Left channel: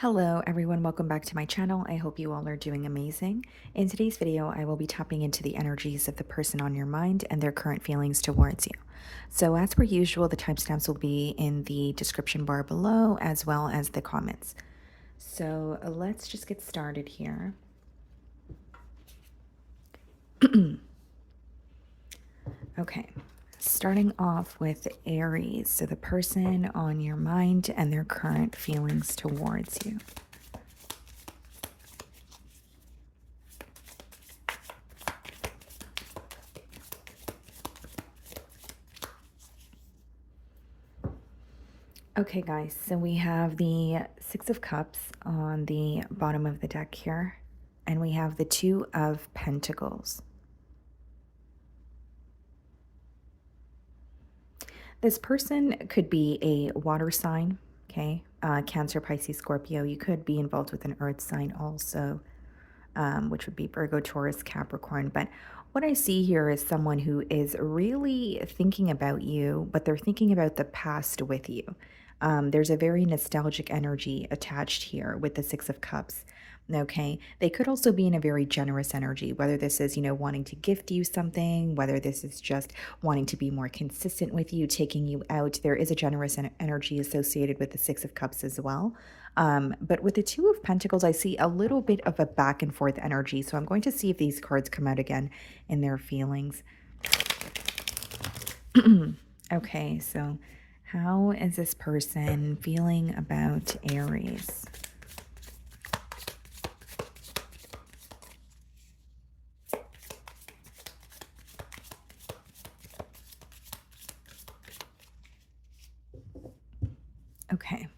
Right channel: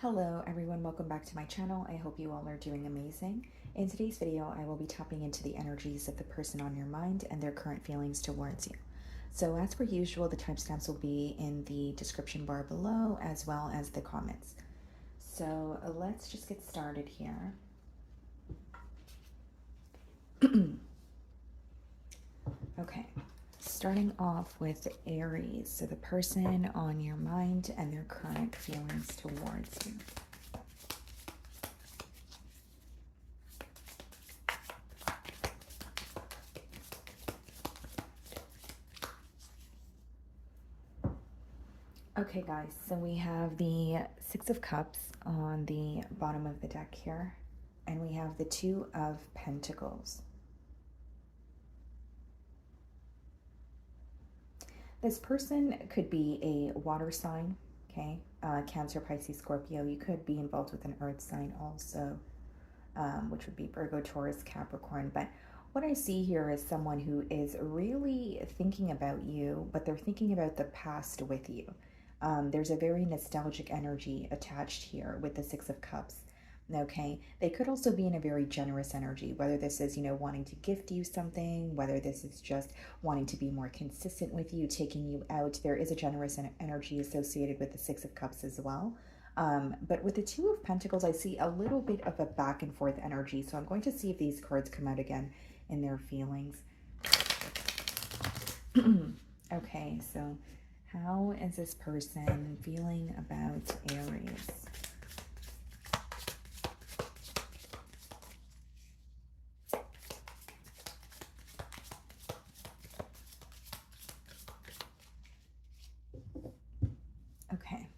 Hello everyone, welcome back to my channel. I hope you all are doing amazing. In today's video, I will be tapping into the energies of the person on your mind and their current feelings towards you. So as per usual, the timestamps will be in the description bar below as well as the comments. So let's just get started here. Okay, starting off with Aries, so the person on your mind and their current feelings towards you. Okay, guys, so we have the Six of Cups on the bottom of the deck here, and we have the Two of Pentacles. This person could be a water sign, okay? Cancer, Pisces, Scorpio. You could be involved with an earth sign also, which would be Virgo, Taurus, Capricorn. But what I see here is someone who is really thinking about you, but they're thinking about the past with you. There's a very nostalgic energy attached here with the Six of Cups. Okay, they could also be in a very generous energy, whether this is, wanting to gift you something, whether this is just wanting to be more consistent with you, taking you out. There is a generous energy associated with the Six of Cups as well. But with the Two of Pentacles, I see a little bit of a back and forth energy. So I'm going to see if these cards come out again in their feelings. Okay, so how is this person feeling about Aries? Okay.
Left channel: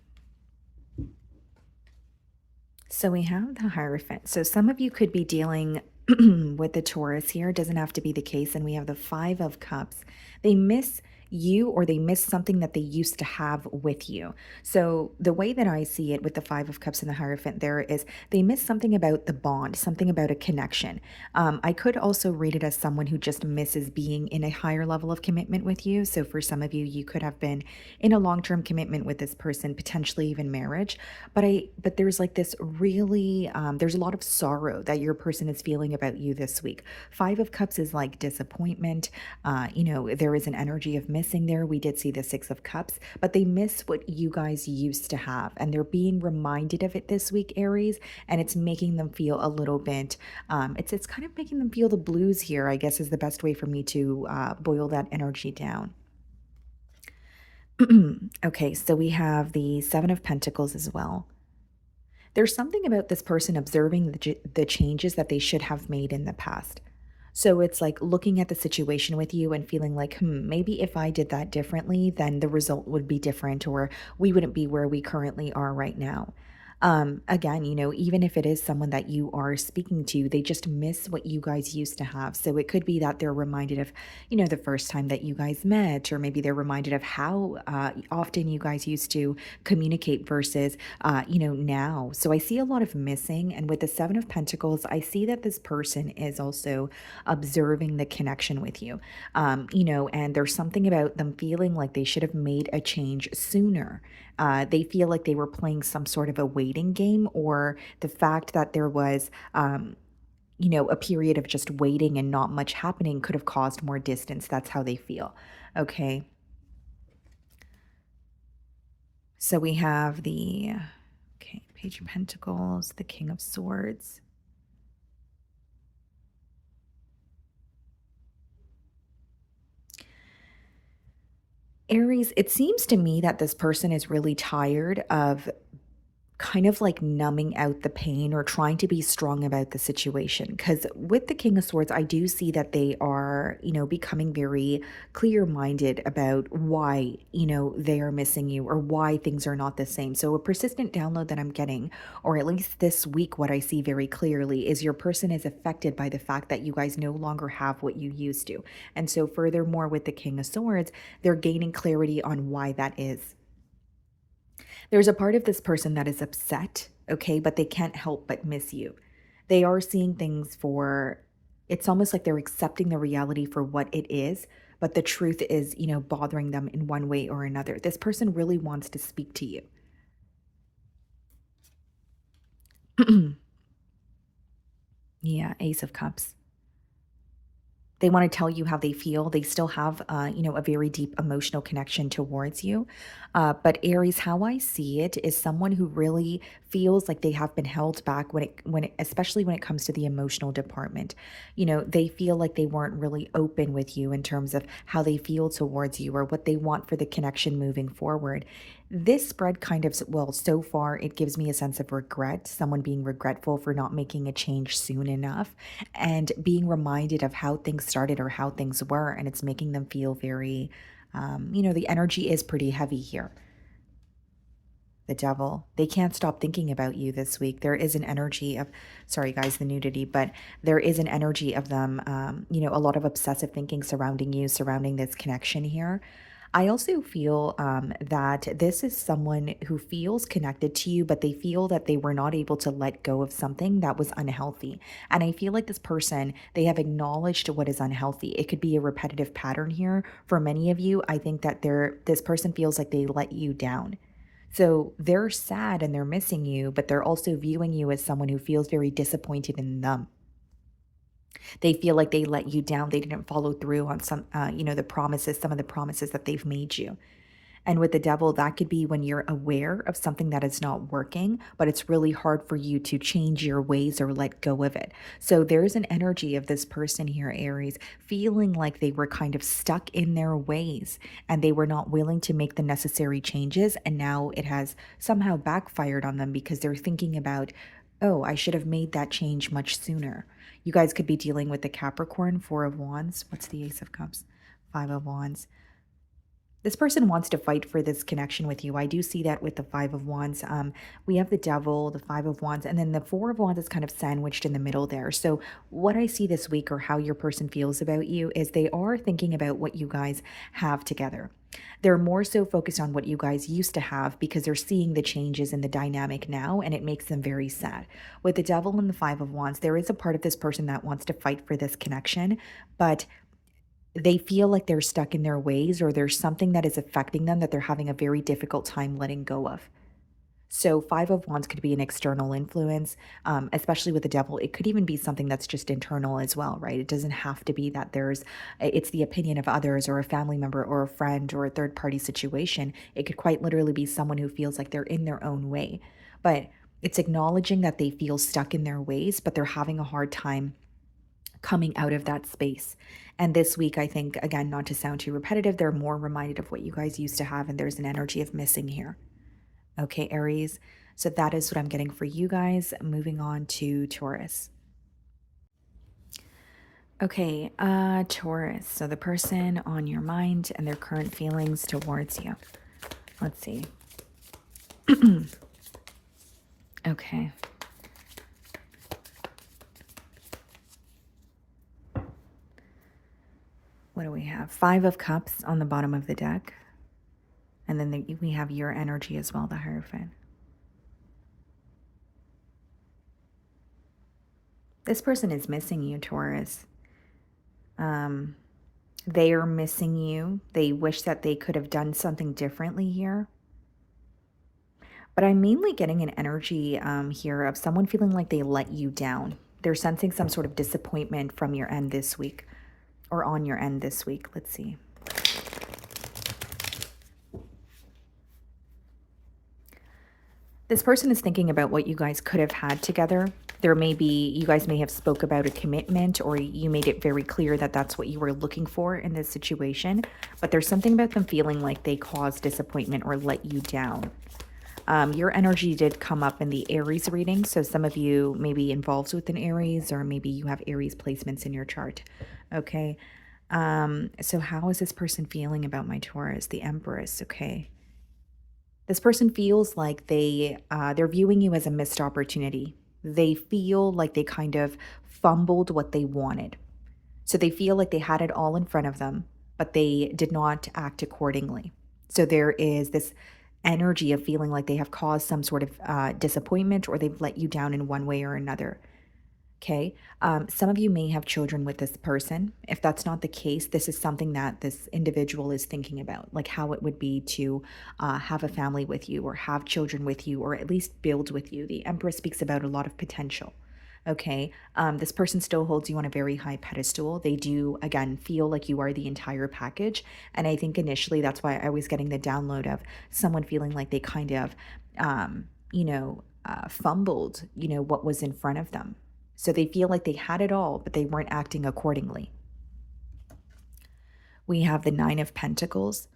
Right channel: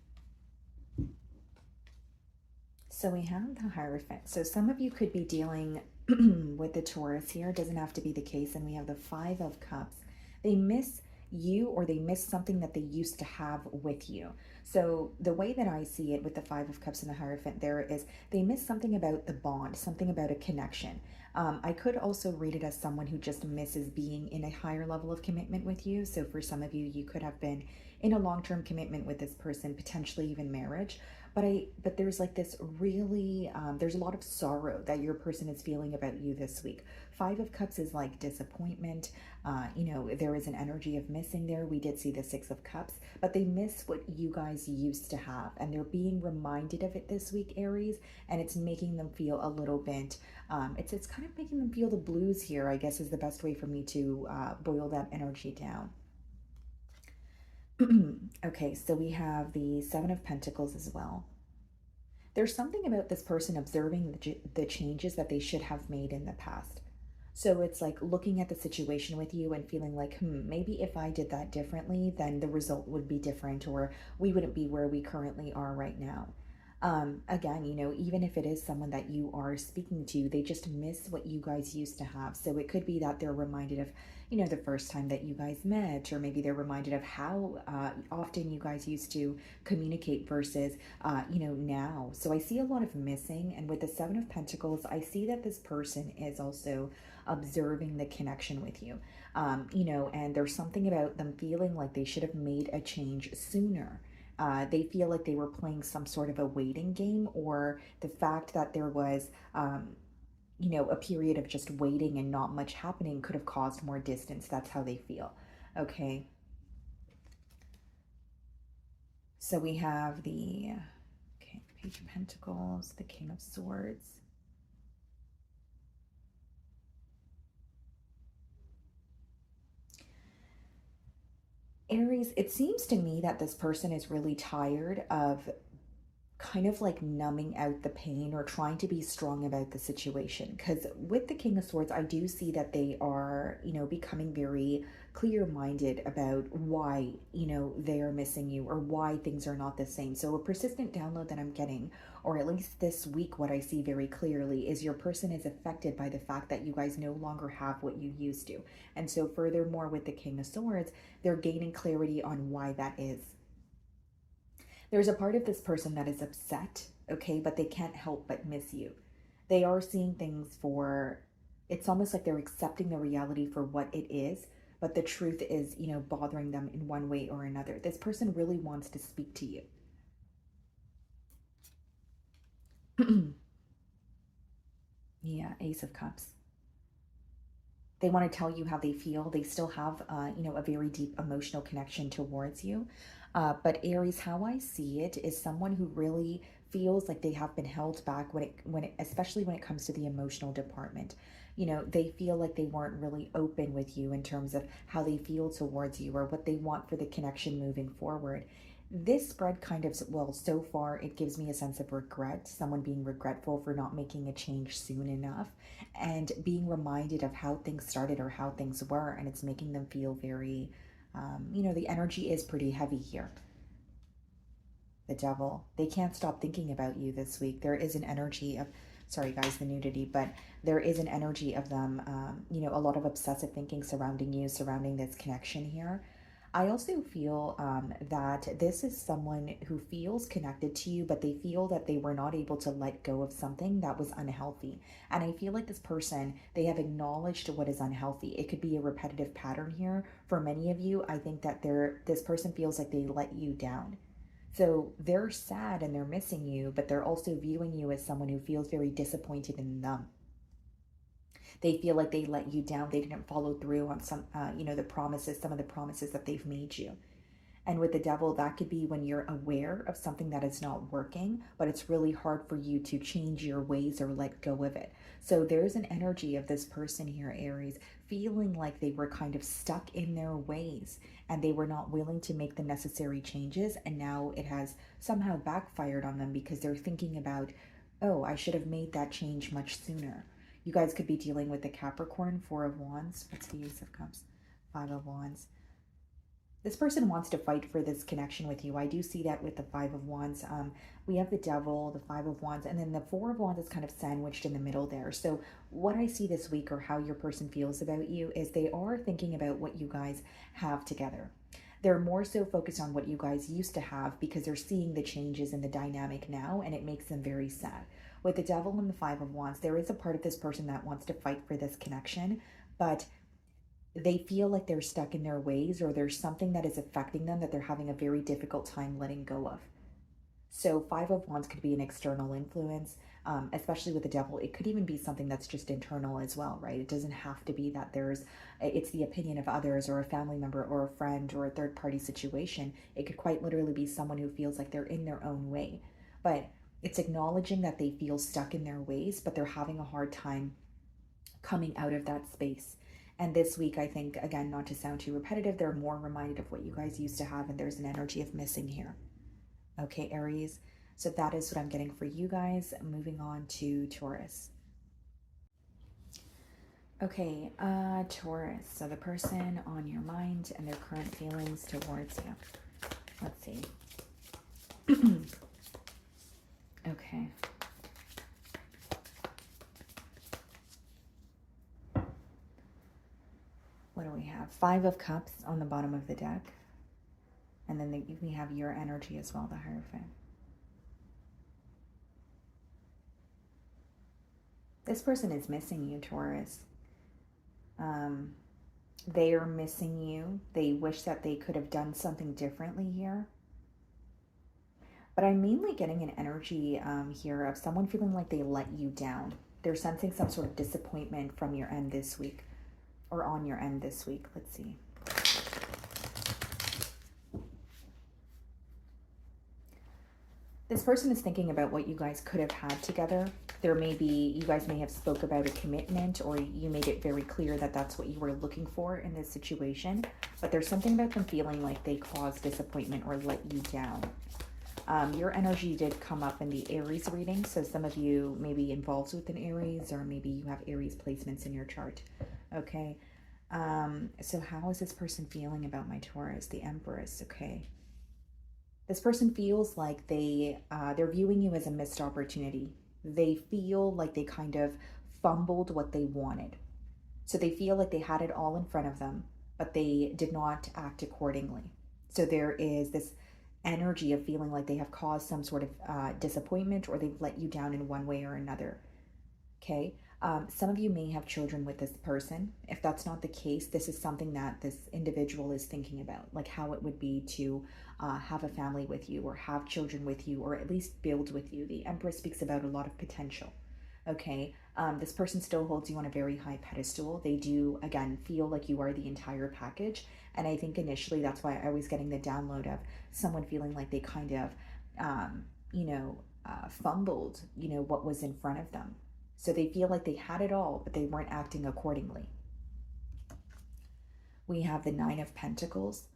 So we have the Hierophant. So some of you could be dealing with the Taurus here. It doesn't have to be the case. And we have the Five of Cups. They miss you, or they miss something that they used to have with you. So the way that I see it with the Five of Cups and the Hierophant there is they miss something about the bond, something about a connection. I could also read it as someone who just misses being in a higher level of commitment with you. So for some of you, you could have been in a long-term commitment with this person, potentially even marriage. But there's like this really, there's a lot of sorrow that your person is feeling about you this week. Five of Cups is like disappointment. There is an energy of missing there. We did see the Six of Cups, but they miss what you guys used to have, and they're being reminded of it this week, Aries, and it's making them feel a little bit, it's kind of making them feel the blues here, I guess is the best way for me to boil that energy down. Okay, so we have the Seven of Pentacles as well. There's something about this person observing the changes that they should have made in the past. So it's like looking at the situation with you and feeling like, maybe if I did that differently, then the result would be different, or we wouldn't be where we currently are right now. Again, even if it is someone that you are speaking to, they just miss what you guys used to have. So it could be that they're reminded of, the first time that you guys met, or maybe they're reminded of how often you guys used to communicate versus, now. So I see a lot of missing. And with the Seven of Pentacles, I see that this person is also observing the connection with you, and there's something about them feeling like they should have made a change sooner. They feel like they were playing some sort of a waiting game, or the fact that there was, a period of just waiting and not much happening could have caused more distance. That's how they feel. Okay. So we have the, Page of Pentacles, the King of Swords. Aries, it seems to me that this person is really tired of kind of like numbing out the pain or trying to be strong about the situation. Because with the King of Swords, I do see that they are, becoming very clear minded about why, they are missing you, or why things are not the same. So, a persistent download that I'm getting, or at least this week, what I see very clearly is your person is affected by the fact that you guys no longer have what you used to. And so, furthermore, with the King of Swords, they're gaining clarity on why that is. There's a part of this person that is upset, okay, but they can't help but miss you. They are seeing things for, it's almost like they're accepting the reality for what it is, but the truth is, bothering them in one way or another. This person really wants to speak to you. Yeah, Ace of Cups. They want to tell you how they feel. They still have, a very deep emotional connection towards you. But Aries, how I see it is someone who really feels like they have been held back especially when it comes to the emotional department. They feel like they weren't really open with you in terms of how they feel towards you or what they want for the connection moving forward. This spread kind of, well, so far, it gives me a sense of regret, someone being regretful for not making a change soon enough and being reminded of how things started or how things were. And it's making them feel very, the energy is pretty heavy here. The devil, they can't stop thinking about you this week. There is an energy of, sorry guys, the nudity, but there is an energy of them, a lot of obsessive thinking surrounding you, surrounding this connection here. I also feel that this is someone who feels connected to you, but they feel that they were not able to let go of something that was unhealthy. And I feel like this person, they have acknowledged what is unhealthy. It could be a repetitive pattern here. For many of you, I think that this person feels like they let you down. So they're sad and they're missing you, but they're also viewing you as someone who feels very disappointed in them. They feel like they let you down. They didn't follow through on the promises, some of the promises that they've made you. And with the devil, that could be when you're aware of something that is not working, but it's really hard for you to change your ways or let go of it. So there's an energy of this person here, Aries, feeling like they were kind of stuck in their ways and they were not willing to make the necessary changes. And now it has somehow backfired on them because they're thinking about, oh, I should have made that change much sooner. You guys could be dealing with the Capricorn, Four of Wands. What's the Ace of Cups? Five of Wands. This person wants to fight for this connection with you. I do see that with the Five of Wands. We have the Devil, the Five of Wands, and then the Four of Wands is kind of sandwiched in the middle there. So what I see this week or how your person feels about you is they are thinking about what you guys have together. They're more so focused on what you guys used to have because they're seeing the changes in the dynamic now, and it makes them very sad. With the Devil and the Five of Wands, there is a part of this person that wants to fight for this connection, but they feel like they're stuck in their ways or there's something that is affecting them that they're having a very difficult time letting go of. So, Five of Wands could be an external influence, especially with the devil. It could even be something that's just internal as well, right? It doesn't have to be that it's the opinion of others or a family member or a friend or a third party situation. It could quite literally be someone who feels like they're in their own way. But it's acknowledging that they feel stuck in their ways, but they're having a hard time coming out of that space. And this week, I think, again, not to sound too repetitive, they're more reminded of what you guys used to have, and there's an energy of missing here. Okay, Aries. So that is what I'm getting for you guys. Moving on to Taurus. Okay, Taurus. So the person on your mind and their current feelings towards you. Let's see. Okay. What do we have? Five of Cups on the bottom of the deck. And then we have your energy as well, the Hierophant. This person is missing you, Taurus. They are missing you. They wish that they could have done something differently here. But I'm mainly getting an energy here of someone feeling like they let you down. They're sensing some sort of disappointment from your end this week or on your end this week. Let's see. This person is thinking about what you guys could have had together. You guys may have spoke about a commitment or you made it very clear that that's what you were looking for in this situation. But there's something about them feeling like they caused disappointment or let you down. Your energy did come up in the Aries reading. So some of you may be involved with an Aries or maybe you have Aries placements in your chart. Okay. So how is this person feeling about my Taurus? The Empress. Okay. This person feels like they're viewing you as a missed opportunity. They feel like they kind of fumbled what they wanted. So they feel like they had it all in front of them, but they did not act accordingly. So there is this energy of feeling like they have caused some sort of disappointment or they've let you down in one way or another. Okay. Some of you may have children with this person. If that's not the case, this is something that this individual is thinking about, like how it would be to have a family with you or have children with you or at least build with you. The Empress speaks about a lot of potential. Okay. This person still holds you on a very high pedestal. They do, again, feel like you are the entire package. And I think initially that's why I was getting the download of someone feeling like they kind of, fumbled, what was in front of them. So they feel like they had it all, but they weren't acting accordingly. We have the Nine of Pentacles.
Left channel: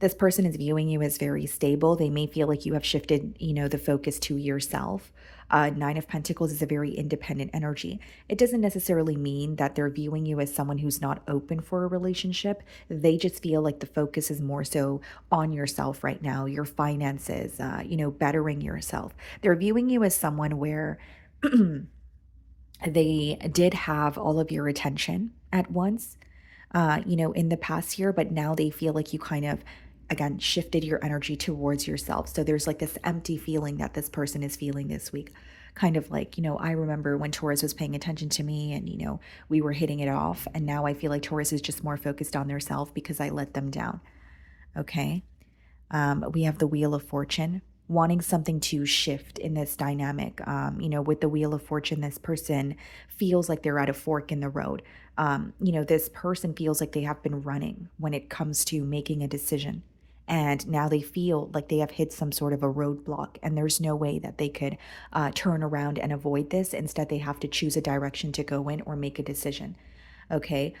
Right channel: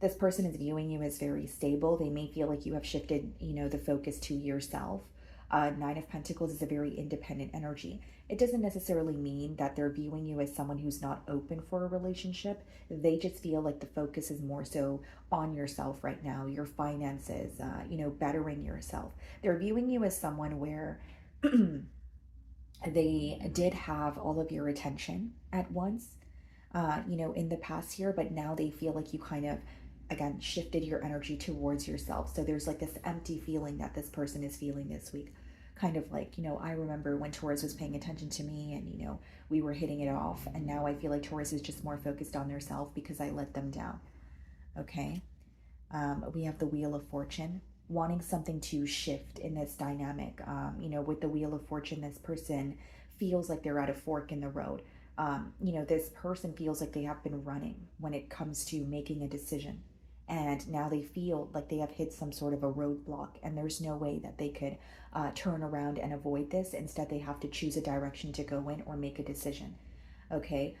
This person is viewing you as very stable. They may feel like you have shifted, the focus to yourself. Nine of Pentacles is a very independent energy. It doesn't necessarily mean that they're viewing you as someone who's not open for a relationship. They just feel like the focus is more so on yourself right now, your finances, bettering yourself. They're viewing you as someone where they did have all of your attention at once, in the past year, but now they feel like you kind of, again, shifted your energy towards yourself. So there's like this empty feeling that this person is feeling this week. Kind of like, I remember when Taurus was paying attention to me and, we were hitting it off. And now I feel like Taurus is just more focused on their self because I let them down. Okay. We have the Wheel of Fortune, wanting something to shift in this dynamic. With the Wheel of Fortune, this person feels like they're at a fork in the road. This person feels like they have been running when it comes to making a decision. And now they feel like they have hit some sort of a roadblock, and there's no way that they could turn around and avoid this. Instead, they have to choose a direction to go in or make a decision. Okay.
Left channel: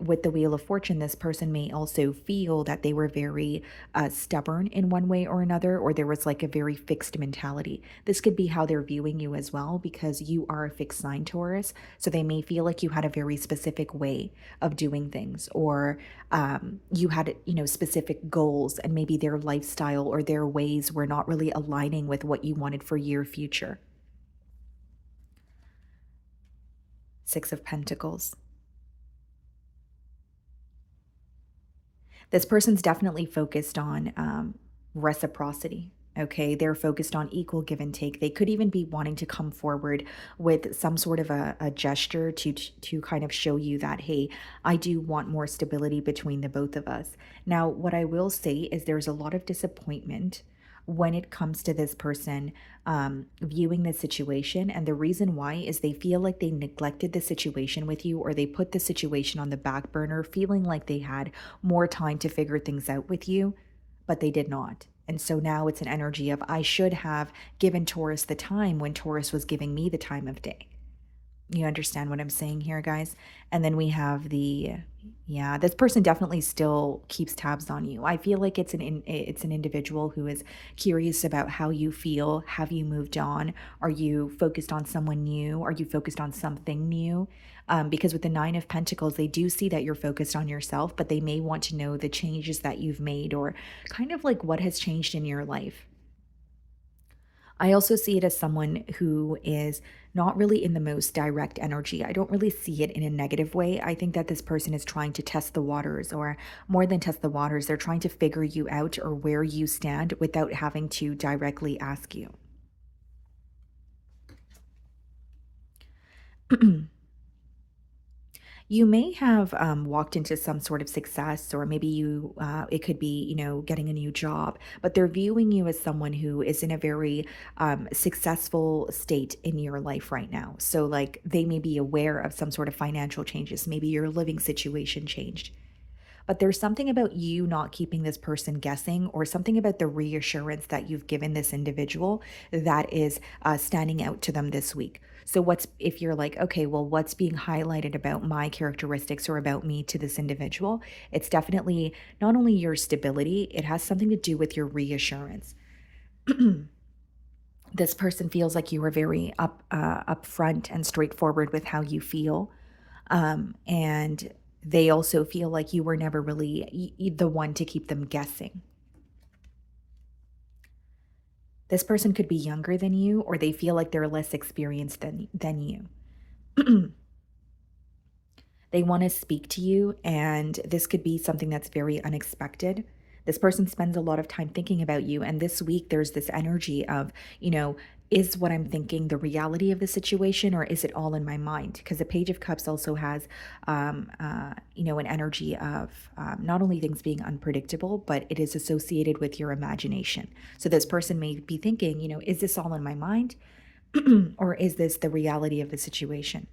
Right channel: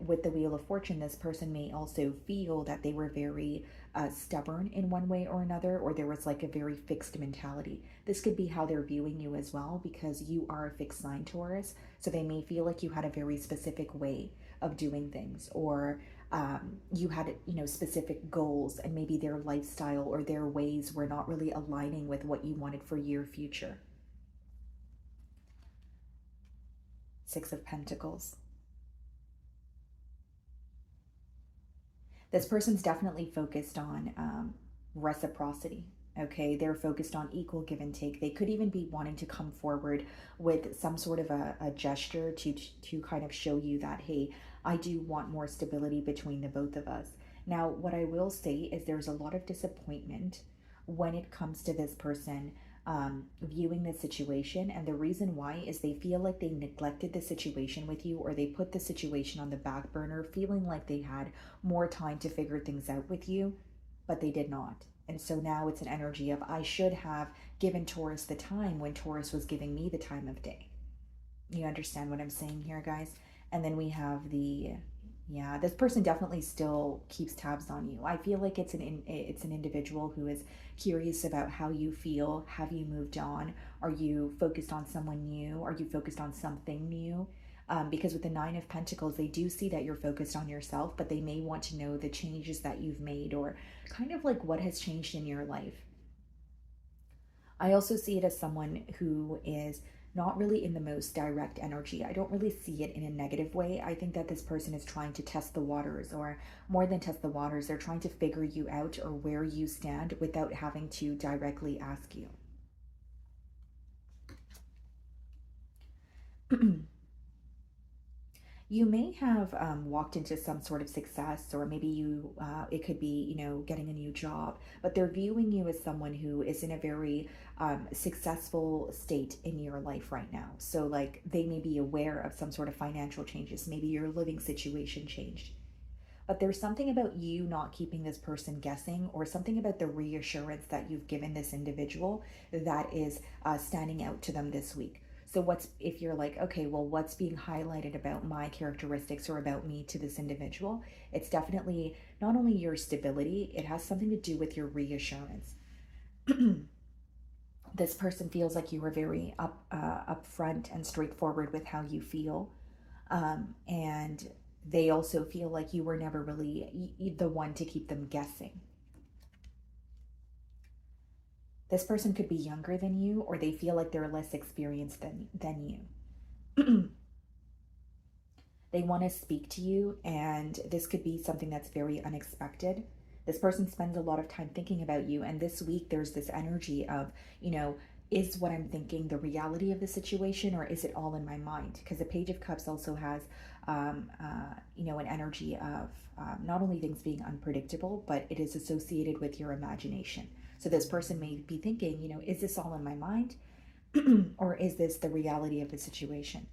With the Wheel of Fortune, this person may also feel that they were very stubborn in one way or another, or there was like a very fixed mentality. This could be how they're viewing you as well, because you are a fixed sign, Taurus. So they may feel like you had a very specific way of doing things, or you had, specific goals, and maybe their lifestyle or their ways were not really aligning with what you wanted for your future. Six of Pentacles. This person's definitely focused on reciprocity. Okay, they're focused on equal give and take. They could even be wanting to come forward with some sort of a gesture to kind of show you that, hey, I do want more stability between the both of us. Now, what I will say is there's a lot of disappointment when it comes to this person viewing the situation. And the reason why is they feel like they neglected the situation with you, or they put the situation on the back burner, feeling like they had more time to figure things out with you, but they did not. And so now it's an energy of, I should have given Taurus the time when Taurus was giving me the time of day. You understand what I'm saying here, guys? And then we have yeah, this person definitely still keeps tabs on you. I feel like it's an individual who is curious about how you feel. Have you moved on? Are you focused on someone new? Are you focused on something new? Because with the Nine of Pentacles, they do see that you're focused on yourself, but they may want to know the changes that you've made, or kind of like what has changed in your life. I also see it as someone who is not really in the most direct energy. I don't really see it in a negative way. I think that this person is trying to test the waters, or more than test the waters, they're trying to figure you out or where you stand without having to directly ask you. You may have walked into some sort of success, or maybe it could be, getting a new job, but they're viewing you as someone who is in a very successful state in your life right now. So, like, they may be aware of some sort of financial changes. Maybe your living situation changed. But there's something about you not keeping this person guessing, or something about the reassurance that you've given this individual that is standing out to them this week. So, if you're like, okay, well, what's being highlighted about my characteristics or about me to this individual? It's definitely not only your stability, it has something to do with your reassurance. This person feels like you were very upfront and straightforward with how you feel. And they also feel like you were never really the one to keep them guessing. This person could be younger than you, or they feel like they're less experienced than you. They want to speak to you, and this could be something that's very unexpected. This person spends a lot of time thinking about you, and this week there's this energy of, is what I'm thinking the reality of the situation, or is it all in my mind? Because the Page of Cups also has, an energy of not only things being unpredictable, but it is associated with your imagination. So this person may be thinking, is this all in my mind? Or is this the reality of the situation?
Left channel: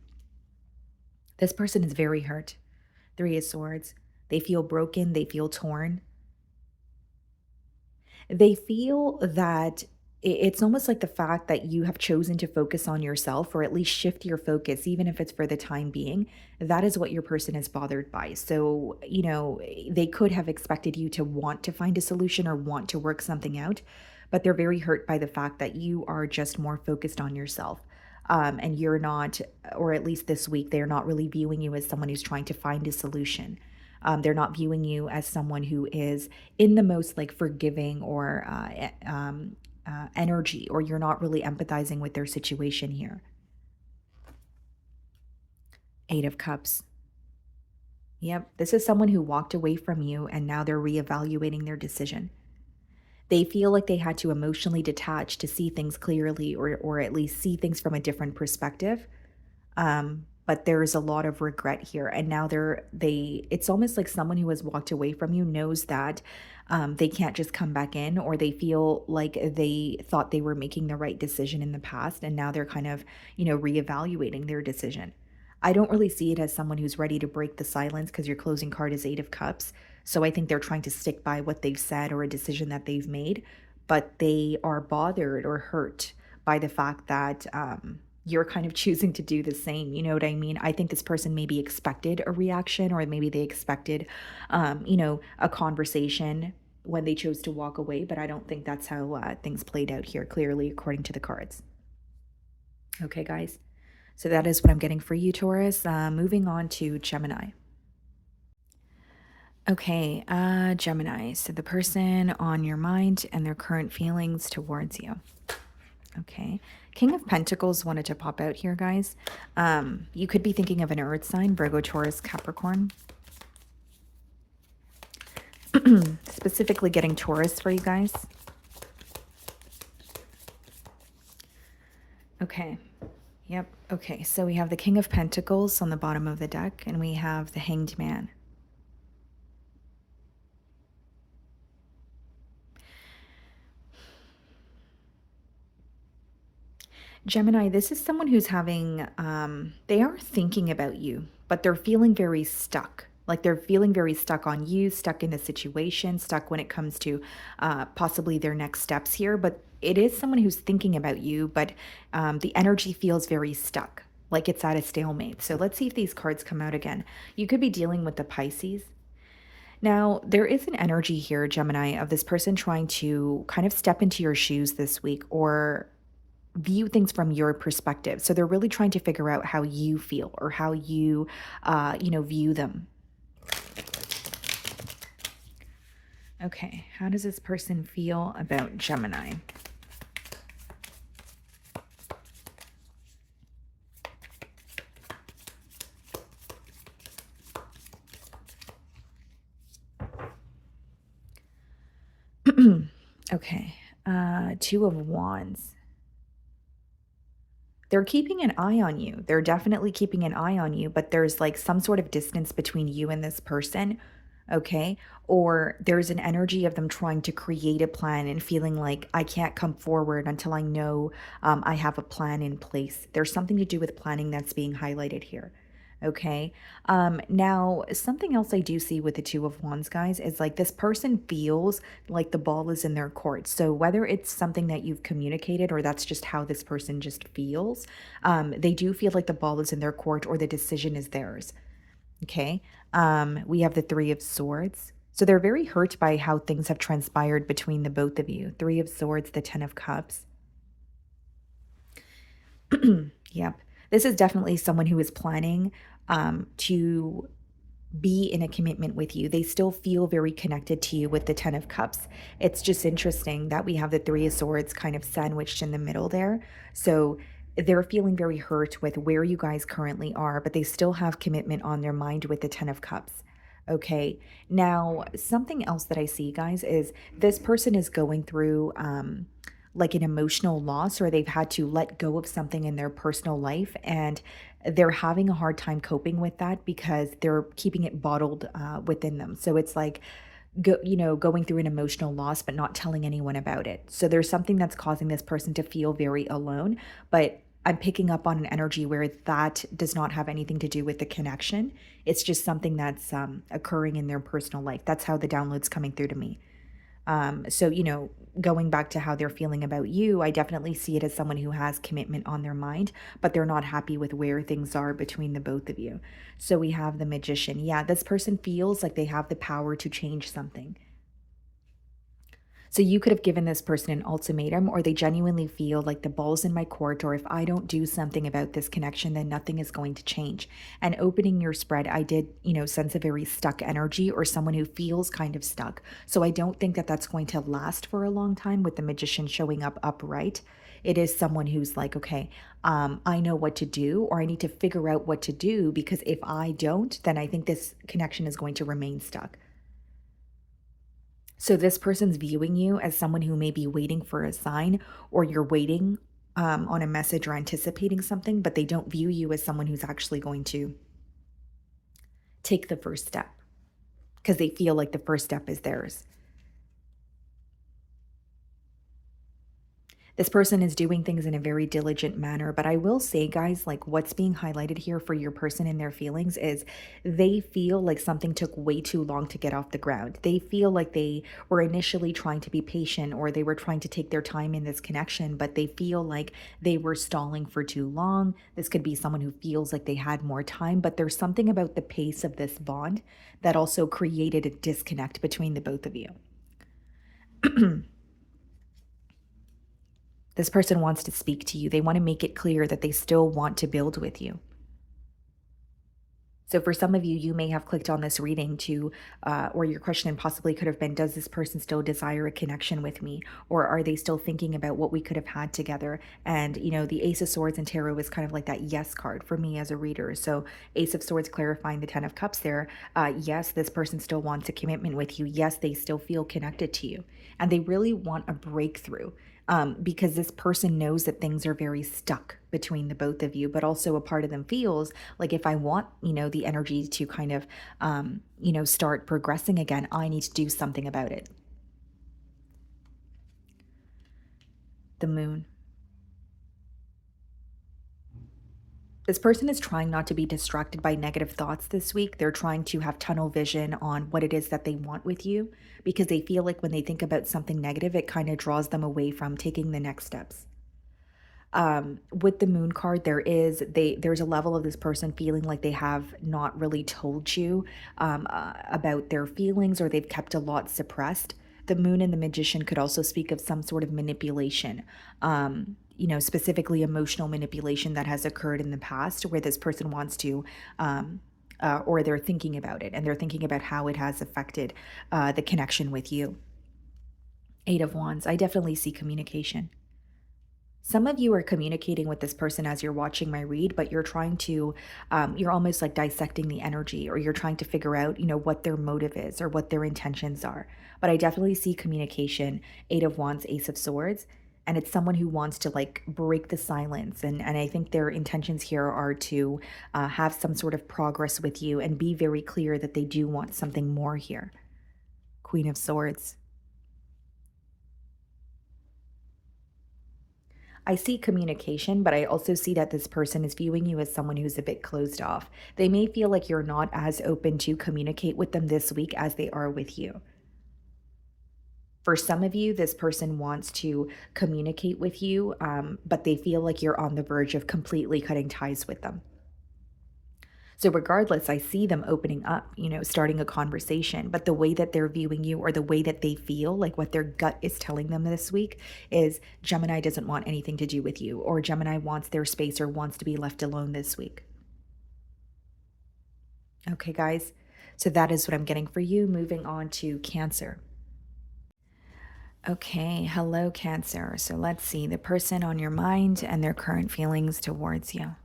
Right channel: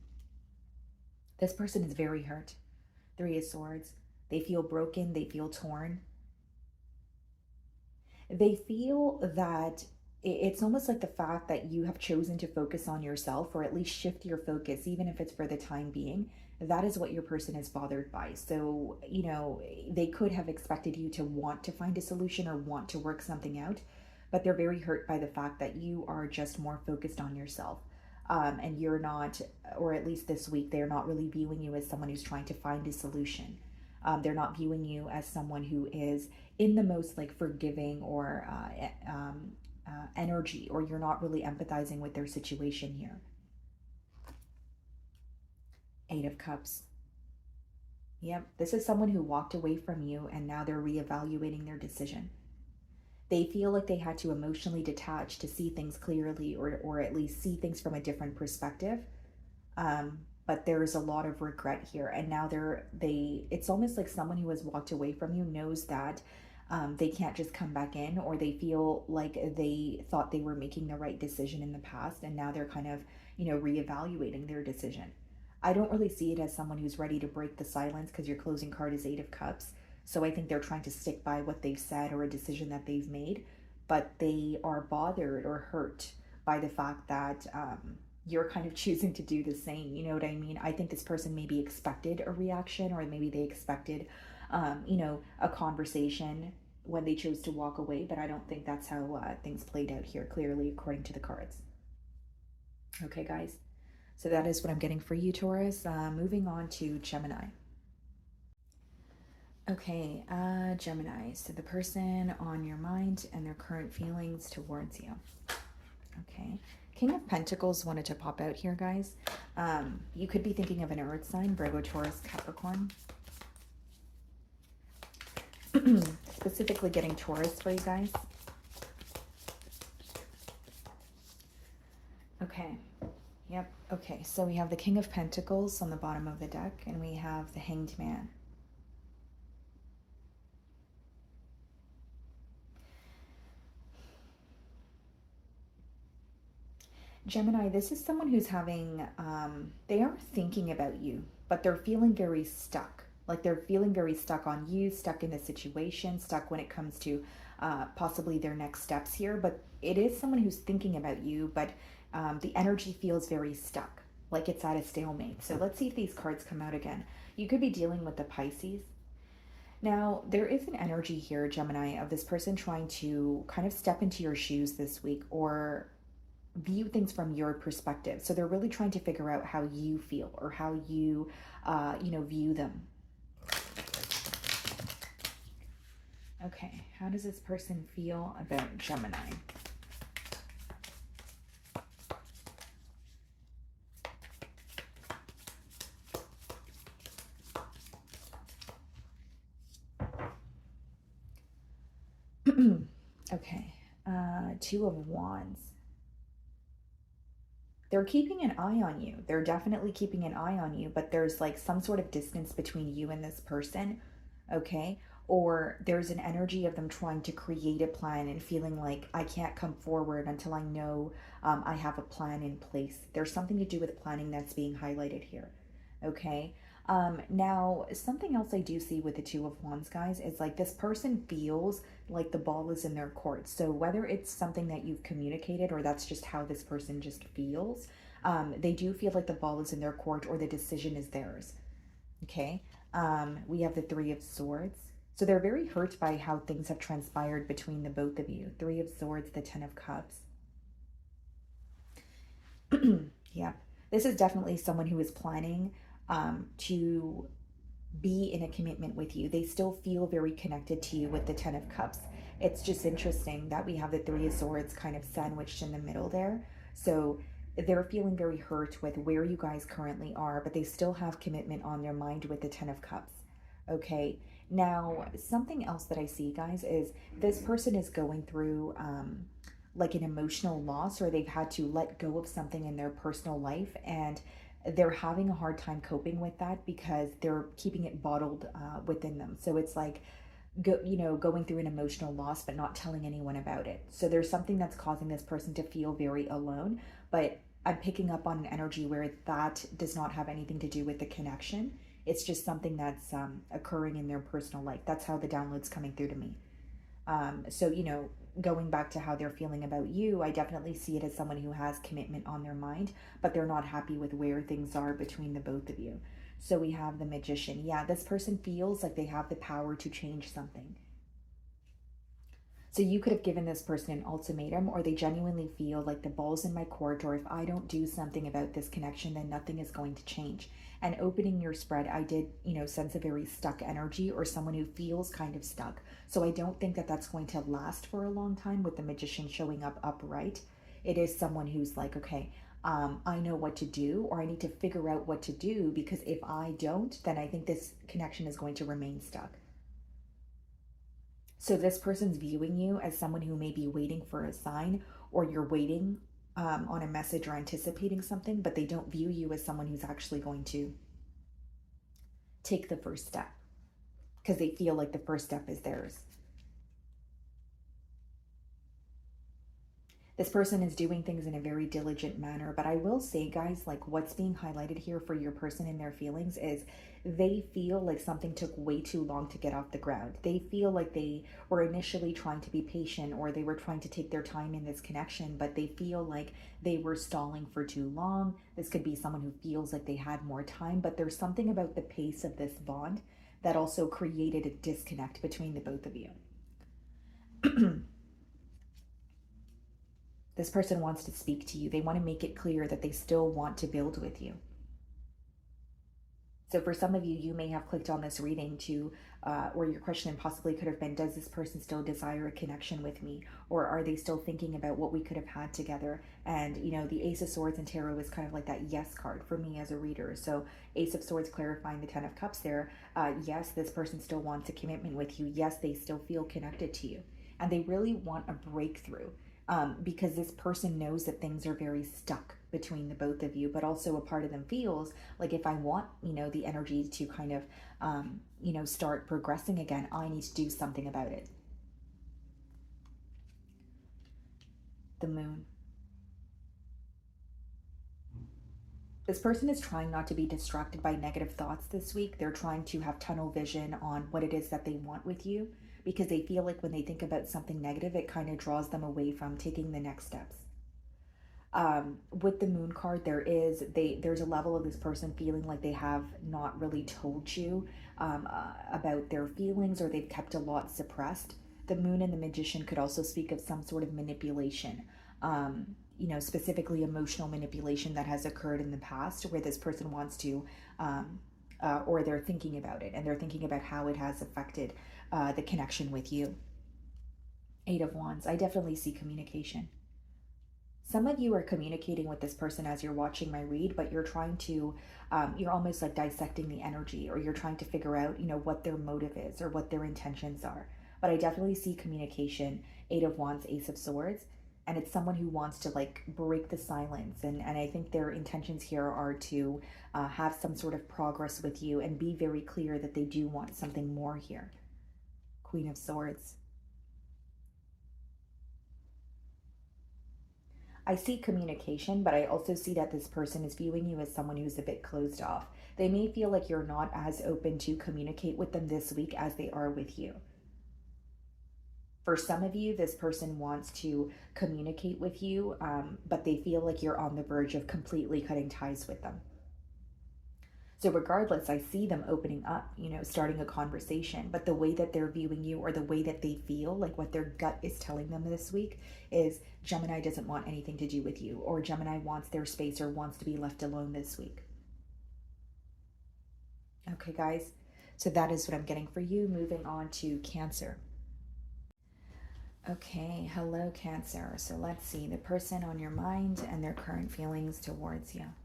This person is very hurt. Three of Swords. They feel broken. They feel torn. They feel that it's almost like the fact that you have chosen to focus on yourself, or at least shift your focus, even if it's for the time being. That is what your person is bothered by. So, they could have expected you to want to find a solution or want to work something out, but they're very hurt by the fact that you are just more focused on yourself. And you're not, or at least this week, they're not really viewing you as someone who's trying to find a solution. They're not viewing you as someone who is in the most like forgiving or energy, or you're not really empathizing with their situation here. Eight of Cups. Yep, this is someone who walked away from you and now they're reevaluating their decision. They feel like they had to emotionally detach to see things clearly, or at least see things from a different perspective. But there's a lot of regret here, and now it's almost like someone who has walked away from you knows that they can't just come back in, or they feel like they thought they were making the right decision in the past, and now they're kind of reevaluating their decision. I don't really see it as someone who's ready to break the silence, because your closing card is Eight of Cups. So I think they're trying to stick by what they've said or a decision that they've made, but they are bothered or hurt by the fact that you're kind of choosing to do the same. You know what I mean? I think this person maybe expected a reaction, or maybe they expected, a conversation when they chose to walk away, but I don't think that's how things played out here, clearly, according to the cards. Okay, guys. So that is what I'm getting for you, Taurus. Moving on to Gemini. Okay, Gemini. So the person on your mind and their current feelings towards you. Okay. King of Pentacles wanted to pop out here, guys. You could be thinking of an earth sign, Virgo, Taurus, Capricorn. Specifically getting Taurus for you guys. Okay. Yep. Okay, so we have the King of Pentacles on the bottom of the deck, and we have the Hanged Man. Gemini, this is someone who's having, they are thinking about you, but they're feeling very stuck. Like they're feeling very stuck on you, stuck in the situation, stuck when it comes to possibly their next steps here. But it is someone who's thinking about you, but the energy feels very stuck, like it's at a stalemate. So let's see if these cards come out again. You could be dealing with the Pisces. Now, there is an energy here, Gemini, of this person trying to kind of step into your shoes this week, or view things from your perspective. So they're really trying to figure out how you feel, or how you, view them. Okay, how does this person feel about Gemini? Okay, Two of Wands. They're keeping an eye on you. They're definitely keeping an eye on you, but there's like some sort of distance between you and this person, okay? Or there's an energy of them trying to create a plan and feeling like I can't come forward until I know I have a plan in place. There's something to do with planning that's being highlighted here. Okay. Now, something else I do see with the Two of Wands, guys, is like this person feels like the ball is in their court. So whether it's something that you've communicated, or that's just how this person just feels, they do feel like the ball is in their court, or the decision is theirs. Okay. We have the Three of Swords. So they're very hurt by how things have transpired between the both of you. Three of Swords, the Ten of Cups. Yep. This is definitely someone who is planning to be in a commitment with you. They still feel very connected to you with the Ten of Cups. It's just interesting that we have the Three of Swords kind of sandwiched in the middle there. So they're feeling very hurt with where you guys currently are, but they still have commitment on their mind with the Ten of Cups. Okay, now something else that I see, guys, is this person is going through like an emotional loss, or they've had to let go of something in their personal life, and they're having a hard time coping with that because they're keeping it bottled within them. So it's like going through an emotional loss but not telling anyone about it. So there's something that's causing this person to feel very alone, but I'm picking up on an energy where that does not have anything to do with the connection. It's just something that's occurring in their personal life. That's how the download's coming through to me. So, going back to how they're feeling about you, I definitely see it as someone who has commitment on their mind, but they're not happy with where things are between the both of you. So we have the Magician. Yeah, this person feels like they have the power to change something. So you could have given this person an ultimatum, or they genuinely feel like the ball's in my court, or if I don't do something about this connection, then nothing is going to change. And opening your spread, I did, sense a very stuck energy, or someone who feels kind of stuck. So I don't think that that's going to last for a long time with the Magician showing up upright. It is someone who's like, okay, I know what to do, or I need to figure out what to do, because if I don't, then I think this connection is going to remain stuck. So this person's viewing you as someone who may be waiting for a sign, or you're waiting on a message or anticipating something, but they don't view you as someone who's actually going to take the first step because they feel like the first step is theirs. This person is doing things in a very diligent manner, but I will say, guys, like what's being highlighted here for your person and their feelings is they feel like something took way too long to get off the ground. They feel like they were initially trying to be patient, or they were trying to take their time in this connection, but they feel like they were stalling for too long. This could be someone who feels like they had more time, but there's something about the pace of this bond that also created a disconnect between the both of you. This person wants to speak to you. They want to make it clear that they still want to build with you. So for some of you, you may have clicked on this reading or your question possibly could have been, does this person still desire a connection with me? Or are they still thinking about what we could have had together? And, the Ace of Swords and Tarot is kind of like that yes card for me as a reader. So Ace of Swords clarifying the Ten of Cups there. Yes, this person still wants a commitment with you. Yes, they still feel connected to you. And they really want a breakthrough. Because this person knows that things are very stuck between the both of you, but also a part of them feels like if I want, the energy to kind of, start progressing again, I need to do something about it. The Moon. This person is trying not to be distracted by negative thoughts this week. They're trying to have tunnel vision on what it is that they want with you, because they feel like when they think about something negative, it kind of draws them away from taking the next steps. With the Moon card, there's a level of this person feeling like they have not really told you about their feelings, or they've kept a lot suppressed. The Moon and the Magician could also speak of some sort of manipulation, specifically emotional manipulation that has occurred in the past, where this person wants to or they're thinking about it, and they're thinking about how it has affected the connection with you. Eight of Wands. I definitely see communication. Some of you are communicating with this person as you're watching my read, but you're trying to, you're almost like dissecting the energy, or you're trying to figure out, what their motive is or what their intentions are. But I definitely see communication, Eight of Wands, Ace of Swords, and it's someone who wants to like break the silence. And I think their intentions here are to have some sort of progress with you and be very clear that they do want something more here. Queen of Swords. I see communication, but I also see that this person is viewing you as someone who's a bit closed off. They may feel like you're not as open to communicate with them this week as they are with you. For some of you, this person wants to communicate with you, but they feel like you're on the verge of completely cutting ties with them. So regardless, I see them opening up, starting a conversation, but the way that they're viewing you, or the way that they feel, like what their gut is telling them this week, is Gemini doesn't want anything to do with you, or Gemini wants their space or wants to be left alone this week. Okay, guys, so that is what I'm getting for you. Moving on to Cancer. Okay, hello, Cancer. So let's see the person on your mind and their current feelings towards you.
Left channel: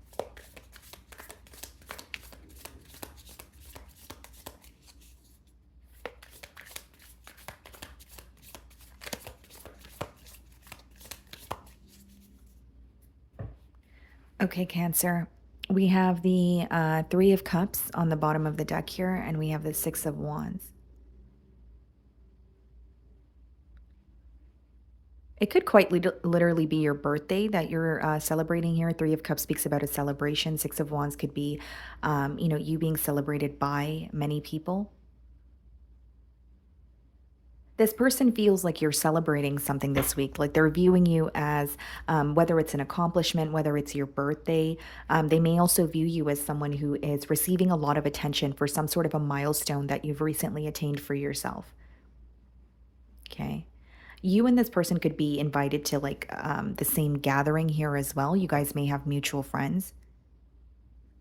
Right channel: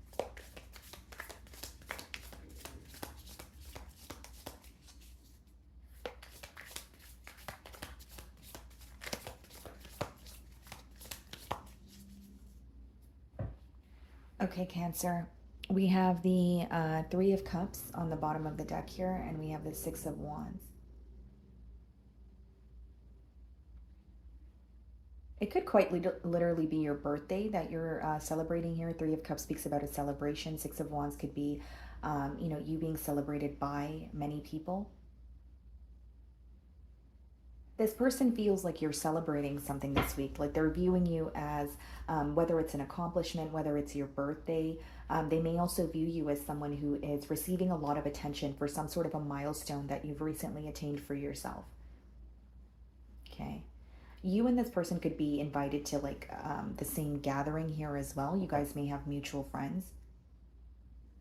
Okay, Cancer. We have the Three of Cups on the bottom of the deck here, and we have the Six of Wands. It could quite literally be your birthday that you're celebrating here. Three of Cups speaks about a celebration. Six of Wands could be, you being celebrated by many people. This person feels like you're celebrating something this week, like they're viewing you as whether it's an accomplishment, whether it's your birthday. They may also view you as someone who is receiving a lot of attention for some sort of a milestone that you've recently attained for yourself. Okay. You and this person could be invited to like the same gathering here as well. You guys may have mutual friends.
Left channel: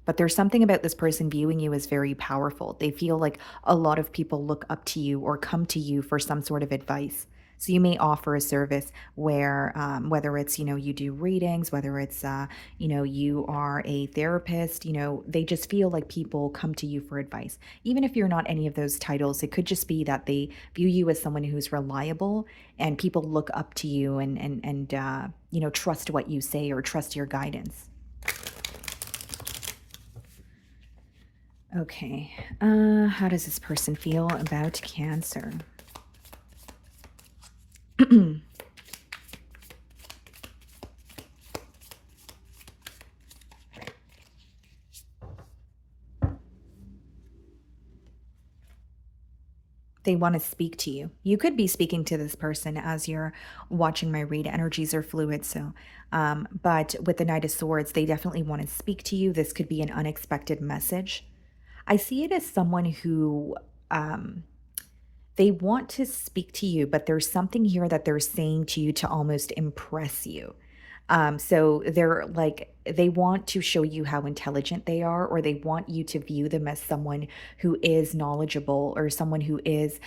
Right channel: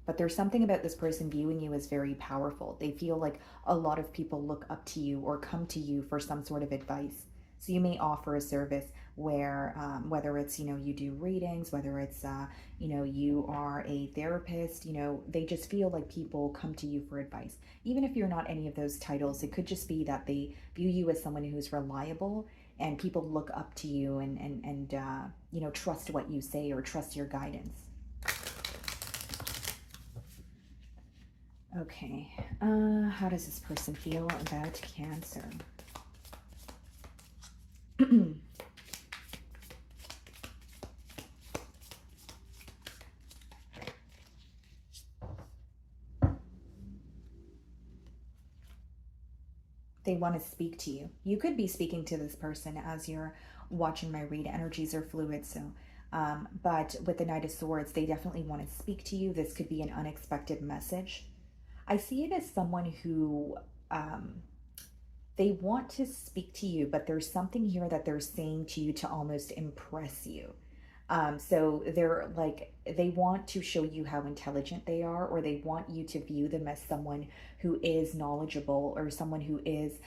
But there's something about this person viewing you as very powerful. They feel like a lot of people look up to you or come to you for some sort of advice. So you may offer a service where, whether it's, you do readings, whether it's, you are a therapist, they just feel like people come to you for advice. Even if you're not any of those titles, it could just be that they view you as someone who's reliable and people look up to you and trust what you say or trust your guidance. Okay, how does this person feel about Cancer? They want to speak to you. You could be speaking to this person as you're watching my read. Energies are fluid, so but with the Knight of Swords, they definitely want to speak to you. This could be an unexpected message. I see it as someone who they want to speak to you, but there's something here that they're saying to you to almost impress you. So they're like, they want to show you how intelligent they are, or they want you to view them as someone who is knowledgeable or someone who is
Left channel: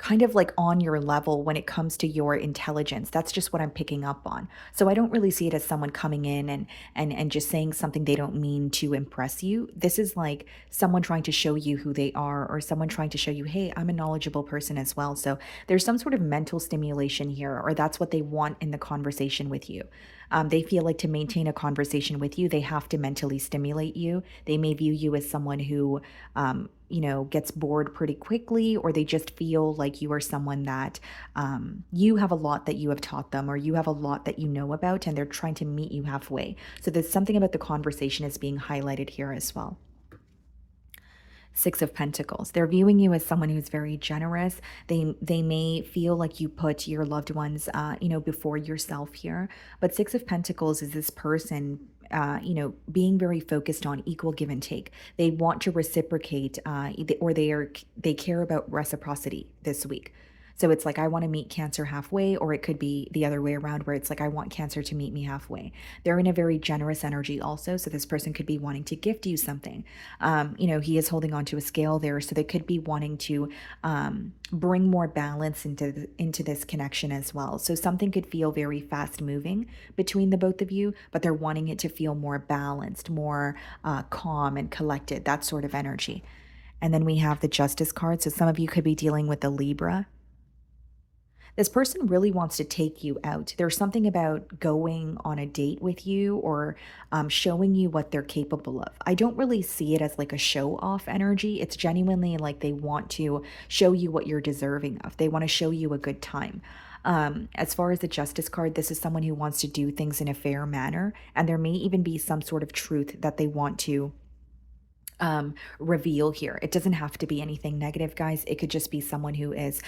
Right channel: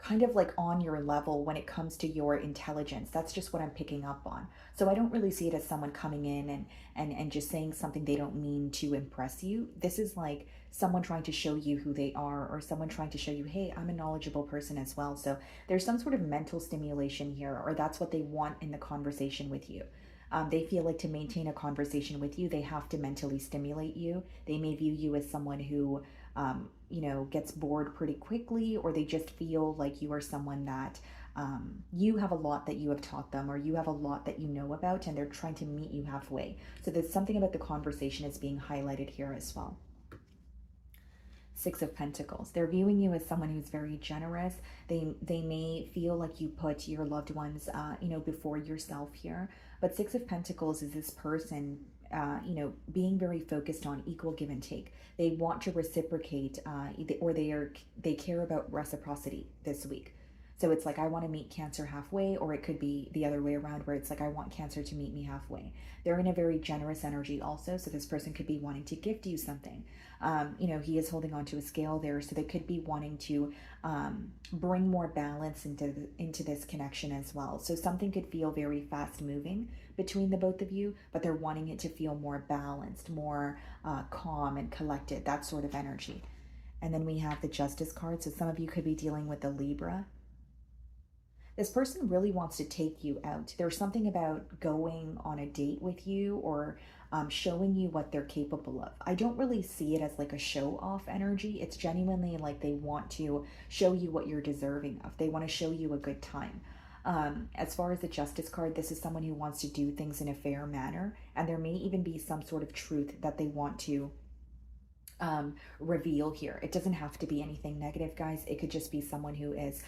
kind of like on your level when it comes to your intelligence. That's just what I'm picking up on. So I don't really see it as someone coming in and just saying something they don't mean to impress you. This is like someone trying to show you who they are, or someone trying to show you, hey, I'm a knowledgeable person as well. So there's some sort of mental stimulation here, or that's what they want in the conversation with you. They feel like to maintain a conversation with you, they have to mentally stimulate you. They may view you as someone who, gets bored pretty quickly, or they just feel like you are someone that you have a lot that you have taught them, or you have a lot that you know about, and they're trying to meet you halfway. So there's something about the conversation is being highlighted here as well. Six of Pentacles. They're viewing you as someone who's very generous. They may feel like you put your loved ones, before yourself here. But Six of Pentacles is this person, being very focused on equal give and take. They want to reciprocate, or they care about reciprocity this week. So it's like, I want to meet Cancer halfway, or it could be the other way around where it's like, I want Cancer to meet me halfway. They're in a very generous energy also. So this person could be wanting to gift you something. He is holding on to a scale there. So they could be wanting to bring more balance into this connection as well. So something could feel very fast moving between the both of you, but they're wanting it to feel more balanced, more calm and collected, that sort of energy. And then we have the Justice card. So some of you could be dealing with the Libra. This person really wants to take you out. There's something about going on a date with you, or showing you what they're capable of. I don't really see it as like a show off energy. It's genuinely like they want to show you what you're deserving of. They want to show you a good time. As far as the Justice card, this is someone who wants to do things in a fair manner, and there may even be some sort of truth that they want to reveal here. It doesn't have to be anything negative, guys. It could just be someone who is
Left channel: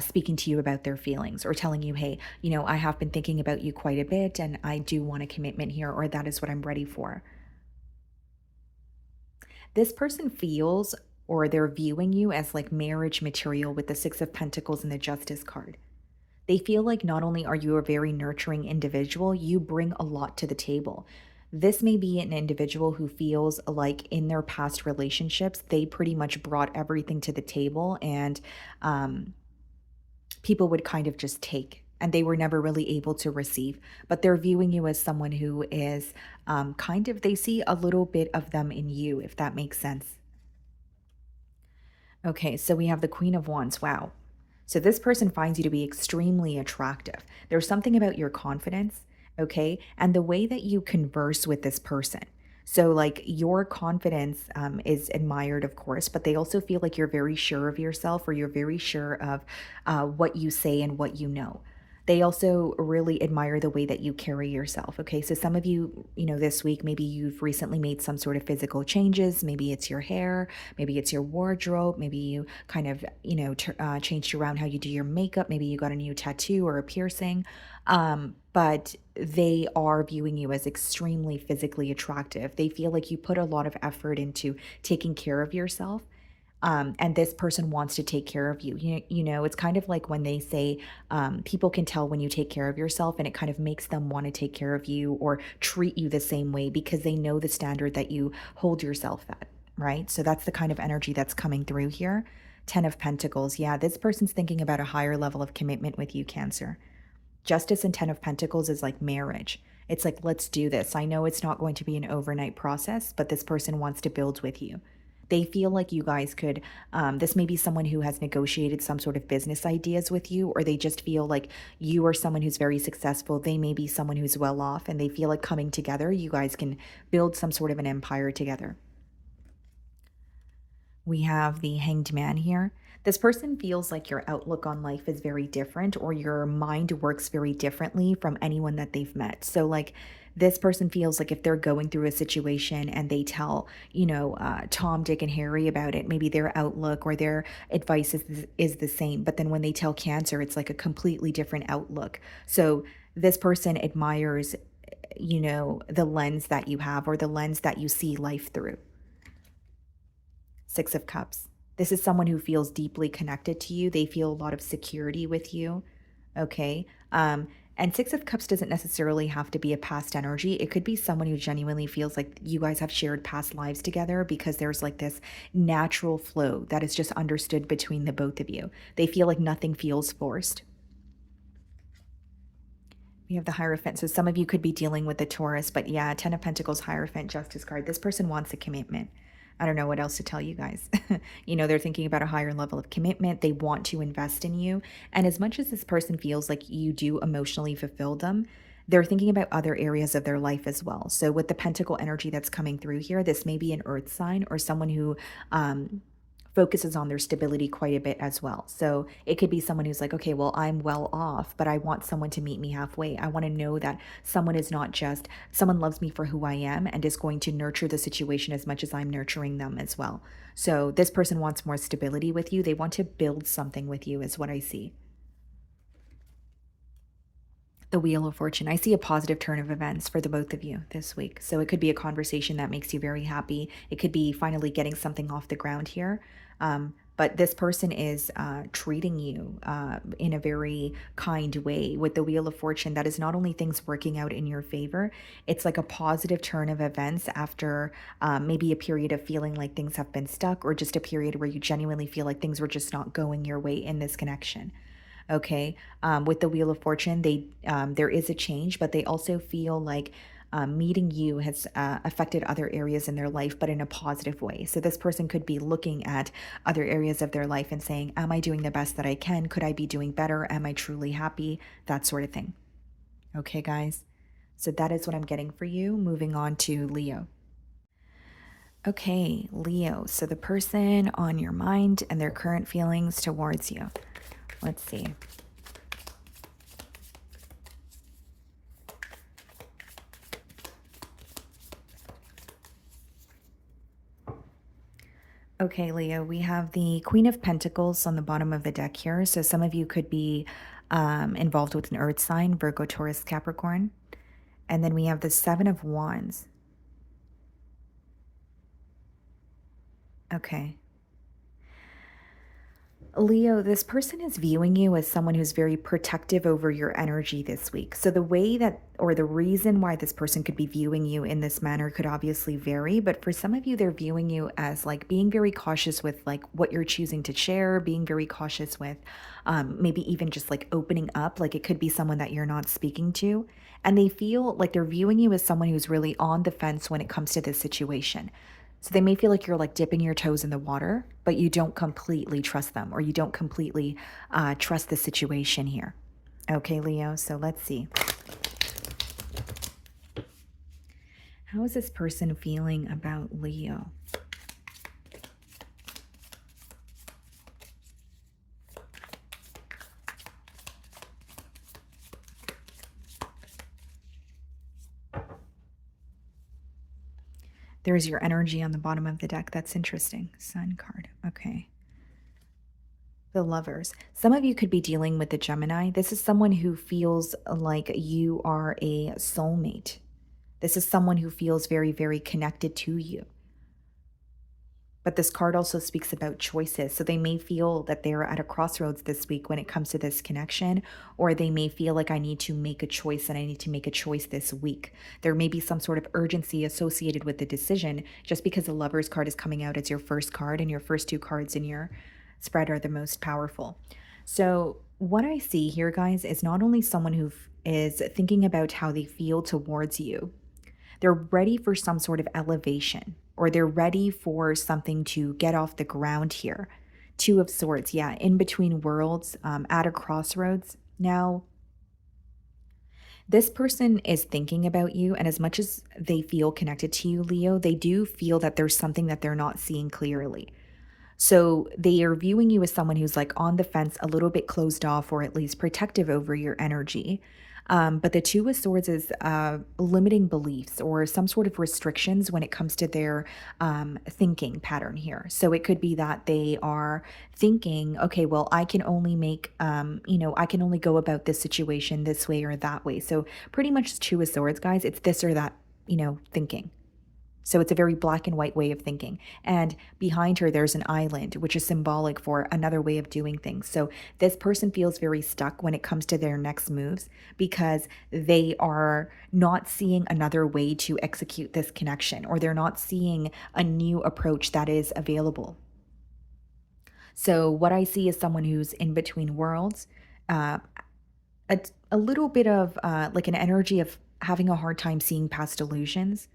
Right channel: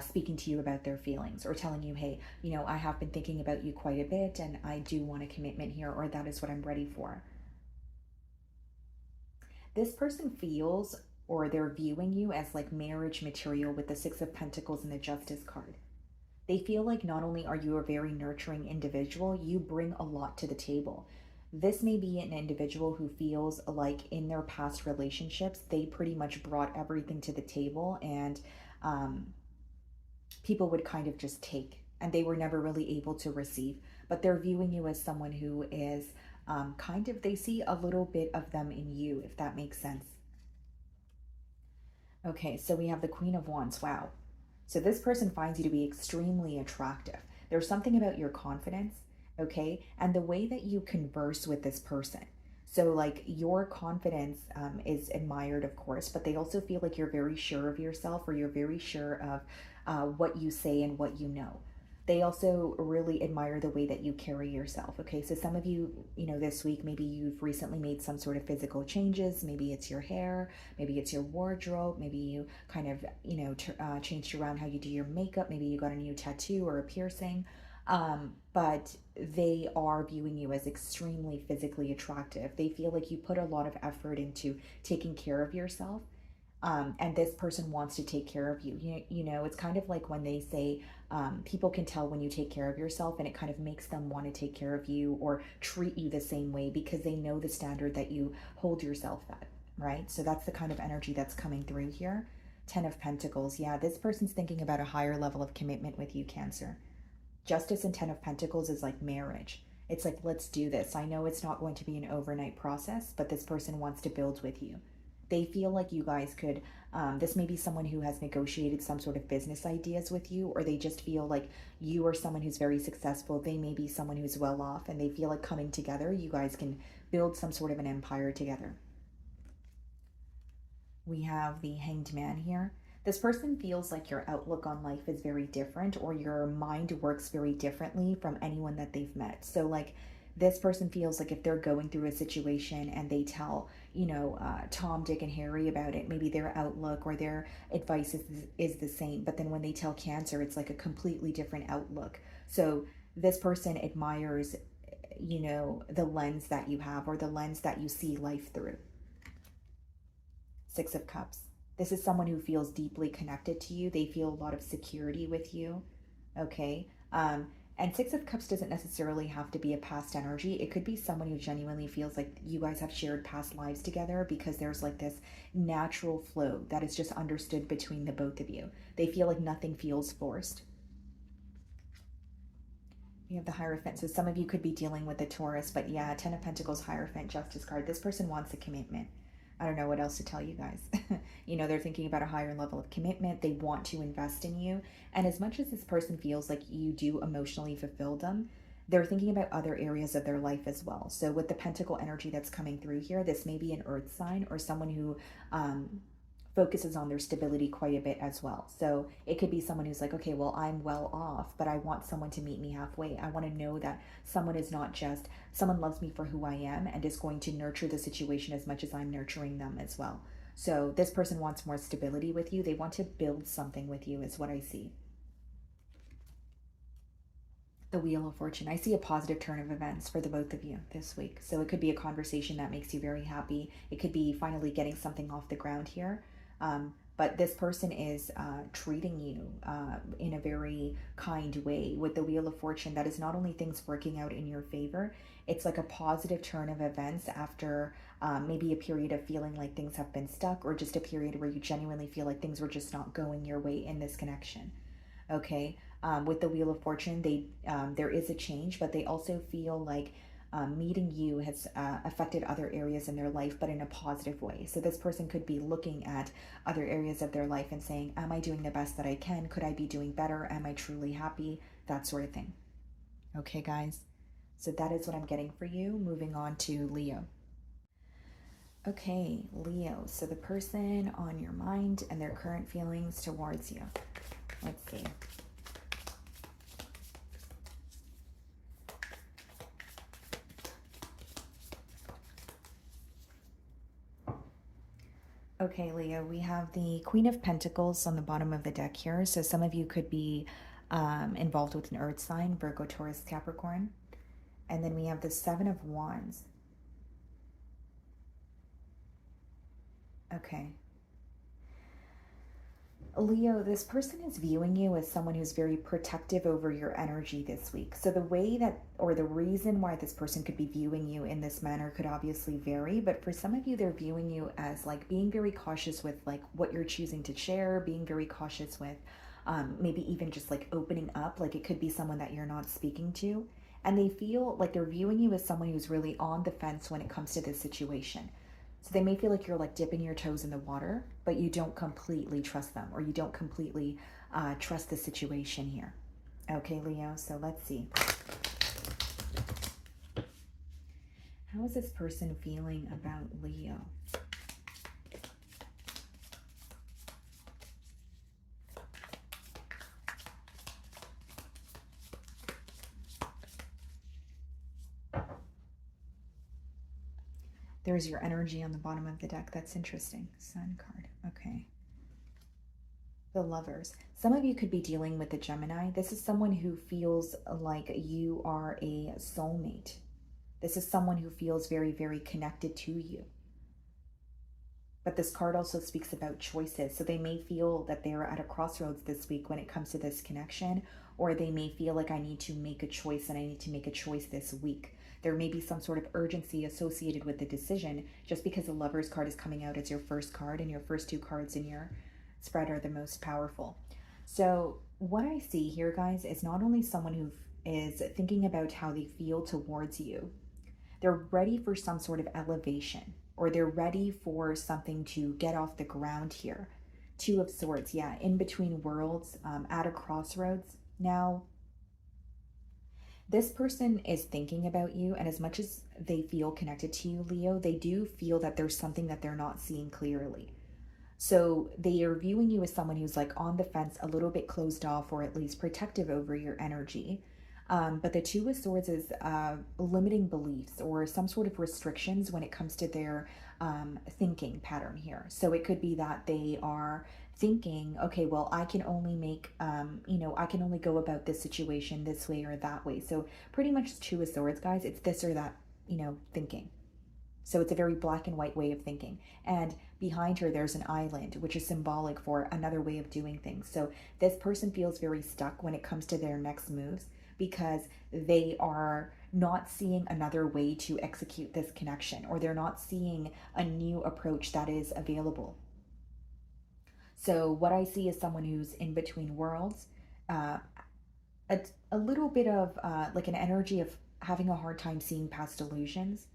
speaking to you about their feelings, or telling you, hey, I have been thinking about you quite a bit, and I do want a commitment here, or that is what I'm ready for. This person feels, or they're viewing you as like marriage material with the Six of Pentacles and the Justice card. They feel like not only are you a very nurturing individual, you bring a lot to the table. This may be an individual who feels like in their past relationships, they pretty much brought everything to the table, and people would kind of just take, and they were never really able to receive. But they're viewing you as someone who is they see a little bit of them in you, if that makes sense. Okay, so we have the Queen of Wands. Wow. So this person finds you to be extremely attractive. There's something about your confidence okay? And the way that you converse with this person. So, like, your confidence is admired, of course, but they also feel like you're very sure of yourself, or you're very sure of what you say and what you know. They also really admire the way that you carry yourself. Okay. So, some of you, this week, maybe you've recently made some sort of physical changes. Maybe it's your hair, maybe it's your wardrobe, maybe you kind of, changed around how you do your makeup. Maybe you got a new tattoo or a piercing. But they are viewing you as extremely physically attractive. They feel like you put a lot of effort into taking care of yourself. And this person wants to take care of you. It's kind of like when they say people can tell when you take care of yourself, and it kind of makes them want to take care of you or treat you the same way because they know the standard that you hold yourself at, right? So that's the kind of energy that's coming through here. 10 of Pentacles. Yeah, this person's thinking about a higher level of commitment with you, Cancer. Justice and 10 of Pentacles is like marriage. It's like, let's do this. I know it's not going to be an overnight process, but this person wants to build with you. They feel like you guys could, this may be someone who has negotiated some sort of business ideas with you, or they just feel like you are someone who's very successful. They may be someone who's well off, and they feel like coming together, you guys can build some sort of an empire together. We have the Hanged Man here. This person feels like your outlook on life is very different, or your mind works very differently from anyone that they've met. So, like, this person feels like if they're going through a situation and they tell, Tom, Dick, and Harry about it, maybe their outlook or their advice is the same. But then when they tell Cancer, it's like a completely different outlook. So, this person admires, the lens that you have, or the lens that you see life through. 6 of Cups. This is someone who feels deeply connected to you. They feel a lot of security with you. Okay. And 6 of Cups doesn't necessarily have to be a past energy. It could be someone who genuinely feels like you guys have shared past lives together, because there's like this natural flow that is just understood between the both of you. They feel like nothing feels forced. We have the Hierophant. So some of you could be dealing with the Taurus, but yeah, 10 of Pentacles, Hierophant, Justice card. This person wants a commitment. I don't know what else to tell you guys. They're thinking about a higher level of commitment. They want to invest in you. And as much as this person feels like you do emotionally fulfill them, they're thinking about other areas of their life as well. So with the Pentacle energy that's coming through here, this may be an earth sign or someone who focuses on their stability quite a bit as well. So it could be someone who's like, okay, well, I'm well off, but I want someone to meet me halfway. I want to know that someone is not just, someone loves me for who I am and is going to nurture the situation as much as I'm nurturing them as well. So this person wants more stability with you. They want to build something with you, is what I see. The Wheel of Fortune. I see a positive turn of events for the both of you this week. So it could be a conversation that makes you very happy. It could be finally getting something off the ground here. But this person is treating you in a very kind way. With the Wheel of Fortune, that is not only things working out in your favor, it's like a positive turn of events after maybe a period of feeling like things have been stuck, or just a period where you genuinely feel like things were just not going your way in this connection. Okay. With the Wheel of Fortune, there is a change, but they also feel like meeting you has affected other areas in their life, but in a positive way. So this person could be looking at other areas of their life and saying, am I doing the best that I can? Could I be doing better? Am I truly happy? That sort of thing. Okay, guys. So that is what I'm getting for you. Moving on to Leo. Okay, Leo. So the person on your mind and their current feelings towards you. Let's see. Okay, Leo, we have the Queen of Pentacles on the bottom of the deck here. So some of you could be involved with an earth sign, Virgo, Taurus, Capricorn. And then we have the Seven of Wands. Okay. Leo, this person is viewing you as someone who's very protective over your energy this week. So the way that, or the reason why this person could be viewing you in this manner could obviously vary, but for some of you, they're viewing you as like being very cautious with like what you're choosing to share, being very cautious with maybe even just like opening up. Like it could be someone that you're not speaking to. And they feel like they're viewing you as someone who's really on the fence when it comes to this situation. So they may feel like you're like dipping your toes in the water, but you don't completely trust them, or you don't completely trust the situation here. Okay, Leo, so let's see. How is this person feeling about Leo? There's your energy on the bottom of the deck. That's interesting. Sun card. Okay. The Lovers. Some of you could be dealing with the Gemini. This is someone who feels like you are a soulmate. This is someone who feels very, very connected to you. But this card also speaks about choices. So they may feel that they're at a crossroads this week when it comes to this connection, or they may feel like I need to make a choice and I need to make a choice this week. There may be some sort of urgency associated with the decision just because the Lovers card is coming out as your first card and your first two cards in your spread are the most powerful. So what I see here, guys, is not only someone who is thinking about how they feel towards you, they're ready for some sort of elevation, or they're ready for something to get off the ground here. Two of Swords, yeah, in between worlds, at a crossroads. Now, this person is thinking about you, and as much as they feel connected to you, Leo, they do feel that there's something that they're not seeing clearly. So they are viewing you as someone who's like on the fence, a little bit closed off, or at least protective over your energy. But the Two of Swords is limiting beliefs or some sort of restrictions when it comes to their thinking pattern here. So it could be that they are thinking, okay, well, I can only make, I can only go about this situation this way or that way. So pretty much Two of Swords, guys, it's this or that, thinking. So it's a very black and white way of thinking. And behind her, there's an island, which is symbolic for another way of doing things. So this person feels very stuck when it comes to their next moves because they are not seeing another way to execute this connection, or they're not seeing a new approach that is available. So what I see is someone who's in between worlds, uh, a little bit of like an energy of having a hard time seeing past illusions,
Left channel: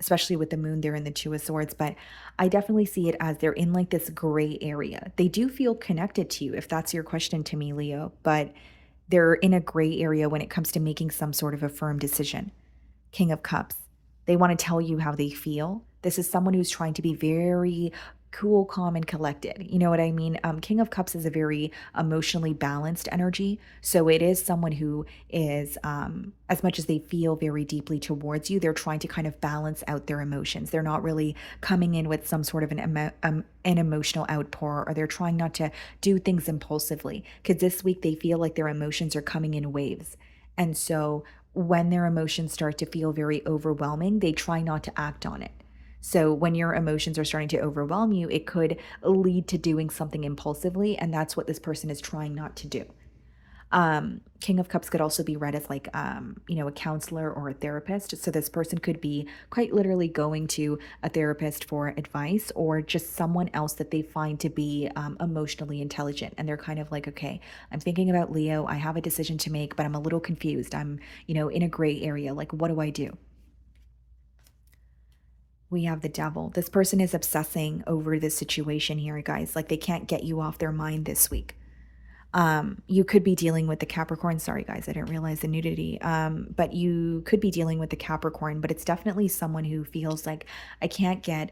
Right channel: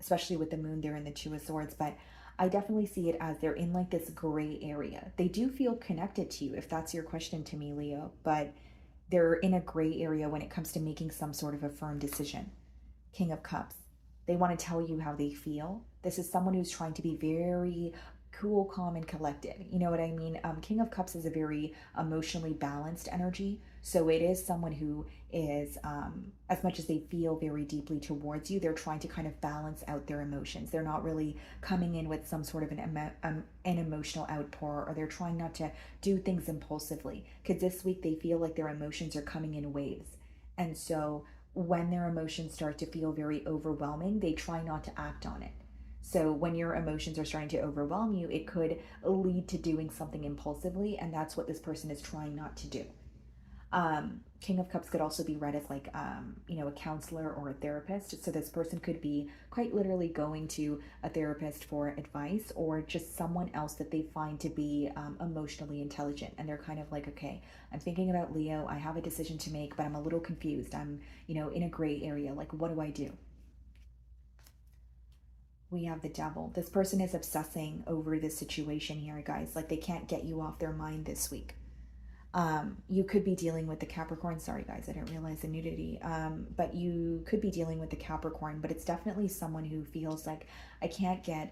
especially with the moon there in the Two of Swords. But I definitely see it as they're in like this gray area. They do feel connected to you, if that's your question to me, Leo, but they're in a gray area when it comes to making some sort of a firm decision. King of Cups. They want to tell you how they feel. This is someone who's trying to be very cool, calm, and collected. You know what I mean? King of Cups is a very emotionally balanced energy. So it is someone who is, as much as they feel very deeply towards you, they're trying to kind of balance out their emotions. They're not really coming in with some sort of an emotional outpour, or they're trying not to do things impulsively. Because this week they feel like their emotions are coming in waves. And so when their emotions start to feel very overwhelming, they try not to act on it. So when your emotions are starting to overwhelm you, it could lead to doing something impulsively, and that's what this person is trying not to do. King of Cups could also be read as like, a counselor or a therapist. So this person could be quite literally going to a therapist for advice, or just someone else that they find to be emotionally intelligent. And they're kind of like, okay, I'm thinking about Leo. I have a decision to make, but I'm a little confused. I'm, in a gray area. Like, what do I do? We have the Devil. This person is obsessing over this situation here, guys. Like, they can't get you off their mind this week. You could be dealing with the Capricorn. Sorry, guys, I didn't realize the nudity. But you could be dealing with the Capricorn, but it's definitely someone who feels like I can't get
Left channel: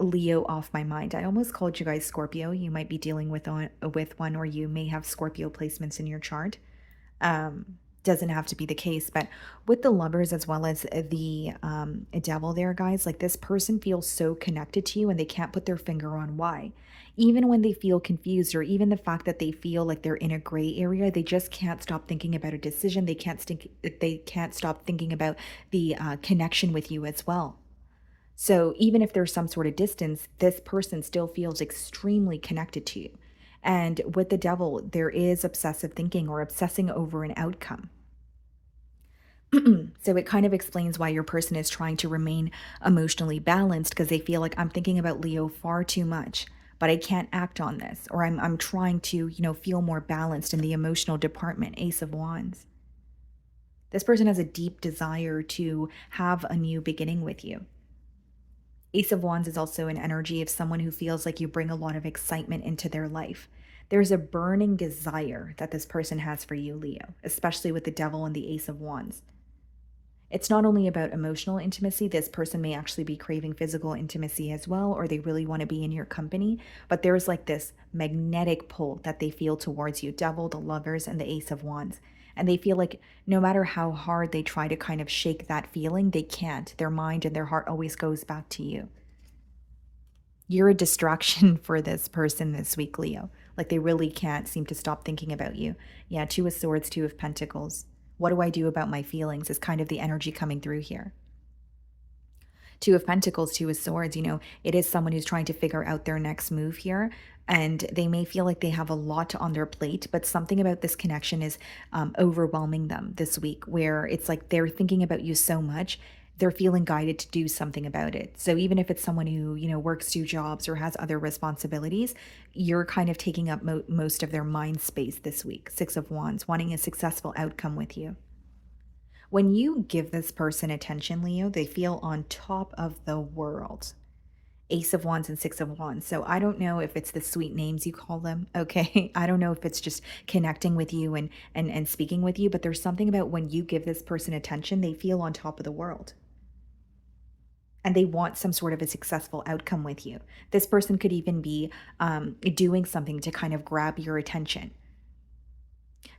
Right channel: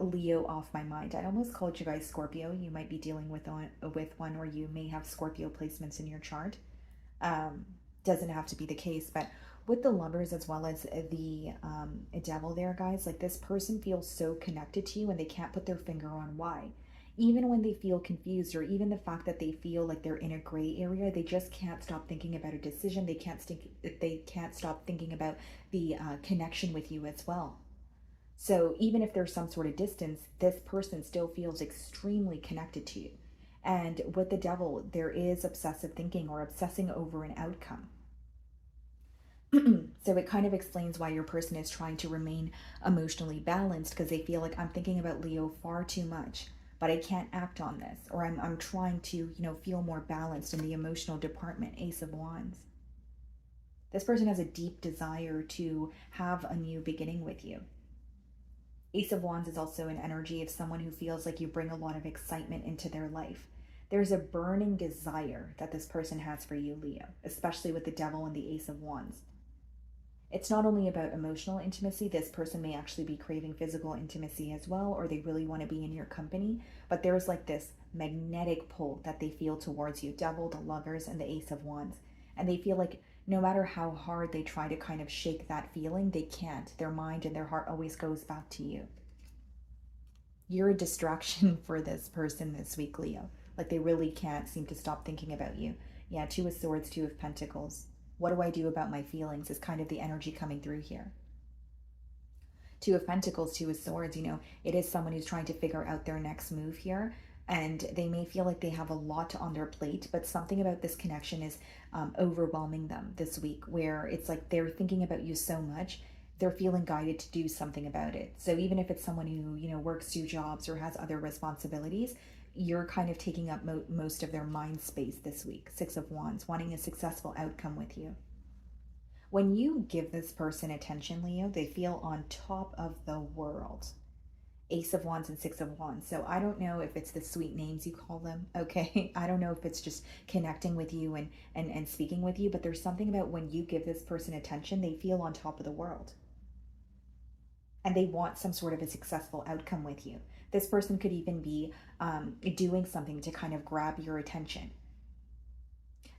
Leo off my mind. I almost called you guys Scorpio. You might be dealing with one, or you may have Scorpio placements in your chart. Doesn't have to be the case, but with the Lovers as well as the Devil there, guys, like, this person feels so connected to you and they can't put their finger on why. Even when they feel confused, or even the fact that they feel like they're in a gray area, they just can't stop thinking about a decision. They can't stop thinking about the connection with you as well. So even if there's some sort of distance, this person still feels extremely connected to you. And with the Devil, there is obsessive thinking, or obsessing over an outcome. So it kind of explains why your person is trying to remain emotionally balanced, because they feel like, I'm thinking about Leo far too much, but I can't act on this, or I'm trying to, feel more balanced in the emotional department. Ace of Wands. This person has a deep desire to have a new beginning with you. Ace of Wands is also an energy of someone who feels like you bring a lot of excitement into their life. There's a burning desire that this person has for you, Leo, especially with the Devil and the Ace of Wands. It's not only about emotional intimacy. This person may actually be craving physical intimacy as well, or they really want to be in your company. But there's like this magnetic pull that they feel towards you. Devil, the Lovers, and the Ace of Wands. And they feel like no matter how hard they try to kind of shake that feeling, they can't. Their mind and their heart always goes back to you. You're a distraction for this person this week, Leo. Like they really can't seem to stop thinking about you. Yeah, Two of Swords, Two of Pentacles. What do I do about my feelings is kind of the energy coming through here. Two of Pentacles, Two of Swords, it is someone who's trying to figure out their next move here. And they may feel like they have a lot on their plate, but something about this connection is overwhelming them this week, where it's like they're thinking about you so much, they're feeling guided to do something about it. So even if it's someone who, works 2 jobs or has other responsibilities, you're kind of taking up most of their mind space this week. Six of Wands, wanting a successful outcome with you. When you give this person attention, Leo, they feel on top of the world. Ace of Wands and Six of Wands. So I don't know if it's the sweet names you call them, okay? I don't know if it's just connecting with you and speaking with you, but there's something about when you give this person attention, they feel on top of the world. And they want some sort of a successful outcome with you. This person could even be doing something to kind of grab your attention.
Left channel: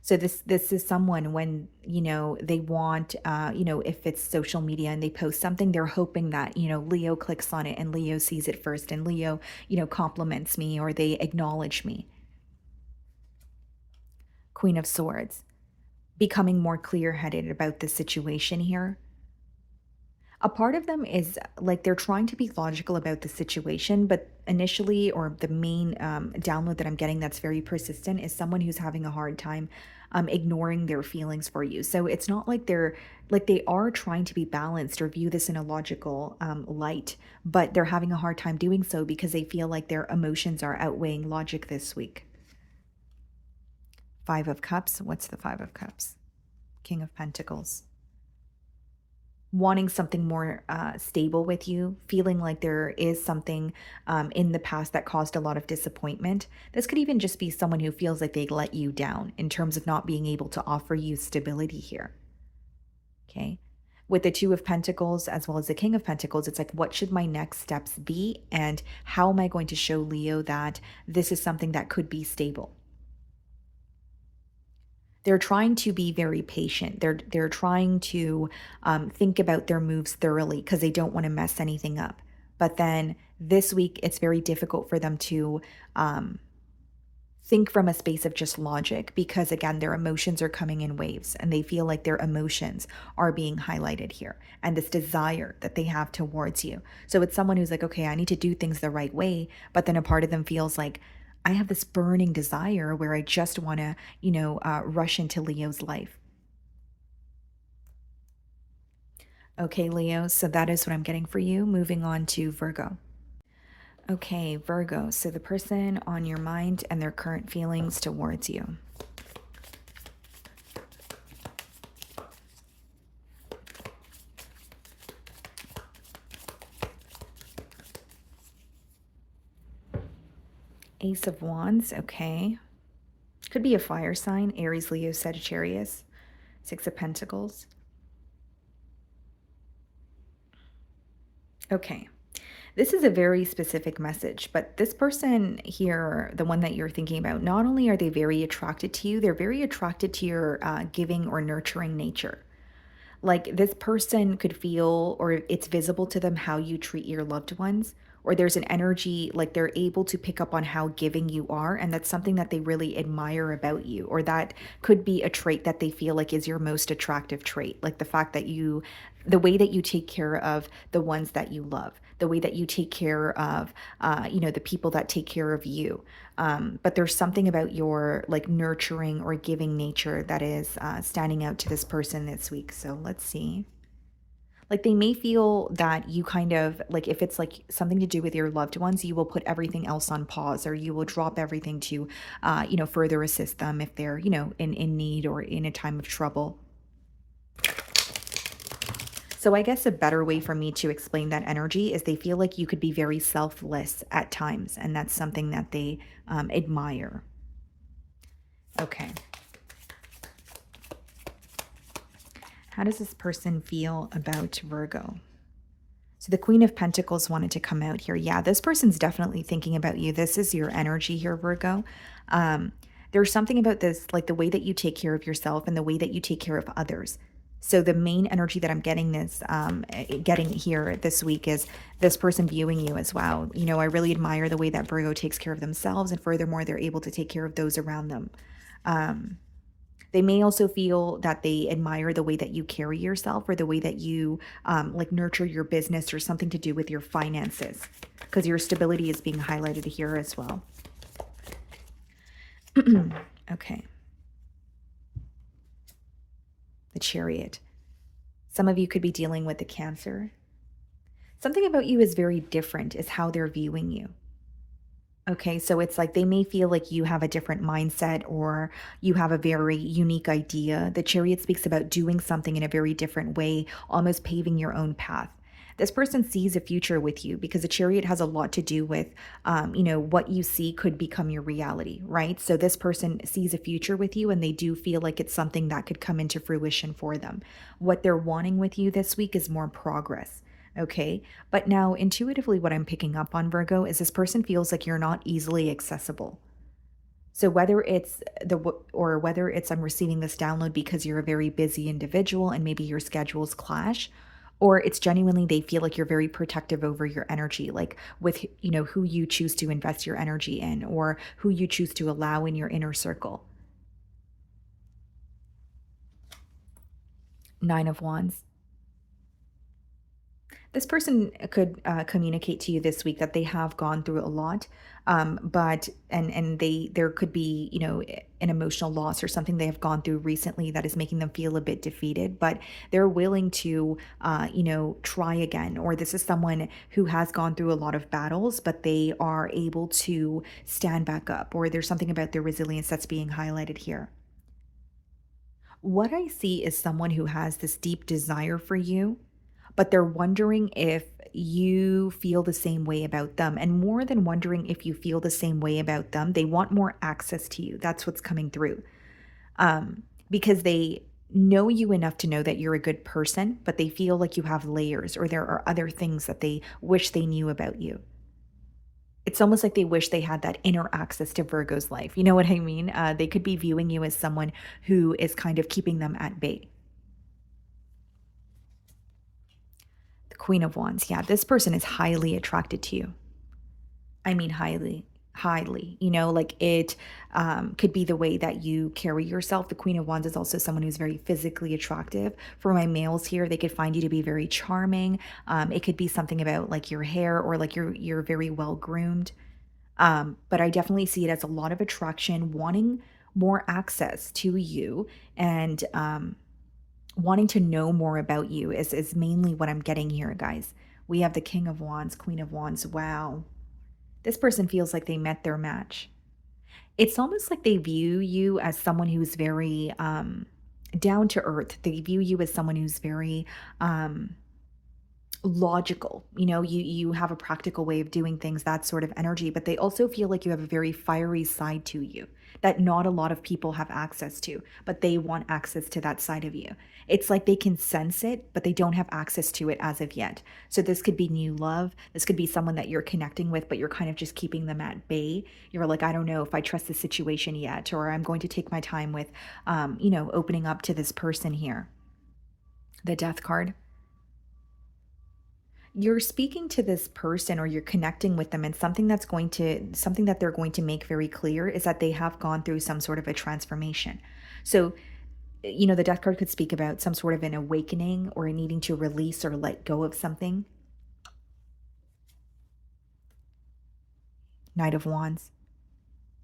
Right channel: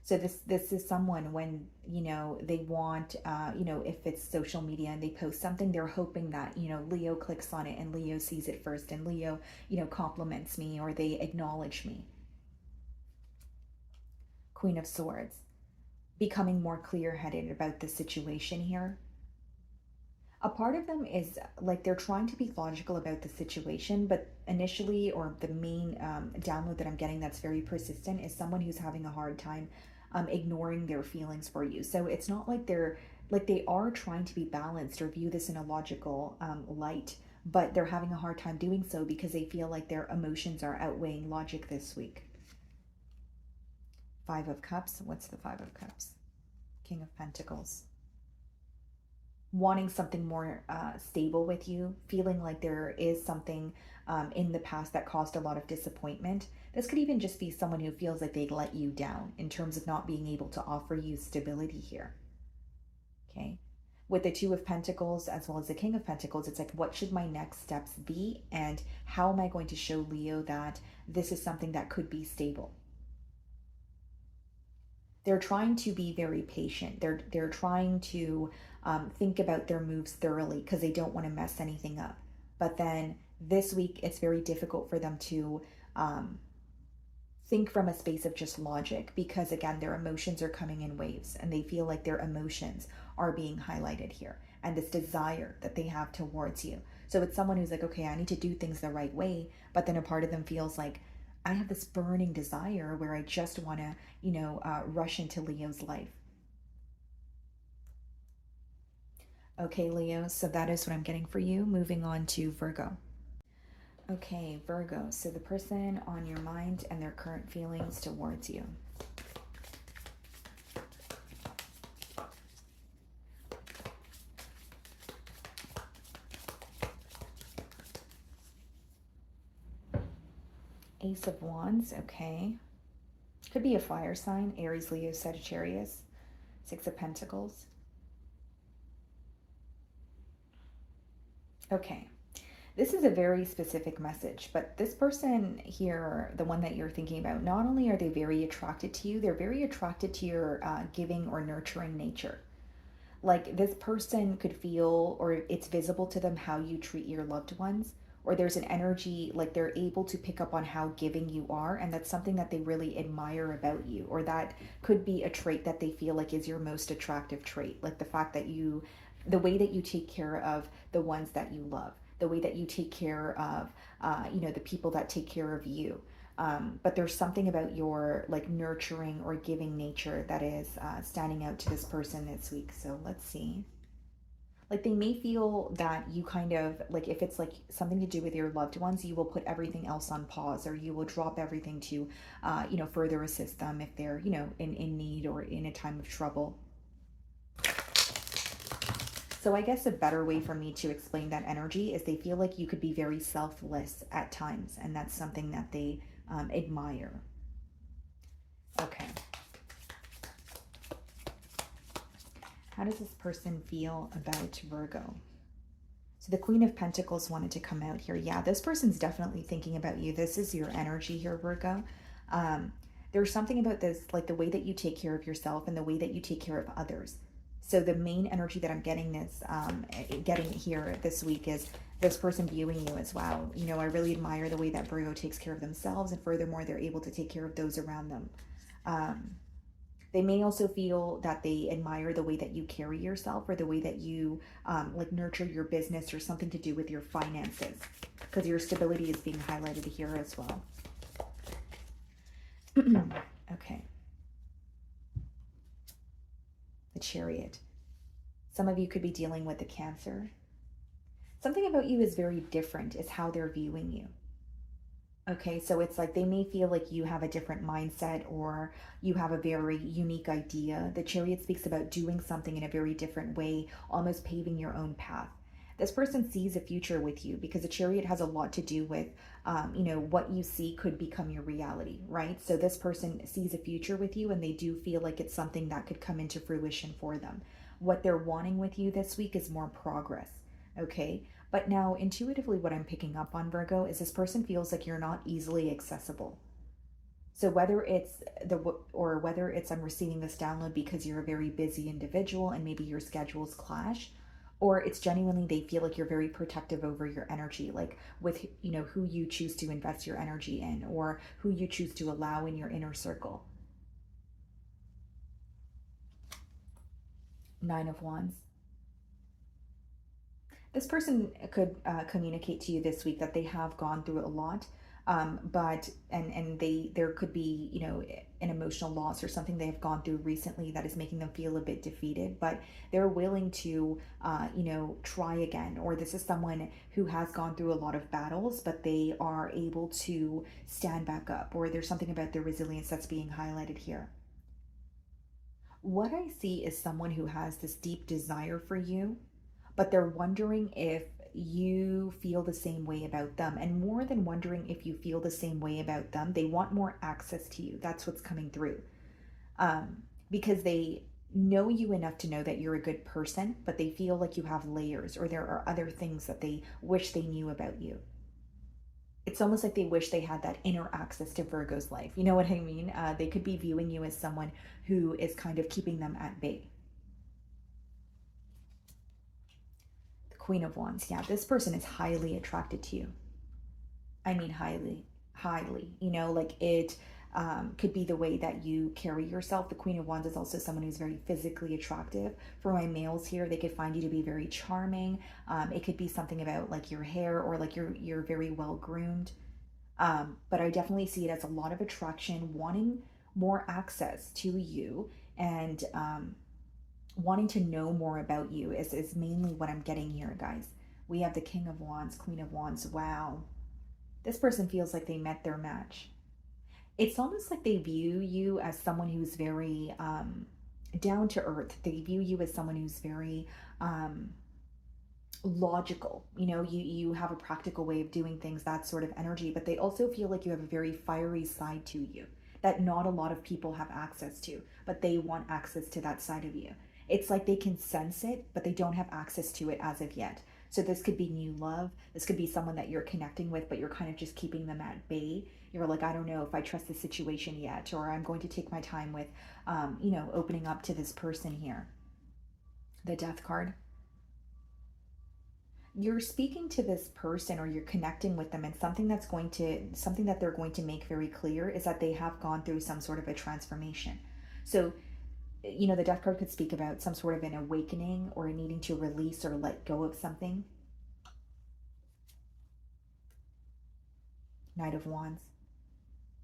So this is someone when, they want, if it's social media and they post something, they're hoping that, Leo clicks on it and Leo sees it first and Leo, compliments me or they acknowledge me. Queen of Swords, becoming more clear-headed about the situation here. A part of them is like they're trying to be logical about the situation, but initially, or the main download that I'm getting that's very persistent is someone who's having a hard time ignoring their feelings for you. So it's not like they are trying to be balanced or view this in a logical light, but they're having a hard time doing so because they feel like their emotions are outweighing logic this week. Five of Cups. What's the Five of Cups? King of Pentacles. Wanting something more stable with you, feeling like there is something in the past that caused a lot of disappointment. This could even just be someone who feels like they let you down in terms of not being able to offer you stability here. Okay. With the Two of Pentacles as well as the King of Pentacles, it's like, what should my next steps be? And how am I going to show Leo that this is something that could be stable? They're trying to be very patient. They're trying to think about their moves thoroughly because they don't want to mess anything up. But then this week, it's very difficult for them to think from a space of just logic because, again, their emotions are coming in waves and they feel like their emotions are being highlighted here and this desire that they have towards you. So it's someone who's like, okay, I need to do things the right way. But then a part of them feels like, I have this burning desire where I just want to, rush into Leo's life. Okay, Leo, so that is what I'm getting for you. Moving on to Virgo. Okay, Virgo, so the person on your mind and their current feelings towards you. Ace of Wands, okay. Could be a fire sign, Aries, Leo, Sagittarius. Six of Pentacles. Okay. This is a very specific message, but this person here, the one that you're thinking about, not only are they very attracted to you, they're very attracted to your giving or nurturing nature. Like this person could feel, or it's visible to them how you treat your loved ones, or there's an energy like they're able to pick up on how giving you are, and that's something that they really admire about you, or that could be a trait that they feel like is your most attractive trait, like the fact that the way that you take care of the ones that you love, the way that you take care of the people that take care of you. But there's something about your like nurturing or giving nature that is standing out to this person this week. So let's see. Like they may feel that you kind of like, if it's like something to do with your loved ones, you will put everything else on pause, or you will drop everything to further assist them if they're in need or in a time of trouble. So I guess a better way for me to explain that energy is they feel like you could be very selfless at times, and that's something that they admire. Okay. How does this person feel about Virgo? So the Queen of Pentacles wanted to come out here. Yeah, this person's definitely thinking about you. This is your energy here, Virgo. Um, there's something about this, like the way that you take care of yourself and the way that you take care of others. So the main energy that I'm getting getting here this week is this person viewing you as well. You know, I really admire the way that Virgo takes care of themselves, and furthermore, they're able to take care of those around them. Um, they may also feel that they admire the way that you carry yourself or the way that you like nurture your business or something to do with your finances, because your stability is being highlighted here as well. Okay. The Chariot. Some of you could be dealing with the Cancer. Something about you is very different, is how they're viewing you. Okay, so it's like they may feel like you have a different mindset or you have a very unique idea. The Chariot speaks about doing something in a very different way, almost paving your own path. This person sees a future with you because the Chariot has a lot to do with, you know, what you see could become your reality, right? So this person sees a future with you and they do feel like it's something that could come into fruition for them. What they're wanting with you this week is more progress. Okay. But now, intuitively, what I'm picking up on, Virgo, is this person feels like you're not easily accessible. So whether it's or whether it's I'm receiving this download because you're a very busy individual and maybe your schedules clash, or it's genuinely they feel like you're very protective over your energy, like with, you know, who you choose to invest your energy in or who you choose to allow in your inner circle. Nine of Wands. This person could communicate to you this week that they have gone through a lot, but and they there could be, you know, an emotional loss or something they have gone through recently that is making them feel a bit defeated, but they're willing to you know, try again. Or this is someone who has gone through a lot of battles but they are able to stand back up, or there's something about their resilience that's being highlighted here. What I see is someone who has this deep desire for you, but they're wondering if you feel the same way about them. And more than wondering if you feel the same way about them, they want more access to you. That's what's coming through. Because they know you enough to know that you're a good person, but they feel like you have layers or there are other things that they wish they knew about you. It's almost like they wish they had that inner access to Virgo's life. You know what I mean? They could be viewing you as someone who is kind of keeping them at bay. The Queen of Wands. Yeah, this person is highly attracted to you. I mean, highly, highly. You know, like it could be the way that you carry yourself. The Queen of Wands is also someone who's very physically attractive. For my males here, they could find you to be very charming. It could be something about like your hair or like you're very well groomed. But I definitely see it as a lot of attraction, wanting more access to you, and wanting to know more about you is mainly what I'm getting here, guys. We have the King of Wands, Queen of Wands. Wow. This person feels like they met their match. It's almost like they view you as someone who's very down to earth. They view you as someone who's very logical. You know, you have a practical way of doing things, that sort of energy, but they also feel like you have a very fiery side to you that not a lot of people have access to, but they want access to that side of you. It's like they can sense it, but they don't have access to it as of yet. So this could be new love. This could be someone that you're connecting with, but you're kind of just keeping them at bay. You're like, I don't know if I trust the situation yet, or I'm going to take my time with, you know, opening up to this person here. The Death card. You're speaking to this person or you're connecting with them, and something that they're going to make very clear is that they have gone through some sort of a transformation. So, you know, the Death card could speak about some sort of an awakening or needing to release or let go of something. Knight of Wands.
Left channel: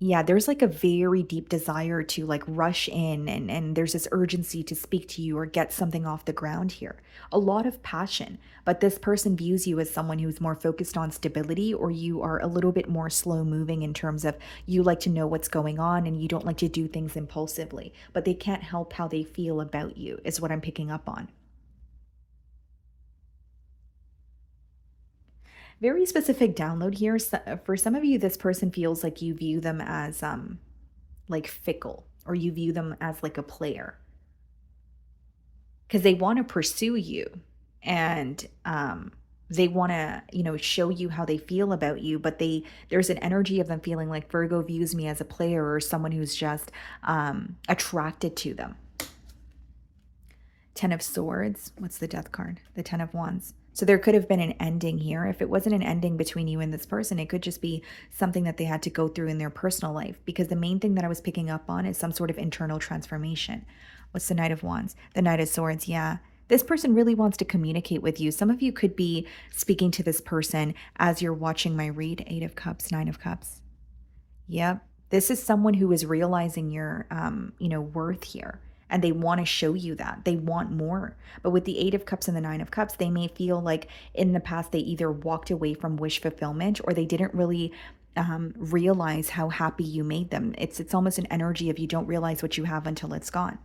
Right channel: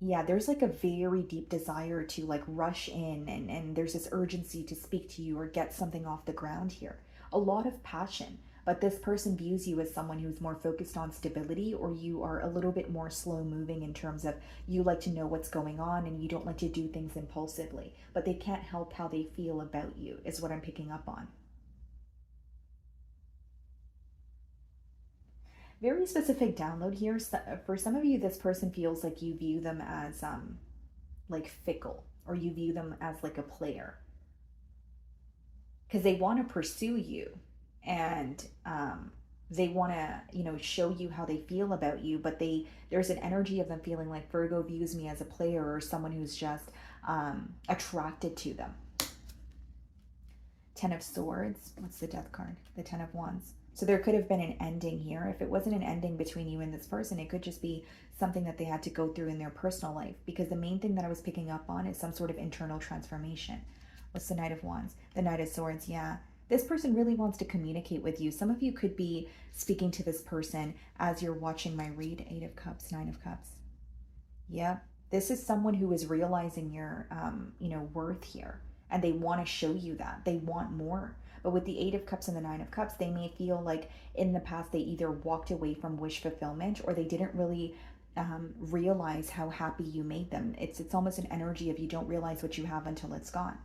Yeah, there's like a very deep desire to like rush in, and there's this urgency to speak to you or get something off the ground here. A lot of passion, but this person views you as someone who's more focused on stability, or you are a little bit more slow moving in terms of you like to know what's going on and you don't like to do things impulsively, but they can't help how they feel about you is what I'm picking up on. Very specific download here. For some of you, this person feels like you view them as like fickle, or you view them as like a player. because they want to pursue you, and they want to, show you how they feel about you, but there's an energy of them feeling like Virgo views me as a player or someone who's just attracted to them. Ten of Swords. What's the Death card? The Ten of Wands. So there could have been an ending here. If it wasn't an ending between you and this person, it could just be something that they had to go through in their personal life, because the main thing that I was picking up on is some sort of internal transformation. What's the Knight of Wands? The Knight of Swords. Yeah. This person really wants to communicate with you. Some of you could be speaking to this person as you're watching my read. Eight of Cups, Nine of Cups. Yep. This is someone who is realizing your, worth here. And they want to show you that. They want more. But with the Eight of Cups and the Nine of Cups, they may feel like in the past they either walked away from wish fulfillment, or they didn't really realize how happy you made them. It's almost an energy of you don't realize what you have until it's gone.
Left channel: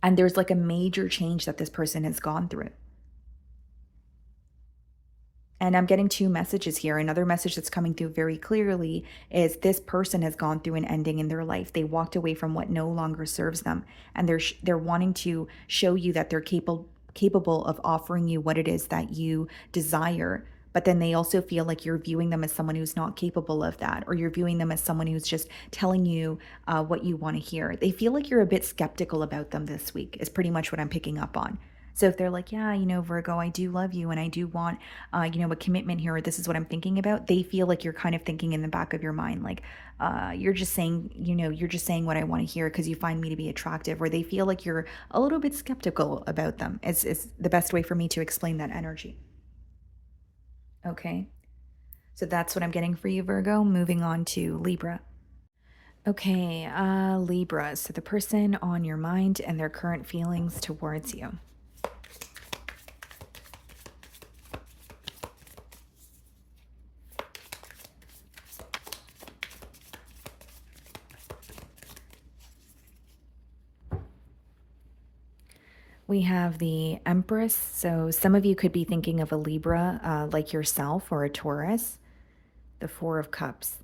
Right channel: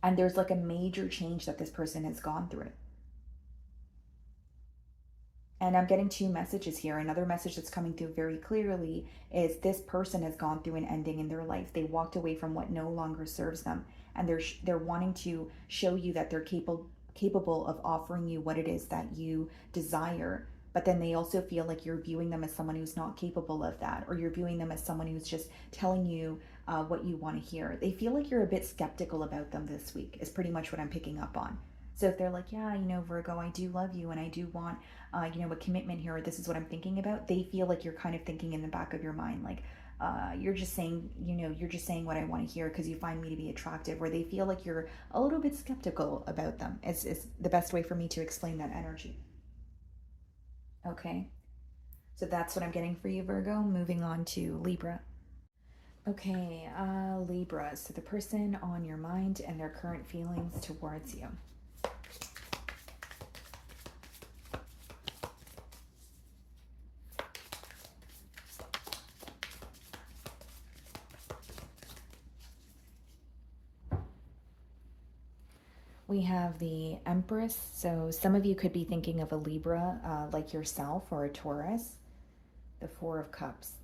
And there's like a major change that this person has gone through. And I'm getting two messages here. Another message that's coming through very clearly is this person has gone through an ending in their life. They walked away from what no longer serves them. And they're wanting to show you that they're capable of offering you what it is that you desire. But then they also feel like you're viewing them as someone who's not capable of that, or you're viewing them as someone who's just telling you what you want to hear. They feel like you're a bit skeptical about them this week, is pretty much what I'm picking up on. So if they're like, yeah, Virgo, I do love you and I do want, a commitment here, or this is what I'm thinking about, they feel like you're kind of thinking in the back of your mind, like, you're just saying, you're just saying what I want to hear because you find me to be attractive, or they feel like you're a little bit skeptical about them. Is the best way for me to explain that energy. Okay. So that's what I'm getting for you, Virgo. Moving on to Libra. Okay, Libra. So the person on your mind and their current feelings towards you. We have the Empress. So some of you could be thinking of a Libra like yourself, or a Taurus. The Four of Cups.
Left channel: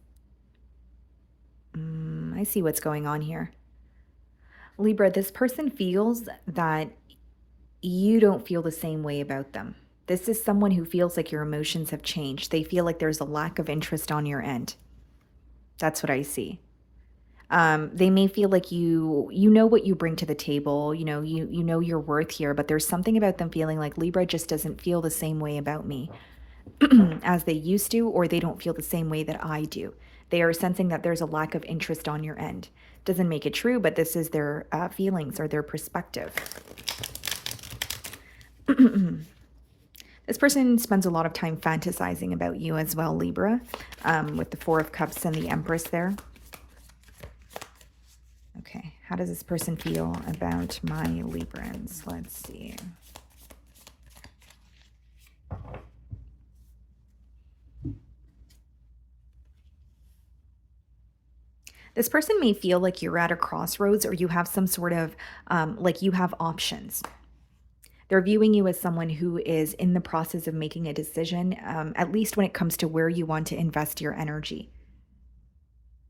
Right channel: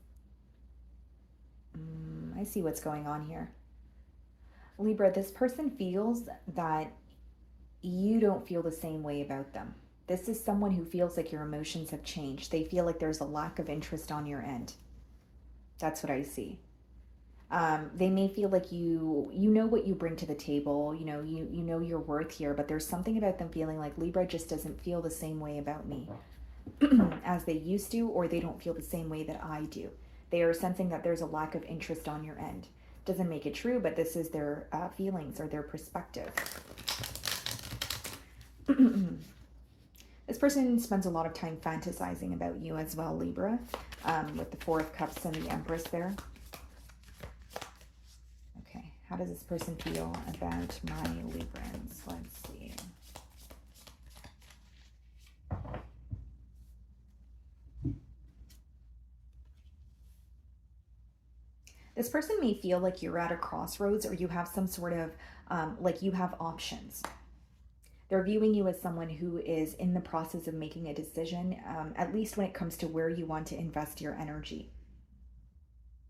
I see what's going on here. Libra, this person feels that you don't feel the same way about them. This is someone who feels like your emotions have changed. They feel like there's a lack of interest on your end. That's what I see. They may feel like you know what you bring to the table, you know your worth here, but there's something about them feeling like Libra just doesn't feel the same way about me as they used to, or they don't feel the same way that I do. They are sensing that there's a lack of interest on your end. Doesn't make it true, but this is their feelings or their perspective. This person spends a lot of time fantasizing about you as well, Libra, with the Four of Cups and the Empress there. Okay, how does this person feel about my Librans? Let's see. This person may feel like you're at a crossroads, or you have some sort of, like you have options. They're viewing you as someone who is in the process of making a decision, at least when it comes to where you want to invest your energy.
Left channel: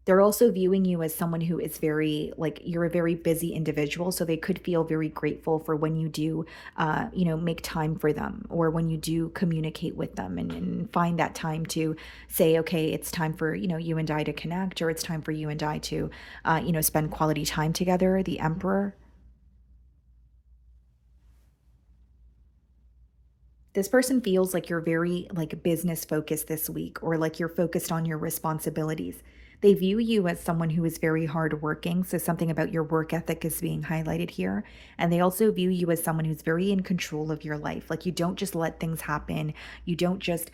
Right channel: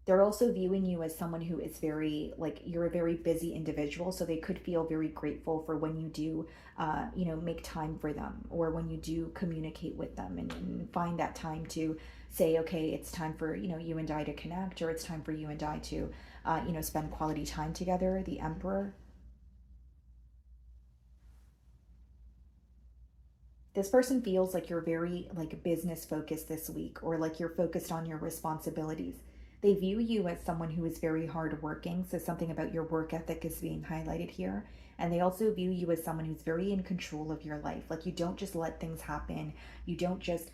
They're also viewing you as someone who is very, like, you're a very busy individual. So they could feel very grateful for when you do, make time for them, or when you do communicate with them, and find that time to say, okay, it's time for, you and I to connect, or it's time for you and I to, spend quality time together. The Emperor. This person feels like you're very like business focused this week, or like you're focused on your responsibilities. They view you as someone who is very hardworking. So something about your work ethic is being highlighted here. And they also view you as someone who's very in control of your life. Like you don't just let things happen. You don't just,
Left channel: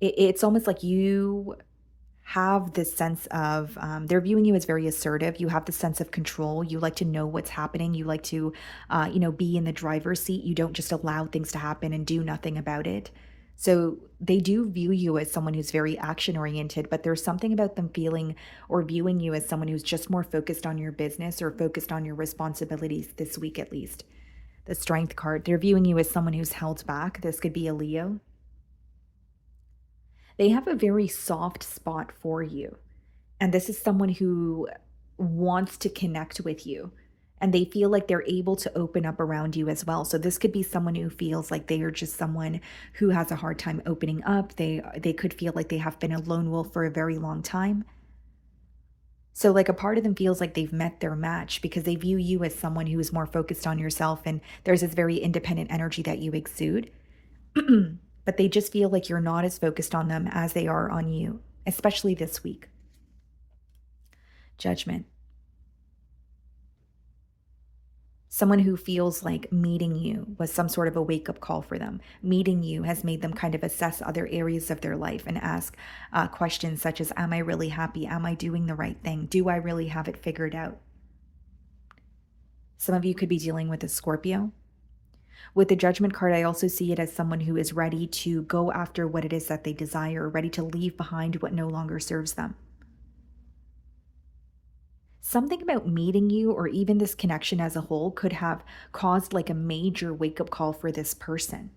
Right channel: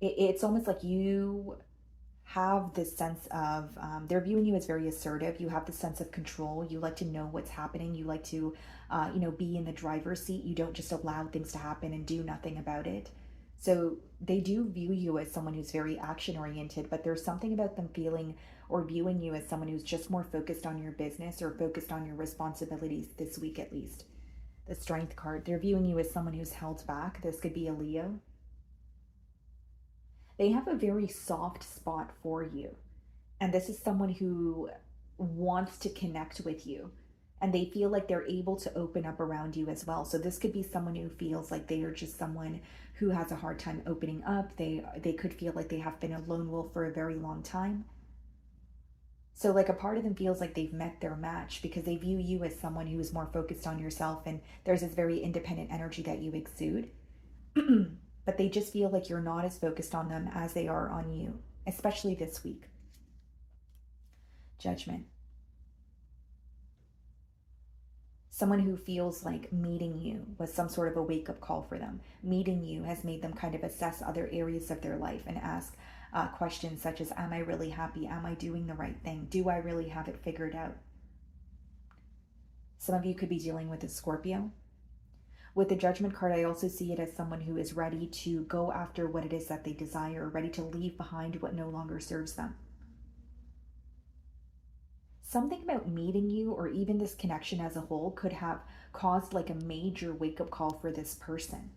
it's almost like you have this sense of, they're viewing you as very assertive. You have the sense of control. You like to know what's happening. You like to, be in the driver's seat. You don't just allow things to happen and do nothing about it. So they do view you as someone who's very action oriented, but there's something about them feeling or viewing you as someone who's just more focused on your business or focused on your responsibilities this week, at least. The Strength card, they're viewing you as someone who's held back. This could be a Leo. They have a very soft spot for you. And this is someone who wants to connect with you. and they feel like they're able to open up around you as well. So this could be someone who feels like they are just someone who has a hard time opening up. They could feel like they have been a lone wolf for a very long time. So like a part of them feels like they've met their match because they view you as someone who is more focused on yourself, and there's this very independent energy that you exude. But they just feel like you're not as focused on them as they are on you, especially this week. Judgment. Someone who feels like meeting you was some sort of a wake up call for them. Meeting you has made them kind of assess other areas of their life and ask questions such as, am I really happy? Am I doing the right thing? Do I really have it figured out? Some of you could be dealing with a Scorpio. With the Judgment card, I also see it as someone who is ready to go after what it is that they desire, ready to leave behind what no longer serves them. Something about meeting you or even this connection as a whole could have caused like a major wake up call for this person.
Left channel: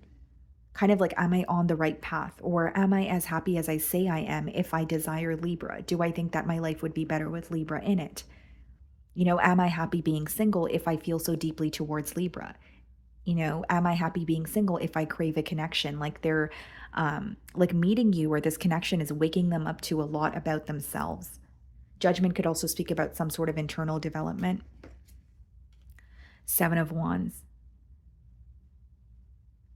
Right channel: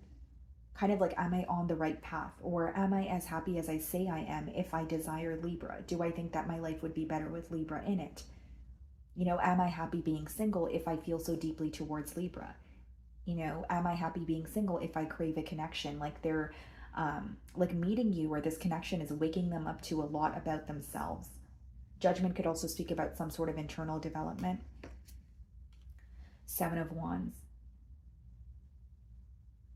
Kind of like, am I on the right path? Or am I as happy as I say I am if I desire Libra? Do I think that my life would be better with Libra in it? You know, am I happy being single if I feel so deeply towards Libra? You know, am I happy being single if I crave a connection? Like they're like meeting you or this connection is waking them up to a lot about themselves. Judgment could also speak about some sort of internal development. Seven of Wands.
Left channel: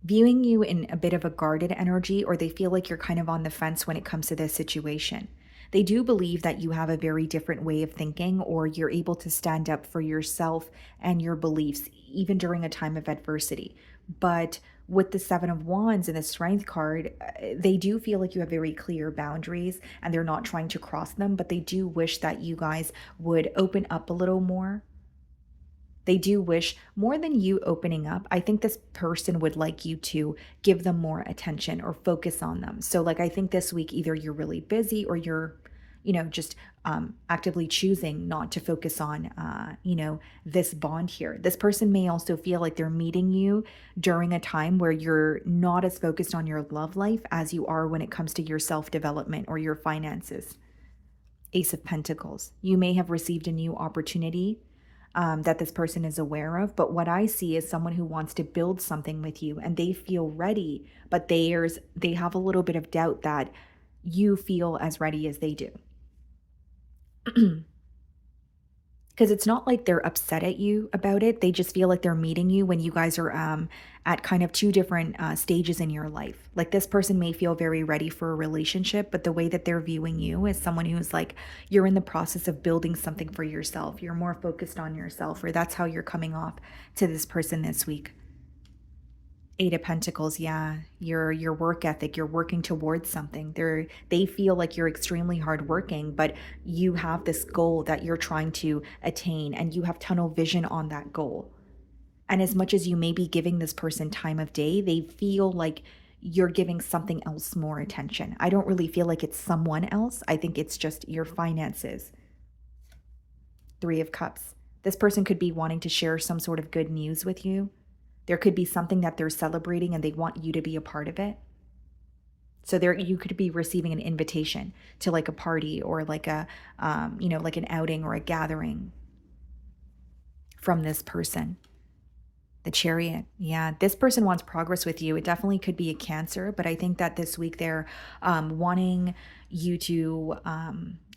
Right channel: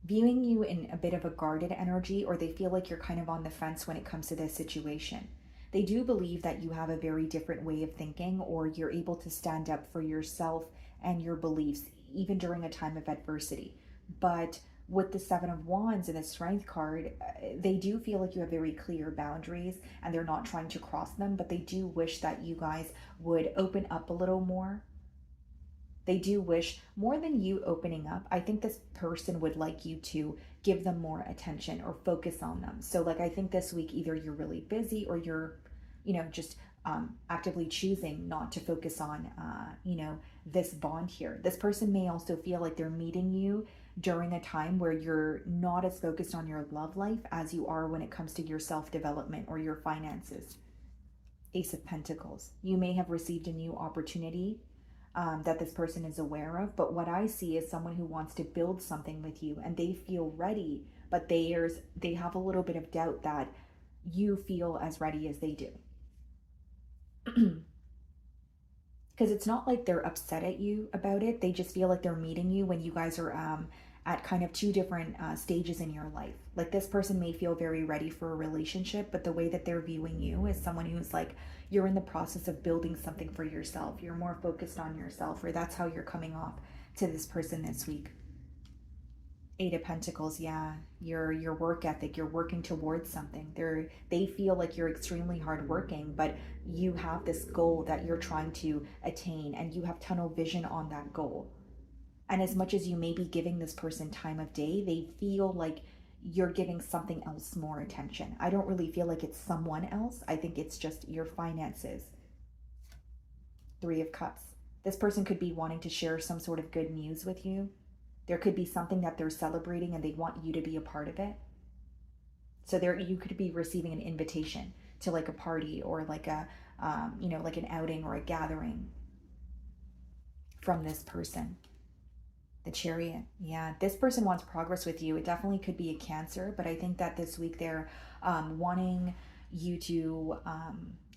Viewing you in a bit of a guarded energy, or they feel like you're kind of on the fence when it comes to this situation. They do believe that you have a very different way of thinking, or you're able to stand up for yourself and your beliefs, even during a time of adversity. But with the Seven of Wands and the Strength card, they do feel like you have very clear boundaries and they're not trying to cross them, but they do wish that you guys would open up a little more. They do wish more than you opening up. I think this person would like you to give them more attention or focus on them. So, like, I think this week, either you're really busy or you're, just actively choosing not to focus on, this bond here. This person may also feel like they're meeting you during a time where you're not as focused on your love life as you are when it comes to your self development or your finances. Ace of Pentacles. You may have received a new opportunity that this person is aware of. But what I see is someone who wants to build something with you and they feel ready, but they have a little bit of doubt that you feel as ready as they do. Because it's not like they're upset at you about it. They just feel like they're meeting you when you guys are at kind of two different stages in your life. Like this person may feel very ready for a relationship, but the way that they're viewing you is someone who's like, you're in the process of building something for yourself. You're more focused on yourself, or that's how you're coming off to this person this week. Eight of Pentacles, yeah, your work ethic, you're working towards something. They feel like you're extremely hardworking, but you have this goal that you're trying to attain, and you have tunnel vision on that goal. And as much as you may be giving this person time of day, they feel like you're giving something else more attention. I don't really feel like it's someone else. I think it's just your finances. Three of Cups. This person could be wanting to share some sort of good news with you. There could be something that they're celebrating and they want you to be a part of it. So you could be receiving an invitation to like a party or like a, like an outing or a gathering from this person. The Chariot. Yeah, this person wants progress with you. It definitely could be a Cancer, but I think that this week they're wanting you to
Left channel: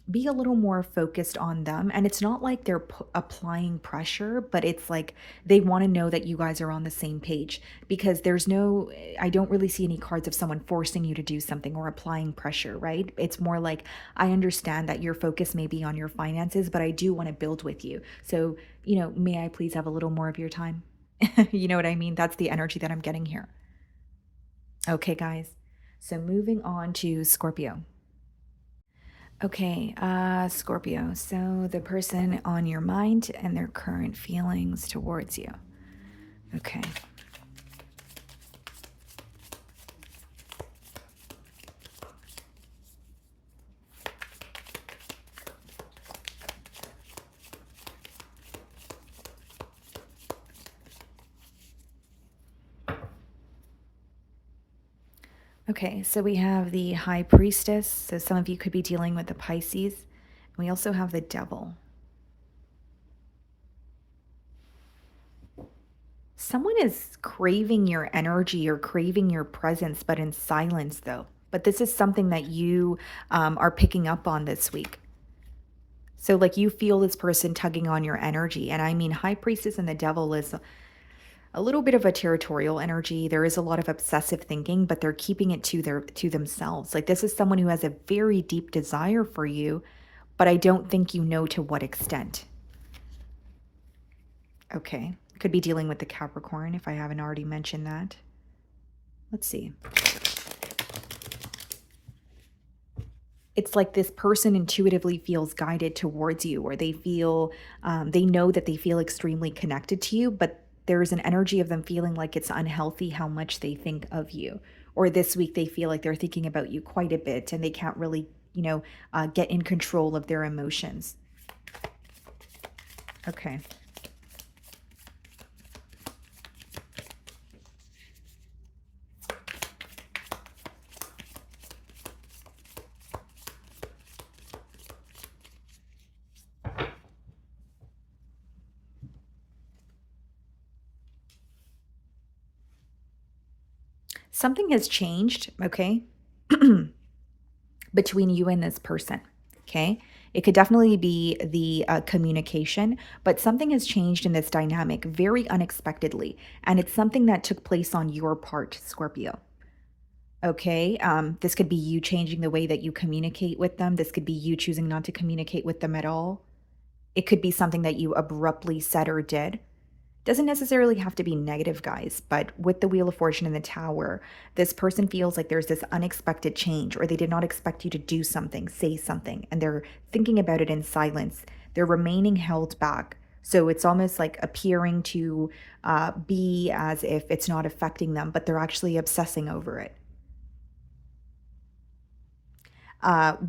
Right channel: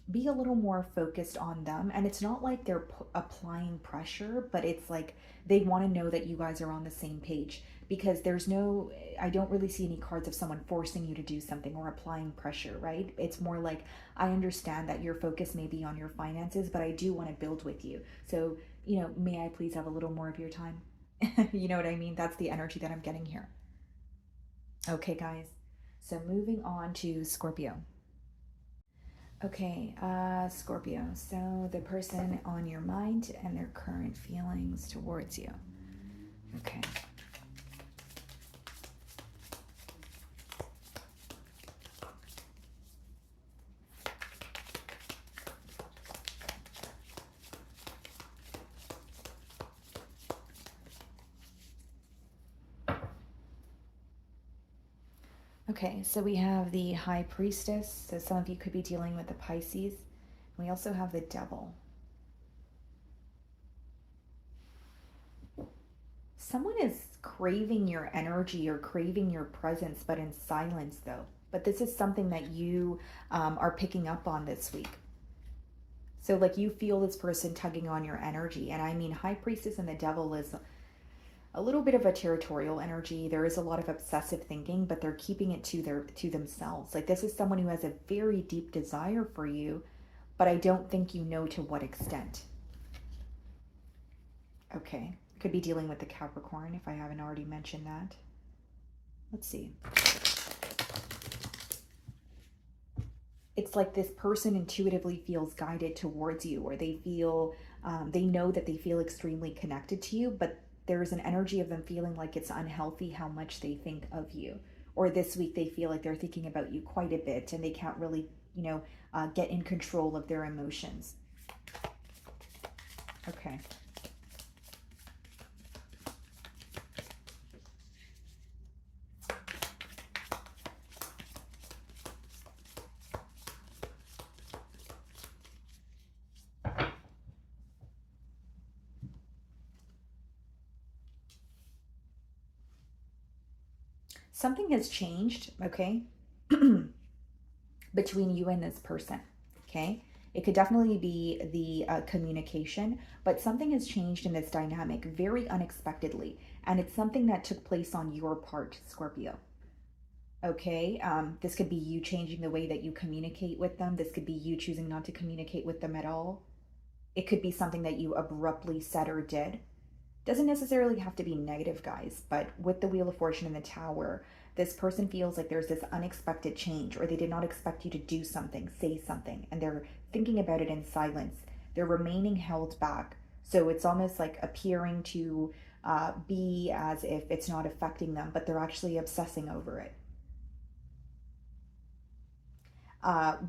be a little more focused on them. And it's not like they're applying pressure, but it's like they want to know that you guys are on the same page, because I don't really see any cards of someone forcing you to do something or applying pressure, right? It's more like, I understand that your focus may be on your finances, but I do want to build with you. So, may I please have a little more of your time? You know what I mean? That's the energy that I'm getting here. Okay, guys. So moving on to Scorpio. Okay, Scorpio. So the person on your mind and their current feelings towards you. Okay. Okay, so we have the High Priestess. So some of you could be dealing with the Pisces. We also have the Devil. Someone is craving your energy or craving your presence, but in silence, though. But this is something that you are picking up on this week. So, like, you feel this person tugging on your energy. And I mean, High Priestess and the Devil is a little bit of a territorial energy. There is a lot of obsessive thinking, but they're keeping it to themselves. Like, this is someone who has a very deep desire for you, but I don't think you know to what extent. Okay. Could be dealing with the Capricorn if I haven't already mentioned that. Let's see. It's like this person intuitively feels guided towards you, or they feel, they know that they feel extremely connected to you, but there's an energy of them feeling like it's unhealthy how much they think of you. Or this week they feel like they're thinking about you quite a bit and they can't really, get in control of their emotions. Okay. Something has changed, okay, between you and this person, okay? It could definitely be the communication, but something has changed in this dynamic very unexpectedly. And it's something that took place on your part, Scorpio. Okay. This could be you changing the way that you communicate with them. This could be you choosing not to communicate with them at all. It could be something that you abruptly said or did. Doesn't necessarily have to be negative, guys, but with the Wheel of Fortune and the Tower, this person feels like there's this unexpected change, or they did not expect you to do something, say something, and they're thinking about it in silence. They're remaining held back. So it's almost like appearing to be as if it's not affecting them, but they're actually obsessing over it.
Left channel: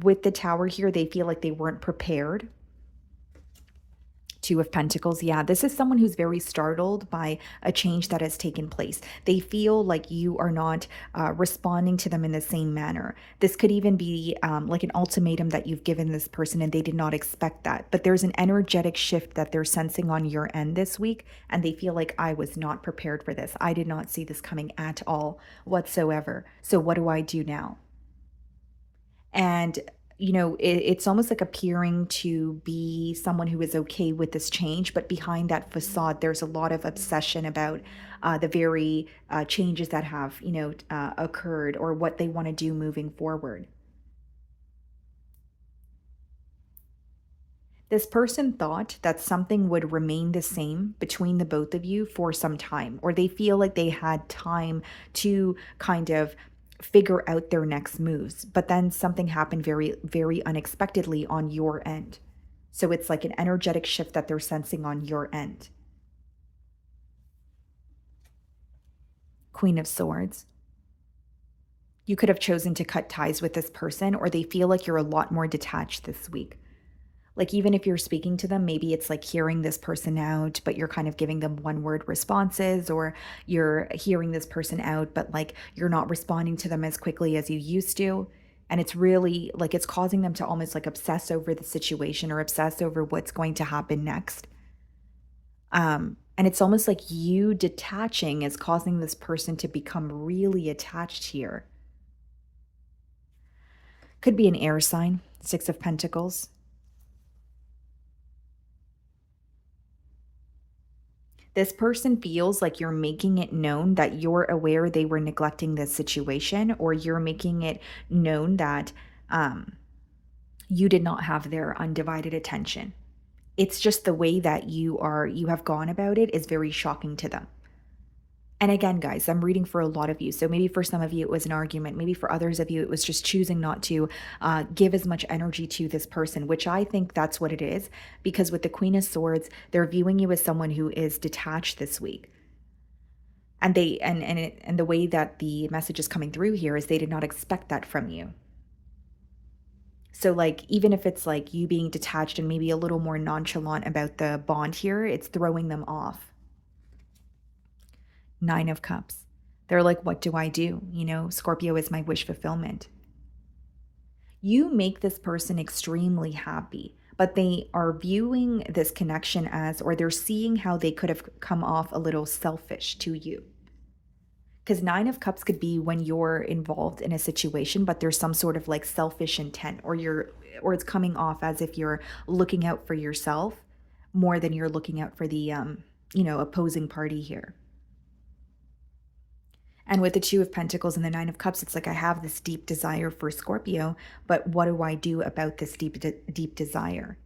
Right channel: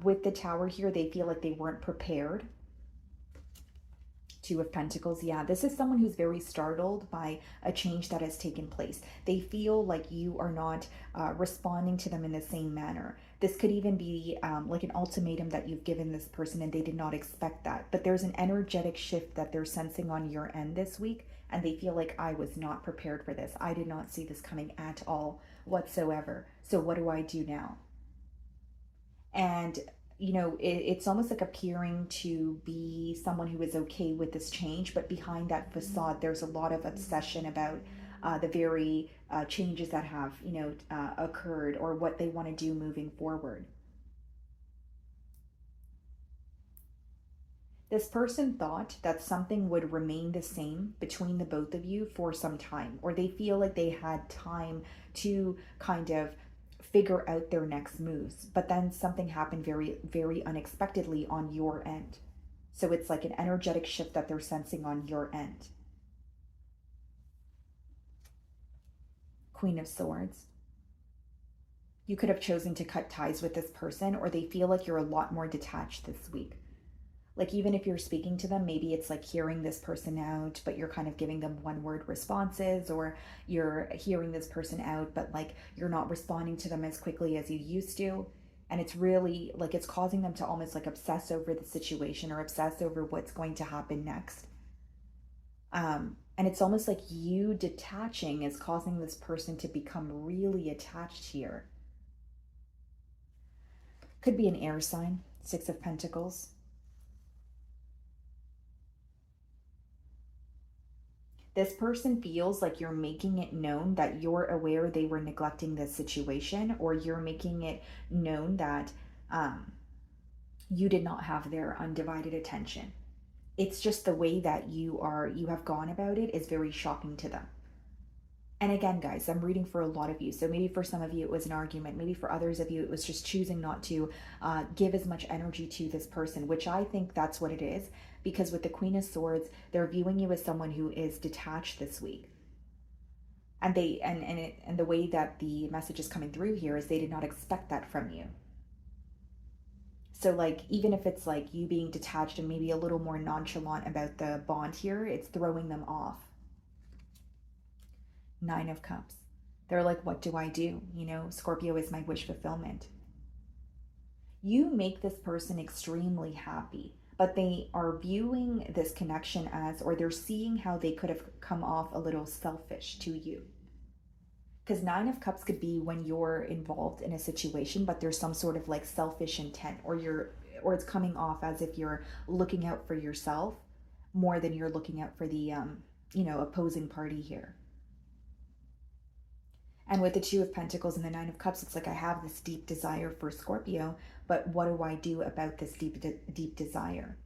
With the Tower here, they feel like they weren't prepared. Two of Pentacles. Yeah, this is someone who's very startled by a change that has taken place. They feel like you are not responding to them in the same manner. This could even be like an ultimatum that you've given this person and they did not expect that. But there's an energetic shift that they're sensing on your end this week, and they feel like, I was not prepared for this. I did not see this coming at all whatsoever. So what do I do now? And it's almost like appearing to be someone who is okay with this change, but behind that facade there's a lot of obsession about the very changes that have occurred, or what they want to do moving forward. This person thought that something would remain the same between the both of you for some time, or they feel like they had time to kind of figure out their next moves. But then something happened very, very unexpectedly on your end. So it's like an energetic shift that they're sensing on your end. Queen of Swords. You could have chosen to cut ties with this person, or they feel like you're a lot more detached this week. Like, even if you're speaking to them, maybe it's like hearing this person out, but you're kind of giving them one word responses, or you're hearing this person out, but like you're not responding to them as quickly as you used to. And it's really like it's causing them to almost like obsess over the situation, or obsess over what's going to happen next. And it's almost like you detaching is causing this person to become really attached here. Could be an air sign, Six of Pentacles. This person feels like you're making it known that you're aware they were neglecting this situation, or you're making it known that you did not have their undivided attention. It's just the way that you have gone about it is very shocking to them. And again, guys, I'm reading for a lot of you. So maybe for some of you, it was an argument. Maybe for others of you, it was just choosing not to give as much energy to this person, which I think that's what it is. Because with the Queen of Swords, they're viewing you as someone who is detached this week. And the way that the message is coming through here is they did not expect that from you. So like, even if it's like you being detached and maybe a little more nonchalant about the bond here, it's throwing them off. Nine of Cups. They're like, what do I do? Scorpio is my wish fulfillment. You make this person extremely happy, but they are viewing this connection as, or they're seeing how they could have come off a little selfish to you. Because Nine of Cups could be when you're involved in a situation, but there's some sort of like selfish intent, or it's coming off as if you're looking out for yourself more than you're looking out for the, opposing party here. And with the Two of Pentacles and the Nine of Cups, it's like I have this deep desire for Scorpio, but what do I do about this deep desire?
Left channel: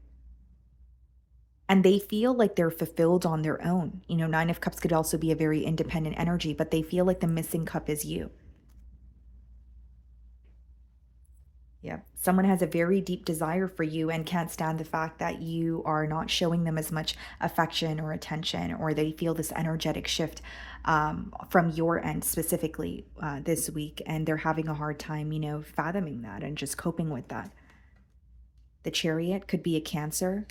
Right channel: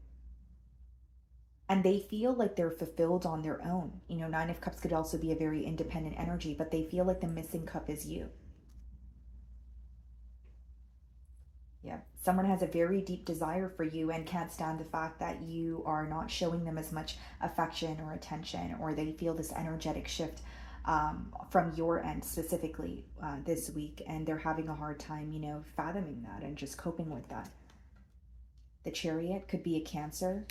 And they feel like they're fulfilled on their own. Nine of Cups could also be a very independent energy, but they feel like the missing cup is you. Yeah. Someone has a very deep desire for you and can't stand the fact that you are not showing them as much affection or attention, or they feel this energetic shift from your end specifically this week. And they're having a hard time, fathoming that and just coping with that. The Chariot could be a Cancer.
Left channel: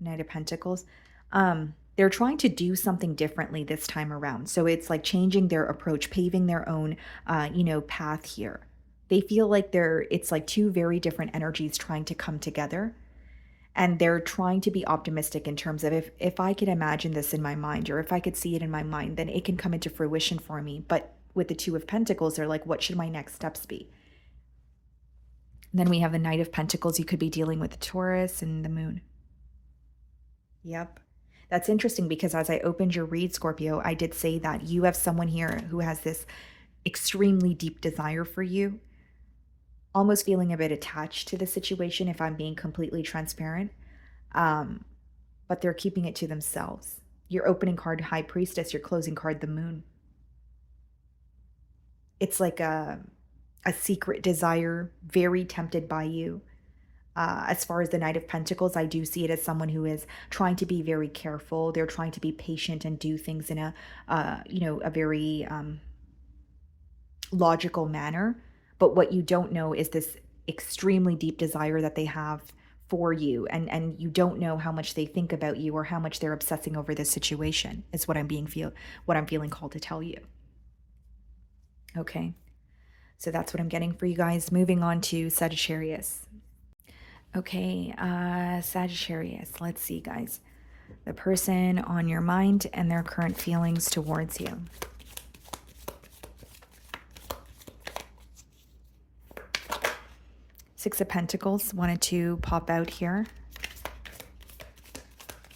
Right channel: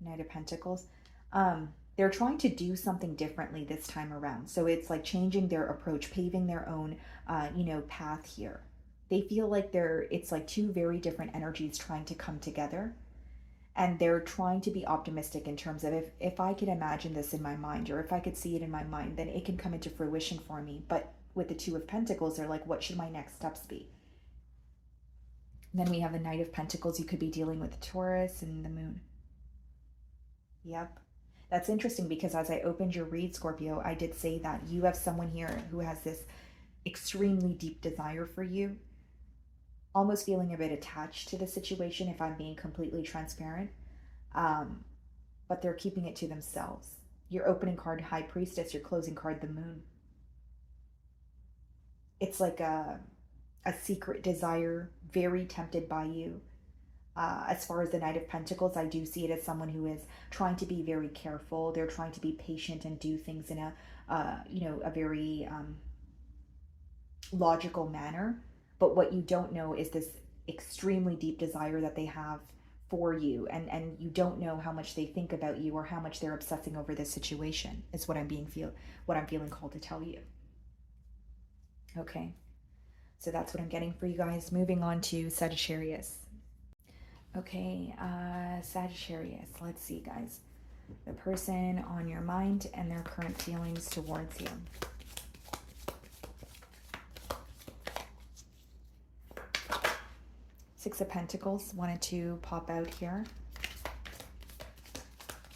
Knight of Pentacles. They're trying to do something differently this time around. So it's like changing their approach, paving their own, path here. They feel like it's like two very different energies trying to come together. And they're trying to be optimistic in terms of if I could imagine this in my mind, or if I could see it in my mind, then it can come into fruition for me. But with the Two of Pentacles, they're like, what should my next steps be? And then we have the Knight of Pentacles. You could be dealing with the Taurus and the Moon. Yep. That's interesting because as I opened your read, Scorpio, I did say that you have someone here who has this extremely deep desire for you, almost feeling a bit attached to the situation, if I'm being completely transparent. But they're keeping it to themselves. Your opening card, High Priestess, your closing card, the Moon. It's like a secret desire, very tempted by you. As far as the Knight of Pentacles, I do see it as someone who is trying to be very careful. They're trying to be patient and do things in a very logical manner. But what you don't know is this extremely deep desire that they have for you, and you don't know how much they think about you or how much they're obsessing over this situation. Is what I'm feeling called to tell you. Okay, so that's what I'm getting for you guys. Moving on to Sagittarius. Okay, Sagittarius, let's see, guys. The person on your mind and their current feelings towards you. Six of Pentacles wanted to pop out here.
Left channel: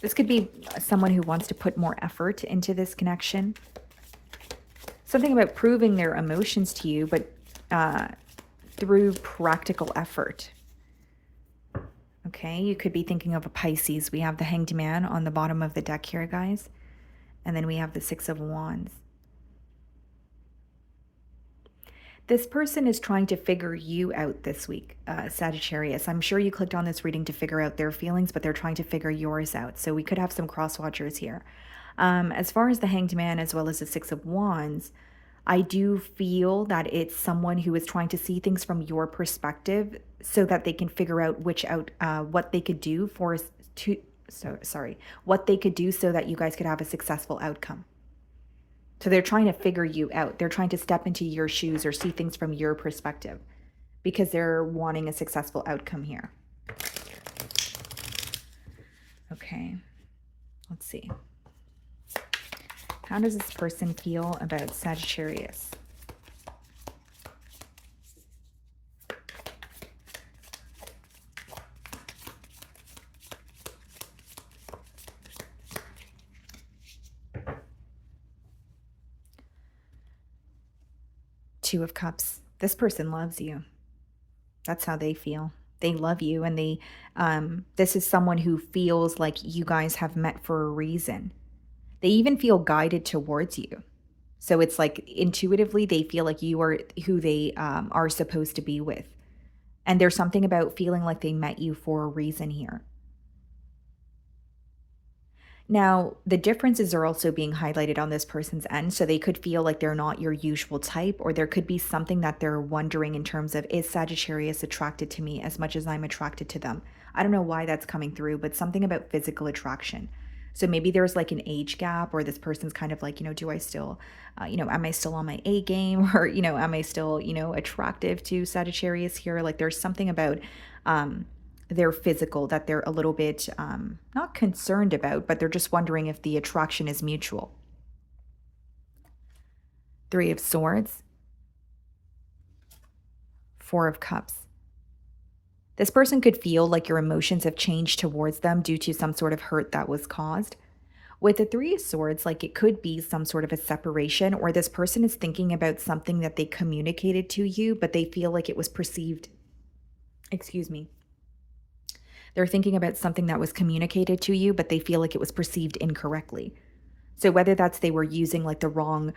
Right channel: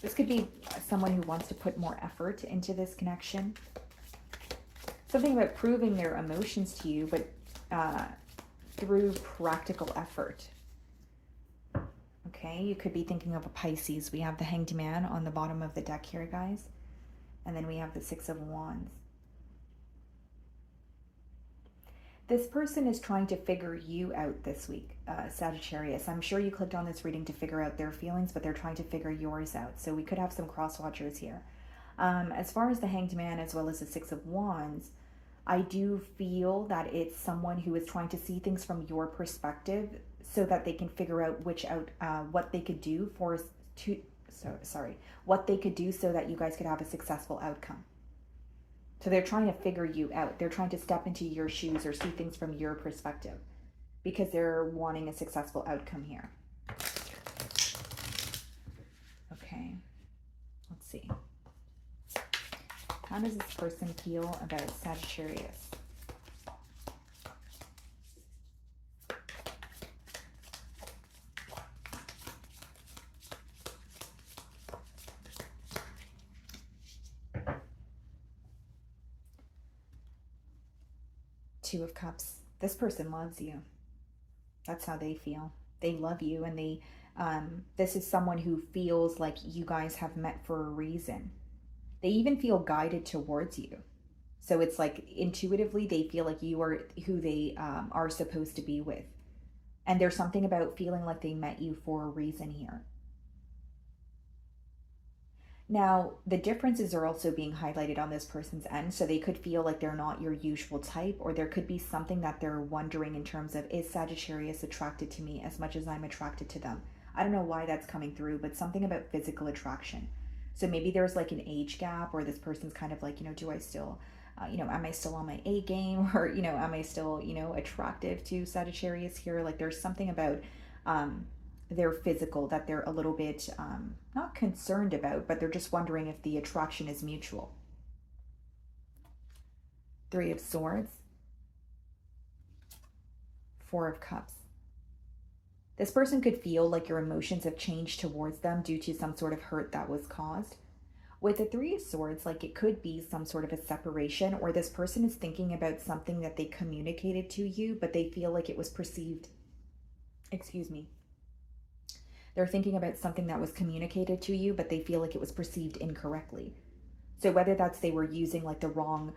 This could be someone who wants to put more effort into this connection. Something about proving their emotions to you, but through practical effort. Okay, you could be thinking of a Pisces. We have the Hanged Man on the bottom of the deck here, guys. And then we have the Six of Wands. This person is trying to figure you out this week, Sagittarius. I'm sure you clicked on this reading to figure out their feelings, but they're trying to figure yours out. So we could have some cross-watchers here. As far as the Hanged Man as well as the Six of Wands, I do feel that it's someone who is trying to see things from your perspective so that they can figure out what they could do what they could do so that you guys could have a successful outcome. So they're trying to figure you out. They're trying to step into your shoes or see things from your perspective because they're wanting a successful outcome here. Okay, let's see. How does this person feel about Sagittarius? Two of Cups. This person loves you. That's how they feel. They love you, and this is someone who feels like you guys have met for a reason. They even feel guided towards you. So it's like intuitively they feel like you are who they are supposed to be with. And there's something about feeling like they met you for a reason here. Now, the differences are also being highlighted on this person's end. So they could feel like they're not your usual type, or there could be something that they're wondering in terms of, is Sagittarius attracted to me as much as I'm attracted to them? I don't know why that's coming through, but something about physical attraction. So maybe there's like an age gap, or this person's kind of like, do I still, am I still on my A game? Or, am I still, attractive to Sagittarius here? Like there's something about their physical that they're a little bit not concerned about, but they're just wondering if the attraction is mutual. Three of Swords, Four of Cups. This person could feel like your emotions have changed towards them due to some sort of hurt that was caused. With the Three of Swords, like it could be some sort of a separation, or this person is thinking about something that they communicated to you, but they feel like it was perceived, excuse me. They're thinking about something that was communicated to you, but they feel like it was perceived incorrectly. So whether that's they were using like the wrong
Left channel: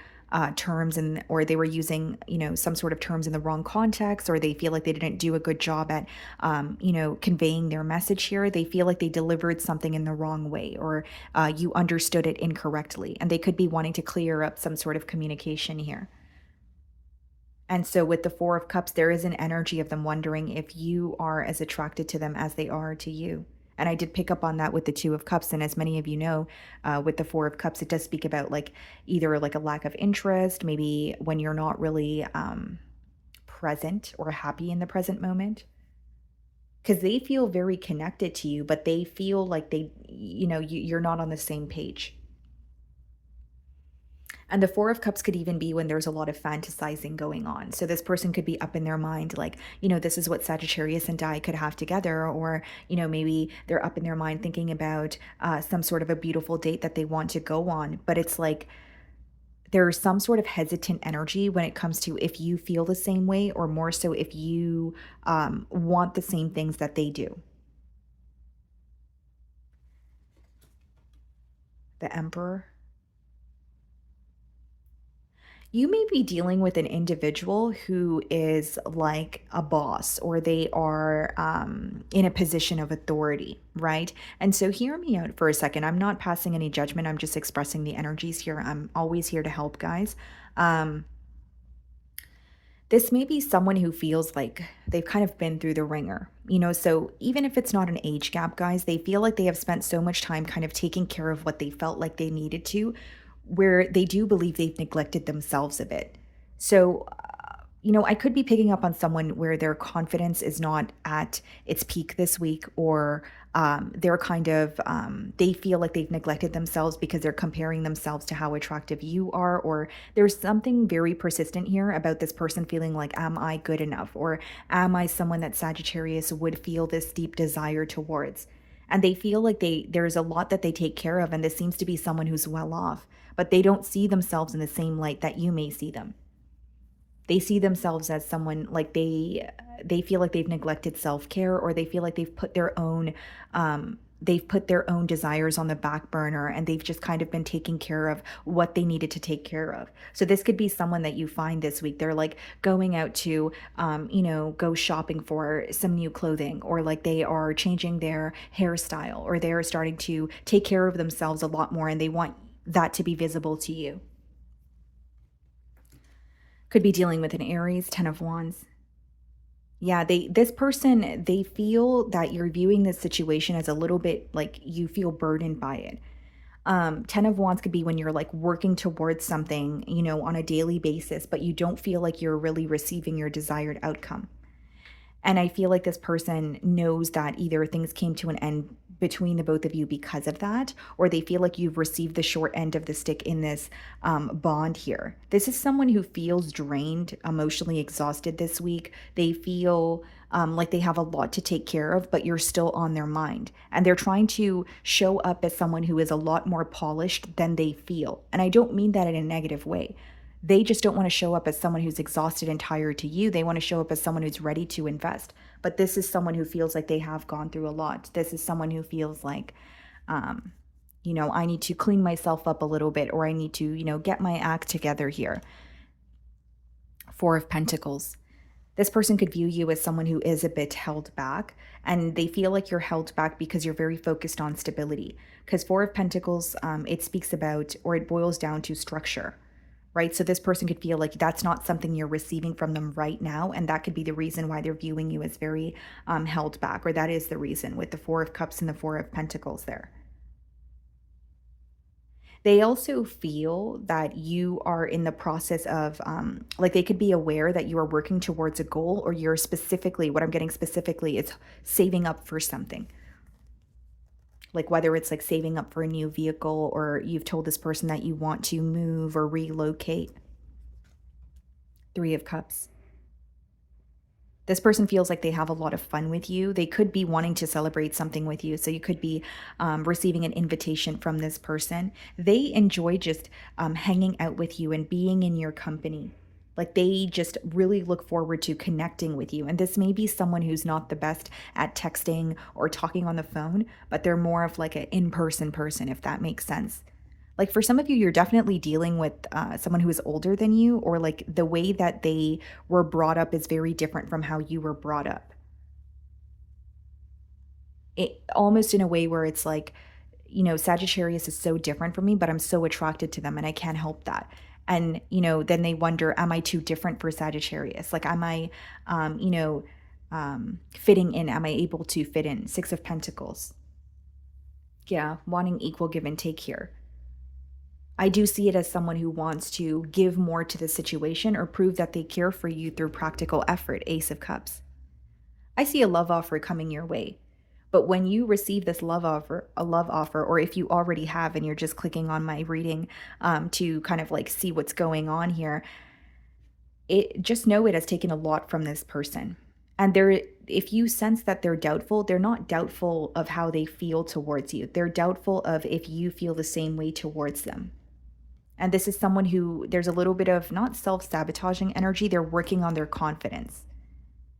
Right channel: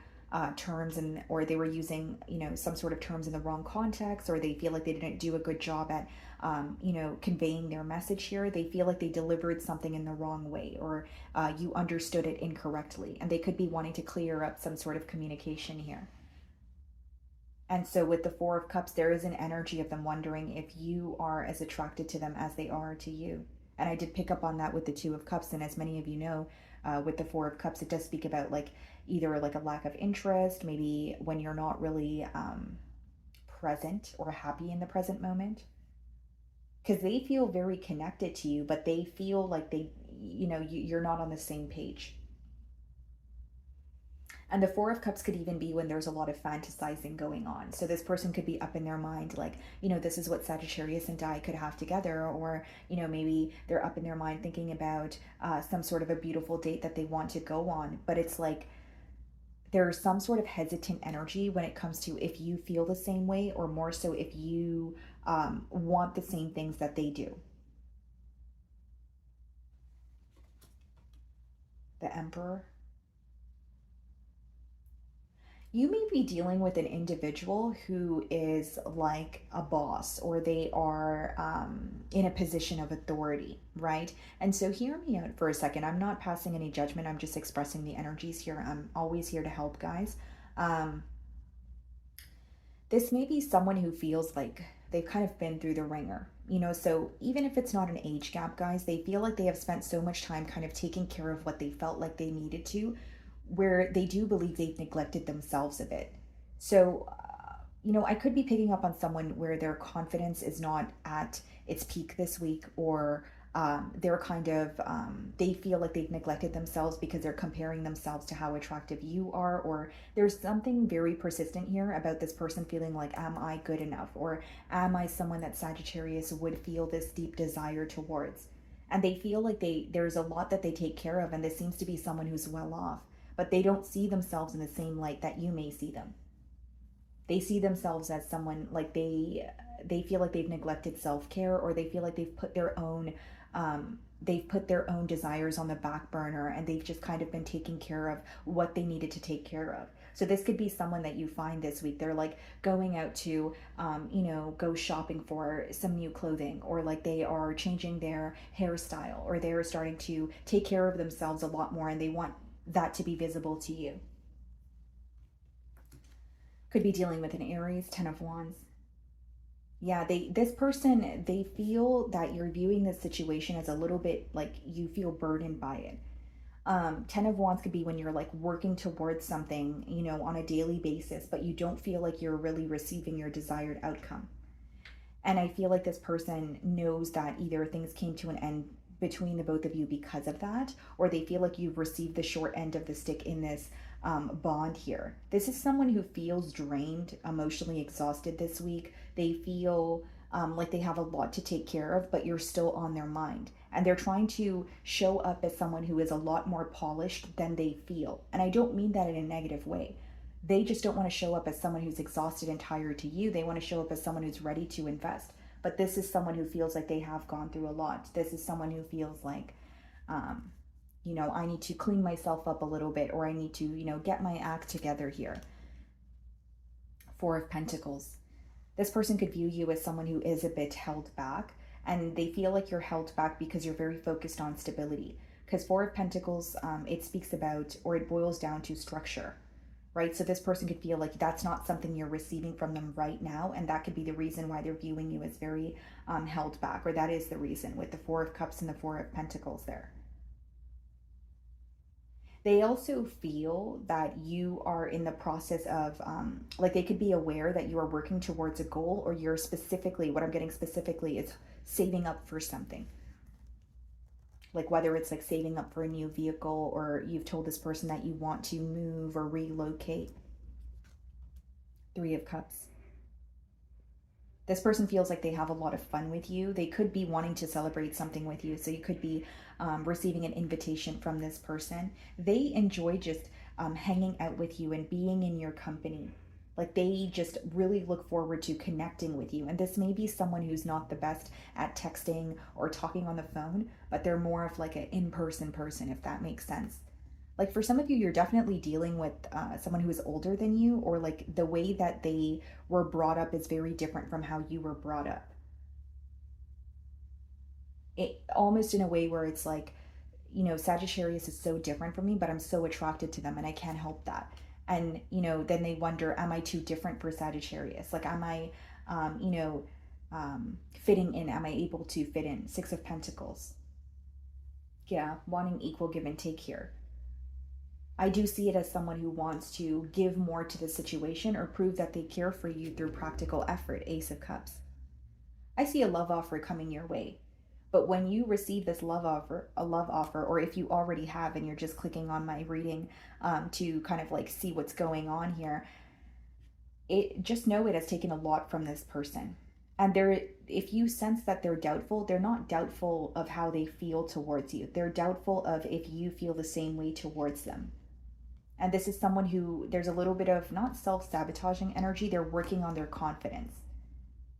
terms, and or they were using some sort of terms in the wrong context, or they feel like they didn't do a good job at conveying their message here. They feel like they delivered something in the wrong way, or you understood it incorrectly, and they could be wanting to clear up some sort of communication here. And so with the Four of Cups, there is an energy of them wondering if you are as attracted to them as they are to you. And I did pick up on that with the Two of Cups. And as many of you know, with the Four of Cups, it does speak about like either like a lack of interest, maybe when you're not really present or happy in the present moment. Because they feel very connected to you, but they feel like you're not on the same page. And the Four of Cups could even be when there's a lot of fantasizing going on. So this person could be up in their mind, like, this is what Sagittarius and I could have together. Or, maybe they're up in their mind thinking about some sort of a beautiful date that they want to go on. But it's like there's some sort of hesitant energy when it comes to if you feel the same way, or more so if you want the same things that they do. The Emperor. You may be dealing with an individual who is like a boss, or they are in a position of authority, right? And so hear me out for a second. I'm not passing any judgment. I'm just expressing the energies here. I'm always here to help, guys. Um, this may be someone who feels like they've kind of been through the ringer, so even if it's not an age gap, guys, they feel like they have spent so much time kind of taking care of what they felt like they needed to, where they do believe they've neglected themselves a bit. So, I could be picking up on someone where their confidence is not at its peak this week, or they're kind of, they feel like they've neglected themselves because they're comparing themselves to how attractive you are, or there's something very persistent here about this person feeling like, am I good enough? Or am I someone that Sagittarius would feel this deep desire towards? And they feel like there's a lot that they take care of, and this seems to be someone who's well off, but they don't see themselves in the same light that you may see them. They see themselves as someone like they feel like they've neglected self-care, or they feel like they've put their own desires on the back burner, and they've just kind of been taking care of what they needed to take care of. So this could be someone that you find this week. They're like going out to go shopping for some new clothing, or like they are changing their hairstyle, or they are starting to take care of themselves a lot more, and they want that to be visible to you. Could be dealing with an Aries, Ten of Wands. Yeah, this person, they feel that you're viewing this situation as a little bit like you feel burdened by it. Ten of Wands could be when you're like working towards something, on a daily basis, but you don't feel like you're really receiving your desired outcome. And I feel like this person knows that either things came to an end between the both of you because of that, or they feel like you've received the short end of the stick in this bond here. This is someone who feels drained, emotionally exhausted this week. They feel like they have a lot to take care of, but you're still on their mind. And they're trying to show up as someone who is a lot more polished than they feel. And I don't mean that in a negative way. They just don't want to show up as someone who's exhausted and tired to you. They want to show up as someone who's ready to invest. But this is someone who feels like they have gone through a lot. This is someone who feels like, I need to clean myself up a little bit, or I need to, get my act together here. Four of Pentacles. This person could view you as someone who is a bit held back, and they feel like you're held back because you're very focused on stability. Because Four of Pentacles, it speaks about, or it boils down to structure. Right? So this person could feel like that's not something you're receiving from them right now. And that could be the reason why they're viewing you as very held back, or that is the reason with the Four of Cups and the Four of Pentacles there. They also feel that you are in the process of, like they could be aware that you are working towards a goal, or you're specifically, what I'm getting specifically is saving up for something. Like whether it's like saving up for a new vehicle, or you've told this person that you want to move or relocate. Three of Cups. This person feels like they have a lot of fun with you. They could be wanting to celebrate something with you. So you could be receiving an invitation from this person. They enjoy just hanging out with you and being in your company. Like they just really look forward to connecting with you. And this may be someone who's not the best at texting or talking on the phone, but they're more of like an in-person person, if that makes sense. Like for some of you, you're definitely dealing with someone who is older than you, or like the way that they were brought up is very different from how you were brought up. It almost in a way where it's like, Sagittarius is so different from me, but I'm so attracted to them and I can't help that. And, then they wonder, am I too different for Sagittarius? Like, am I, fitting in? Am I able to fit in? Six of Pentacles. Yeah, wanting equal give and take here. I do see it as someone who wants to give more to the situation or prove that they care for you through practical effort. Ace of Cups. I see a love offer coming your way. But when you receive this love offer, or if you already have and you're just clicking on my reading to kind of like see what's going on here, just know it has taken a lot from this person. And if you sense that they're doubtful, they're not doubtful of how they feel towards you. They're doubtful of if you feel the same way towards them. And this is someone who there's a little bit of not self-sabotaging energy, they're working on their confidence.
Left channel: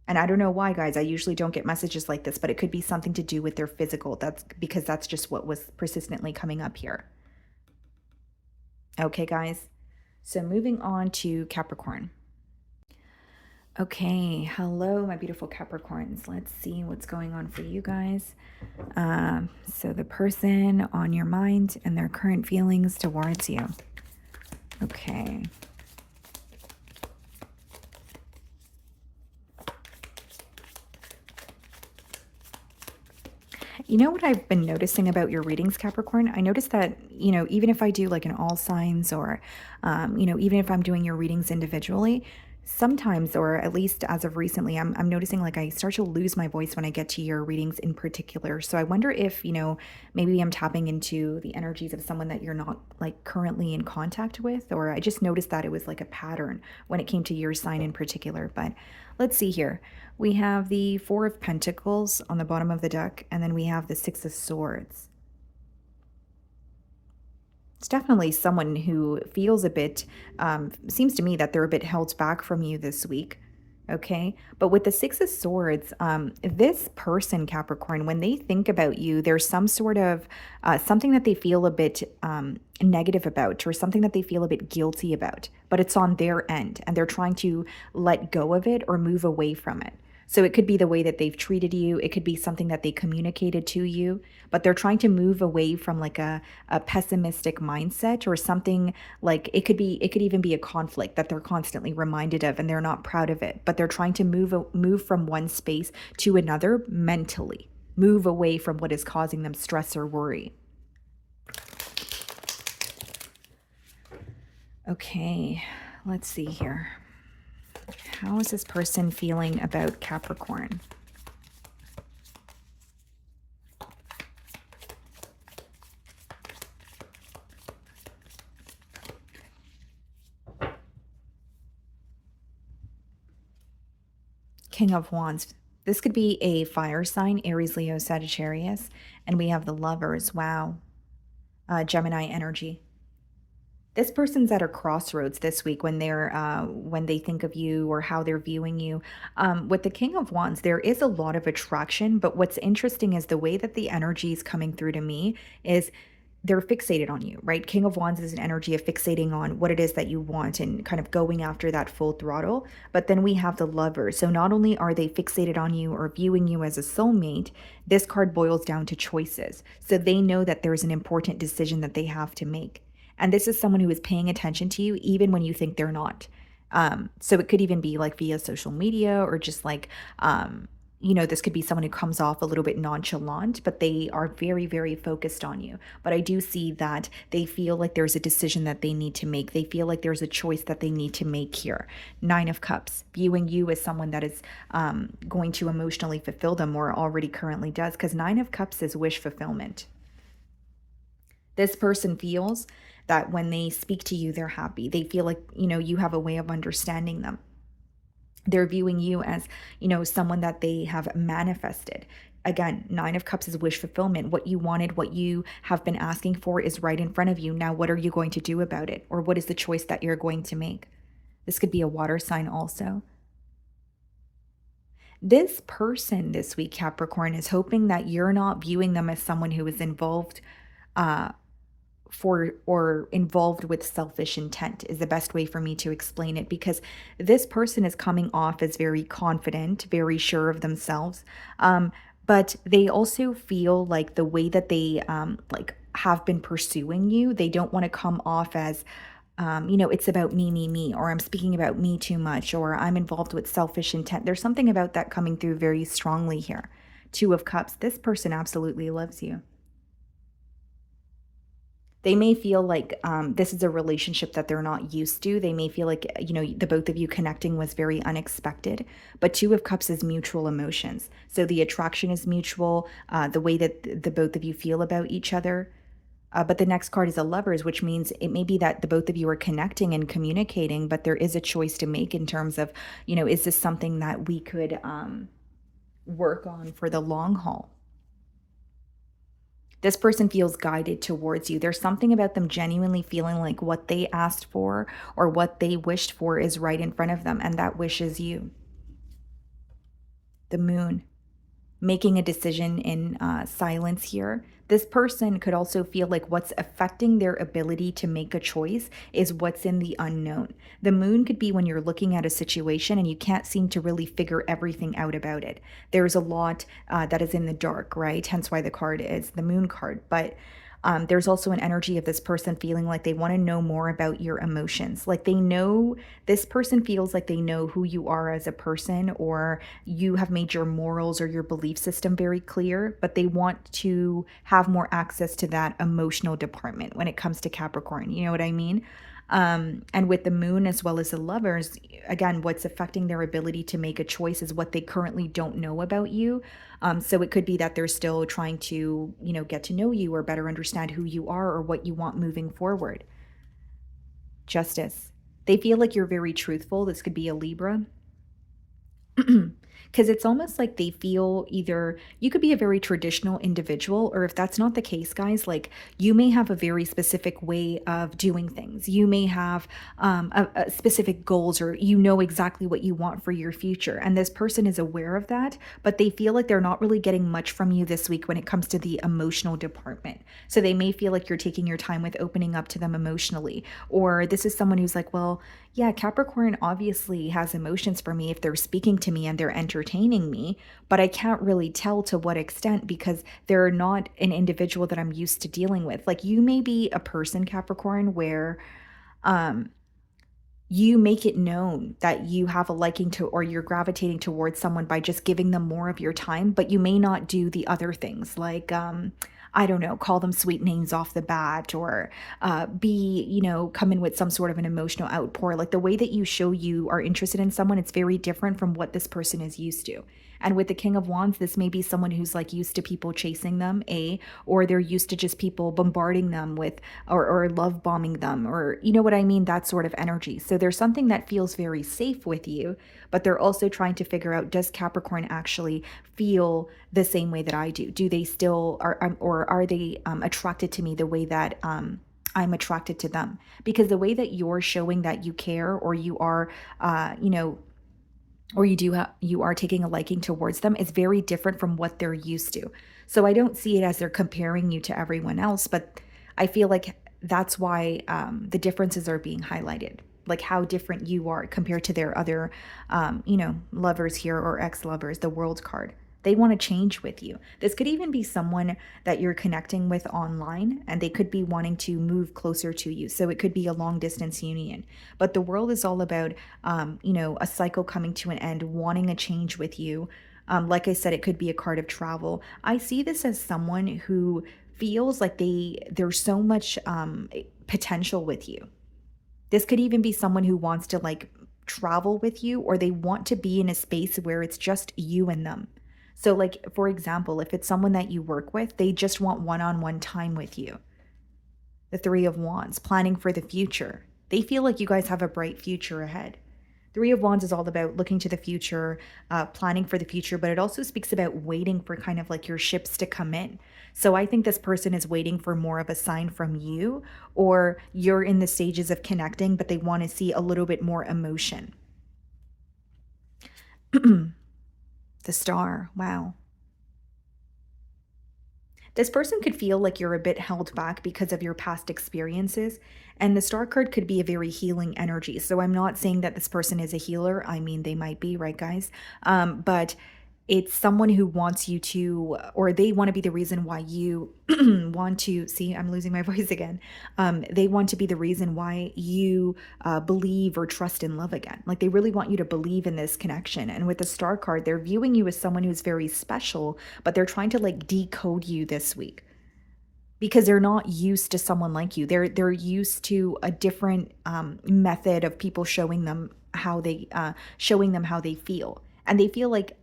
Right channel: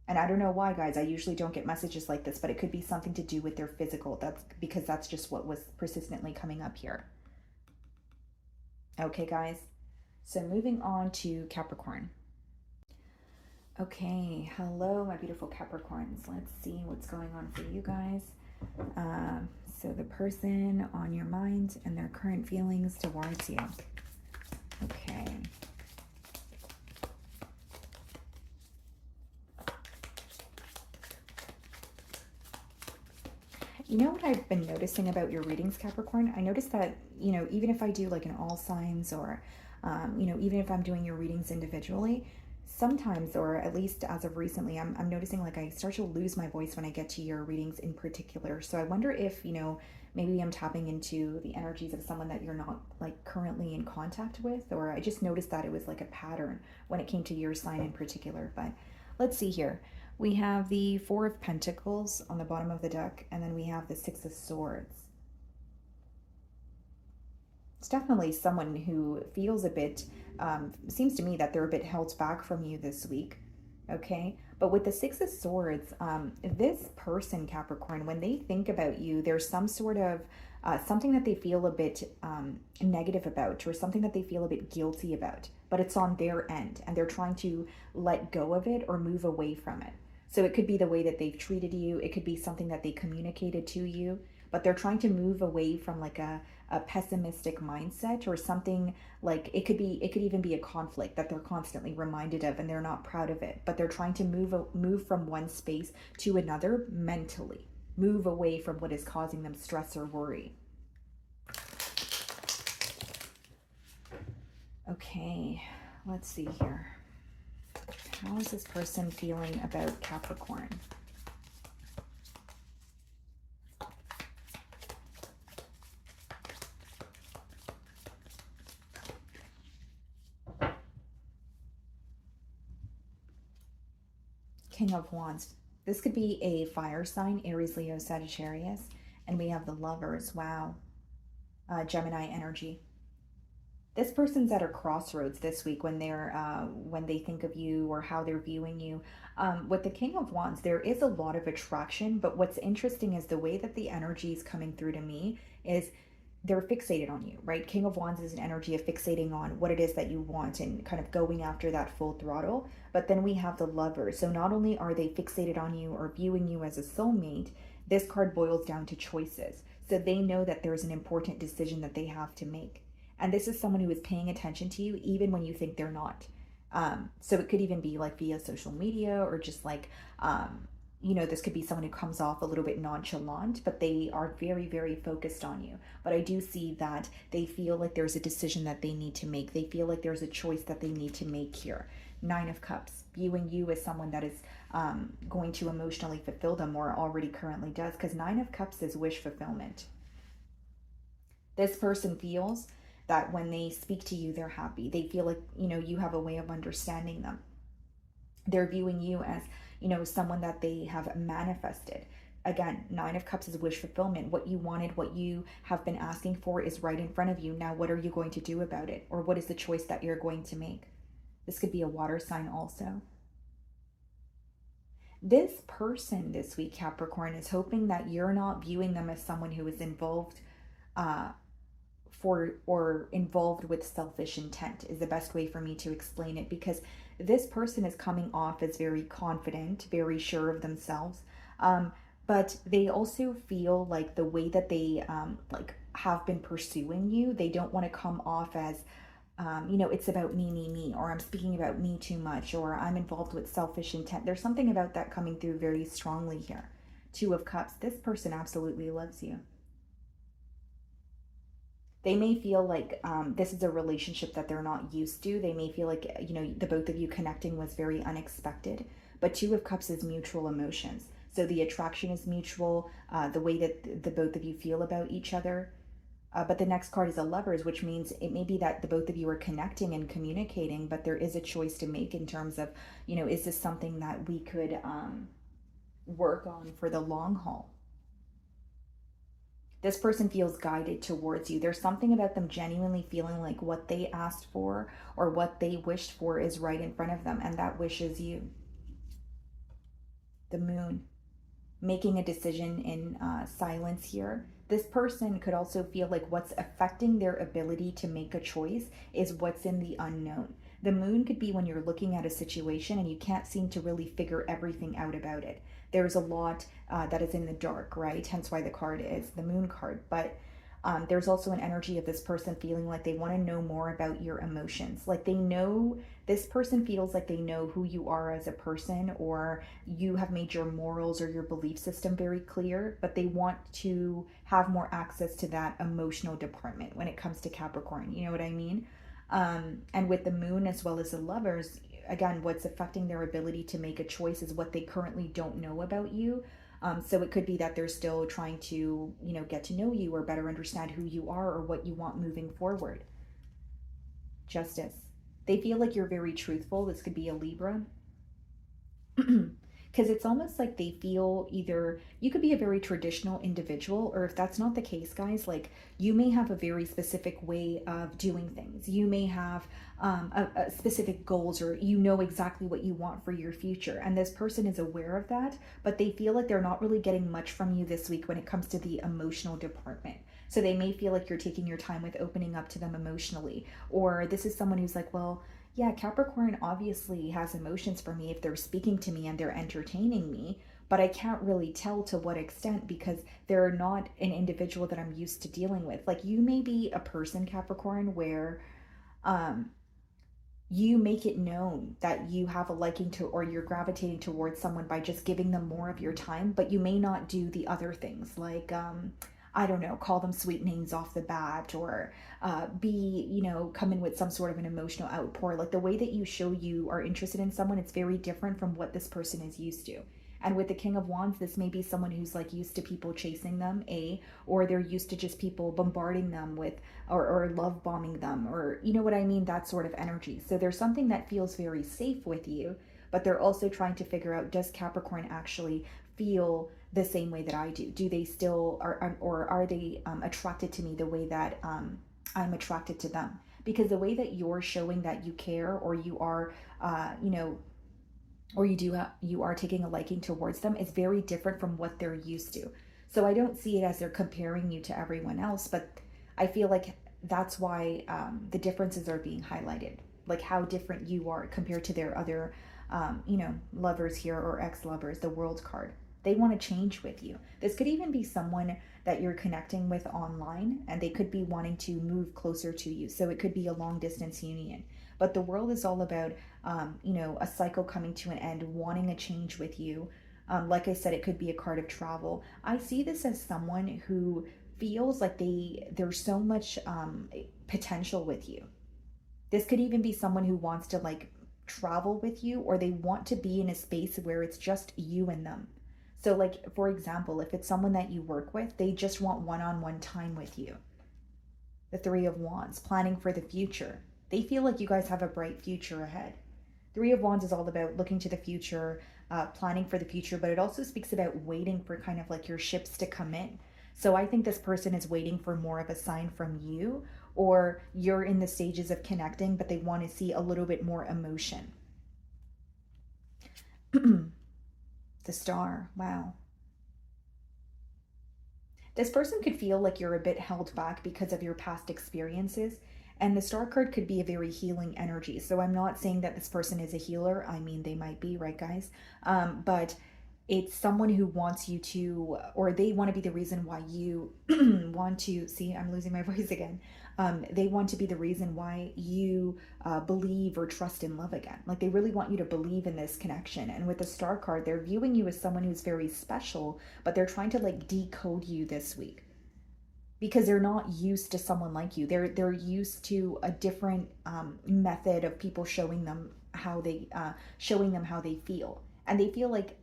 And I don't know why, guys, I usually don't get messages like this, but it could be something to do with their physical. That's because that's just what was persistently coming up here. Okay, guys. So moving on to Capricorn. Okay, hello, my beautiful Capricorns. Let's see what's going on for you guys. So the person on your mind and their current feelings towards you. Okay. You know what I've been noticing about your readings, Capricorn? I noticed that, even if I do like an all signs, or, even if I'm doing your readings individually, sometimes, or at least as of recently, I'm noticing like I start to lose my voice when I get to your readings in particular. So I wonder if, maybe I'm tapping into the energies of someone that you're not like currently in contact with, or I just noticed that it was like a pattern when it came to your sign in particular. But let's see here. We have the Four of Pentacles on the bottom of the deck, and then we have the Six of Swords. It's definitely someone who feels a bit, seems to me that they're a bit held back from you this week. Okay. But with the Six of Swords, this person, Capricorn, when they think about you, there's some sort of something that they feel a bit negative about, or something that they feel a bit guilty about, but it's on their end and they're trying to let go of it or move away from it. So it could be the way that they've treated you. It could be something that they communicated to you, but they're trying to move away from like a pessimistic mindset, or something like it could even be a conflict that they're constantly reminded of and they're not proud of it, but they're trying to move from one space to another mentally, move away from what is causing them stress or worry. Okay, let's see here. How is this person feeling about Capricorn? King of Wands. This could be a fire sign, Aries, Leo, Sagittarius. And we have the Lovers. Wow. Gemini energy. This person's at a crossroads this week when when they think of you or how they're viewing you. With the King of Wands, there is a lot of attraction, but what's interesting is the way that the energy is coming through to me is they're fixated on you, right? King of Wands is an energy of fixating on what it is that you want and kind of going after that full throttle. But then we have the Lovers. So not only are they fixated on you or viewing you as a soulmate, this card boils down to choices. So they know that there's an important decision that they have to make. And this is someone who is paying attention to you even when you think they're not. So it could even be like via social media, or just like, this could be someone who comes off a little bit nonchalant, but they are very, very focused on you. But I do see that they feel like there's a decision that they need to make. They feel like there's a choice that they need to make here. Nine of Cups, viewing you as someone that is going to emotionally fulfill them, or already currently does, because Nine of Cups is wish fulfillment. This person feels that when they speak to you, they're happy. They feel like, you have a way of understanding them. They're viewing you as, someone that they have manifested. Again, Nine of Cups is wish fulfillment. What you wanted, what you have been asking for is right in front of you. Now, what are you going to do about it? Or what is the choice that you're going to make? This could be a water sign also. This person this week, Capricorn, is hoping that you're not viewing them as someone who is involved uh, or involved with selfish intent, is the best way for me to explain it, because this person is coming off as very confident, very sure of themselves, but they also feel like the way that they like have been pursuing you, they don't want to come off as it's about me, or I'm speaking about me too much, or I'm involved with selfish intent. There's something about that coming through very strongly here. Two of Cups, this person absolutely loves you. They may feel like this is a relationship that they're not used to. They may feel like, the both of you connecting was very unexpected. But Two of Cups is mutual emotions. So the attraction is mutual, the way that the both of you feel about each other. But the next card is a Lovers, which means it may be that the both of you are connecting and communicating, but there is a choice to make in terms of, is this something that we could work on for the long haul? This person feels guided towards you. There's something about them genuinely feeling like what they asked for or what they wished for is right in front of them, and that wish is you. The Moon, making a decision in silence here. This person could also feel like what's affecting their ability to make a choice is what's in the unknown. The Moon could be when you're looking at a situation and you can't seem to really figure everything out about it. There's a lot that is in the dark, right? Hence why the card is the Moon card. But there's also an energy of this person feeling like they want to know more about your emotions. Like this person feels like they know who you are as a person, or you have made your morals or your belief system very clear, but they want to have more access to that emotional department when it comes to Capricorn. You know what I mean? And with the Moon as well as the Lovers, again, what's affecting their ability to make a choice is what they currently don't know about you. So it could be that they're still trying to, get to know you or better understand who you are or what you want moving forward. Justice. They feel like you're very truthful. This could be a Libra. Because it's almost like they feel either you could be a very traditional individual, or if that's not the case, guys, like you may have a very specific way of doing things. You may have a specific goals, or exactly what you want for your future. And this person is aware of that, but they feel like they're not really getting much from you this week when it comes to the emotional department. So they may feel like you're taking your time with opening up to them emotionally, or this is someone who's like, well, yeah, Capricorn obviously has emotions for me if they're speaking to me and they're entertaining me, but I can't really tell to what extent because they're not an individual that I'm used to dealing with. Like you may be a person, Capricorn, where you make it known that you have a liking to, or you're gravitating towards someone by just giving them more of your time, but you may not do the other things, I don't know, call them sweet names off the bat, or come in with some sort of an emotional outpour. Like the way that you show you are interested in someone, it's very different from what this person is used to. And with the King of Wands, this may be someone who's like used to people chasing them, or they're used to just people bombarding them with, or love bombing them, or you know what I mean, that sort of energy. So there's something that feels very safe with you, but they're also trying to figure out, does Capricorn actually feel the same way that I do? Do they still or are they attracted to me the way that I'm attracted to them? Because the way that you're showing that you care, or you are, or you are taking a liking towards them, is very different from what they're used to. So I don't see it as they're comparing you to everyone else, but I feel like that's why the differences are being highlighted, like how different you are compared to their other, lovers here, or ex-lovers, the World card. They want to change with you. This could even be someone that you're connecting with online, and they could be wanting to move closer to you. So it could be a long distance union. But the World is all about, a cycle coming to an end, wanting a change with you, Like I said, it could be a card of travel. I see this as someone who feels like there's so much potential with you. This could even be someone who wants to like travel with you, or they want to be in a space where it's just you and them. So, like, for example, if it's someone that you work with, they just want one on one time with you. The Three of Wands, planning for the future. They feel like you guys have a bright future ahead. Three of Wands is all about looking to the future, planning for the future, but it also speaks about waiting for kind of like your ships to come in. So I think this person is waiting for more of a sign from you, or you're in the stages of connecting, but they want to see a little bit more emotion. The Star, wow. This person could feel like you're a bit held back because of your past experiences. And the Star card could be a very healing energy. So I'm not saying that this person is a healer. I mean, they might be, right, guys? But it's someone who wants you to, or they want to be the reason why you want to, see, I'm losing my voice again. They want to be the reason why you believe or trust in love again. Like they really want you to believe in this connection. And with the Star card, they're viewing you as someone who's very special, but they're trying to like decode you this week because they're not used to someone like you. They're used to a different method of people showing them how they feel, and they feel like,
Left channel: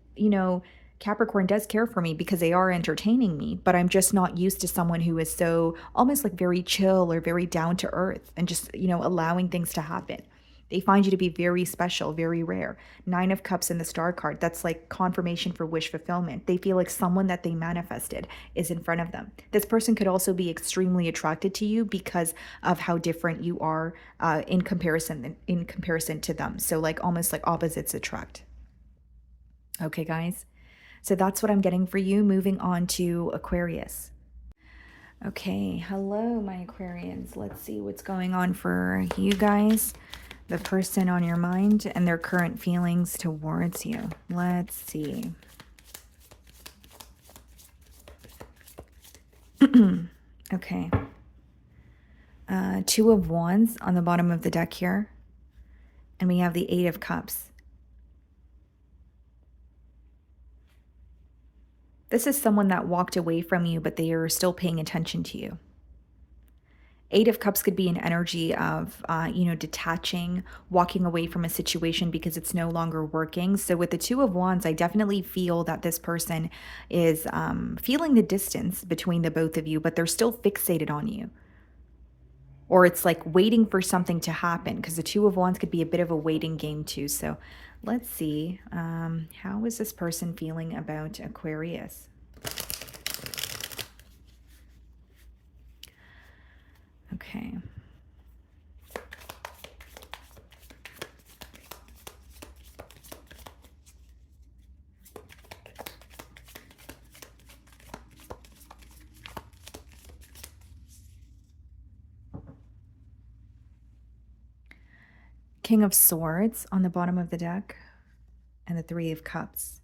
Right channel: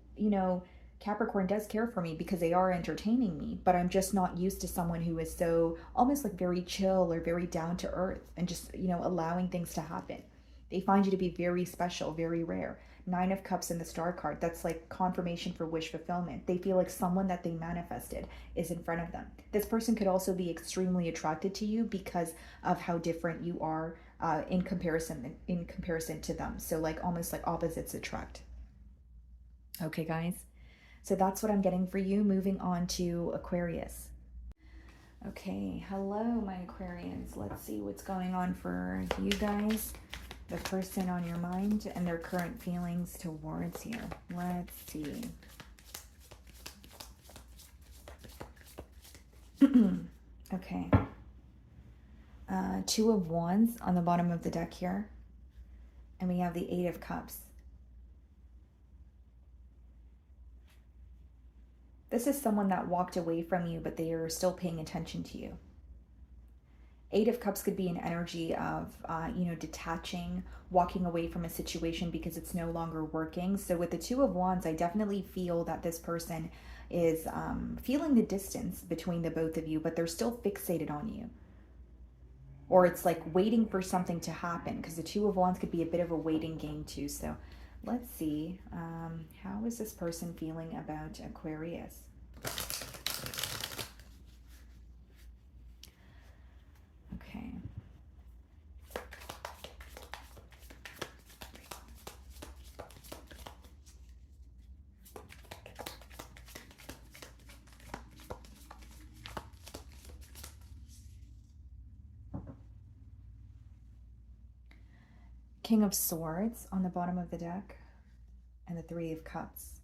Capricorn does care for me because they are entertaining me, but I'm just not used to someone who is so almost like very chill or very down to earth and just, allowing things to happen. They find you to be very special, very rare. Nine of Cups in the Star card, that's like confirmation for wish fulfillment. They feel like someone that they manifested is in front of them. This person could also be extremely attracted to you because of how different you are in comparison to them. So like almost like opposites attract. Okay, guys. So that's what I'm getting for you. Moving on to Aquarius. Okay, hello, my Aquarians. Let's see what's going on for you guys. The person on your mind and their current feelings towards you. Let's see. Okay. Two of Wands on the bottom of the deck here. And we have the Eight of Cups. This is someone that walked away from you, but they are still paying attention to you. Eight of Cups could be an energy of, detaching, walking away from a situation because it's no longer working. So with the Two of Wands, I definitely feel that this person is feeling the distance between the both of you, but they're still fixated on you. Or it's like waiting for something to happen, because the Two of Wands could be a bit of a waiting game too. So let's see, how is this person feeling about Aquarius? Okay. King of Swords on the bottom of the deck and the Three of Cups.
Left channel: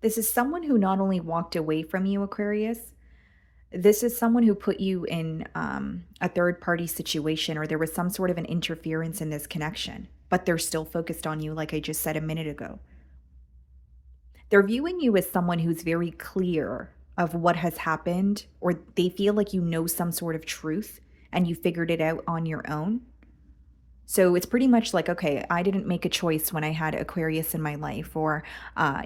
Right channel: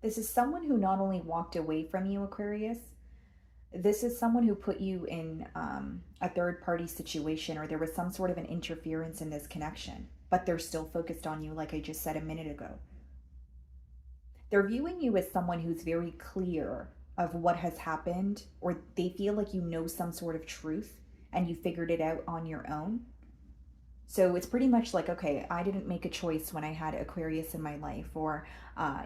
This is someone who not only walked away from you, Aquarius, this is someone who put you in a third-party situation, or there was some sort of an interference in this connection, but they're still focused on you, like I just said a minute ago. They're viewing you as someone who's very clear of what has happened, or they feel like you know some sort of truth and you figured it out on your own. So it's pretty much like, okay, I didn't make a choice when I had Aquarius in my life, or, I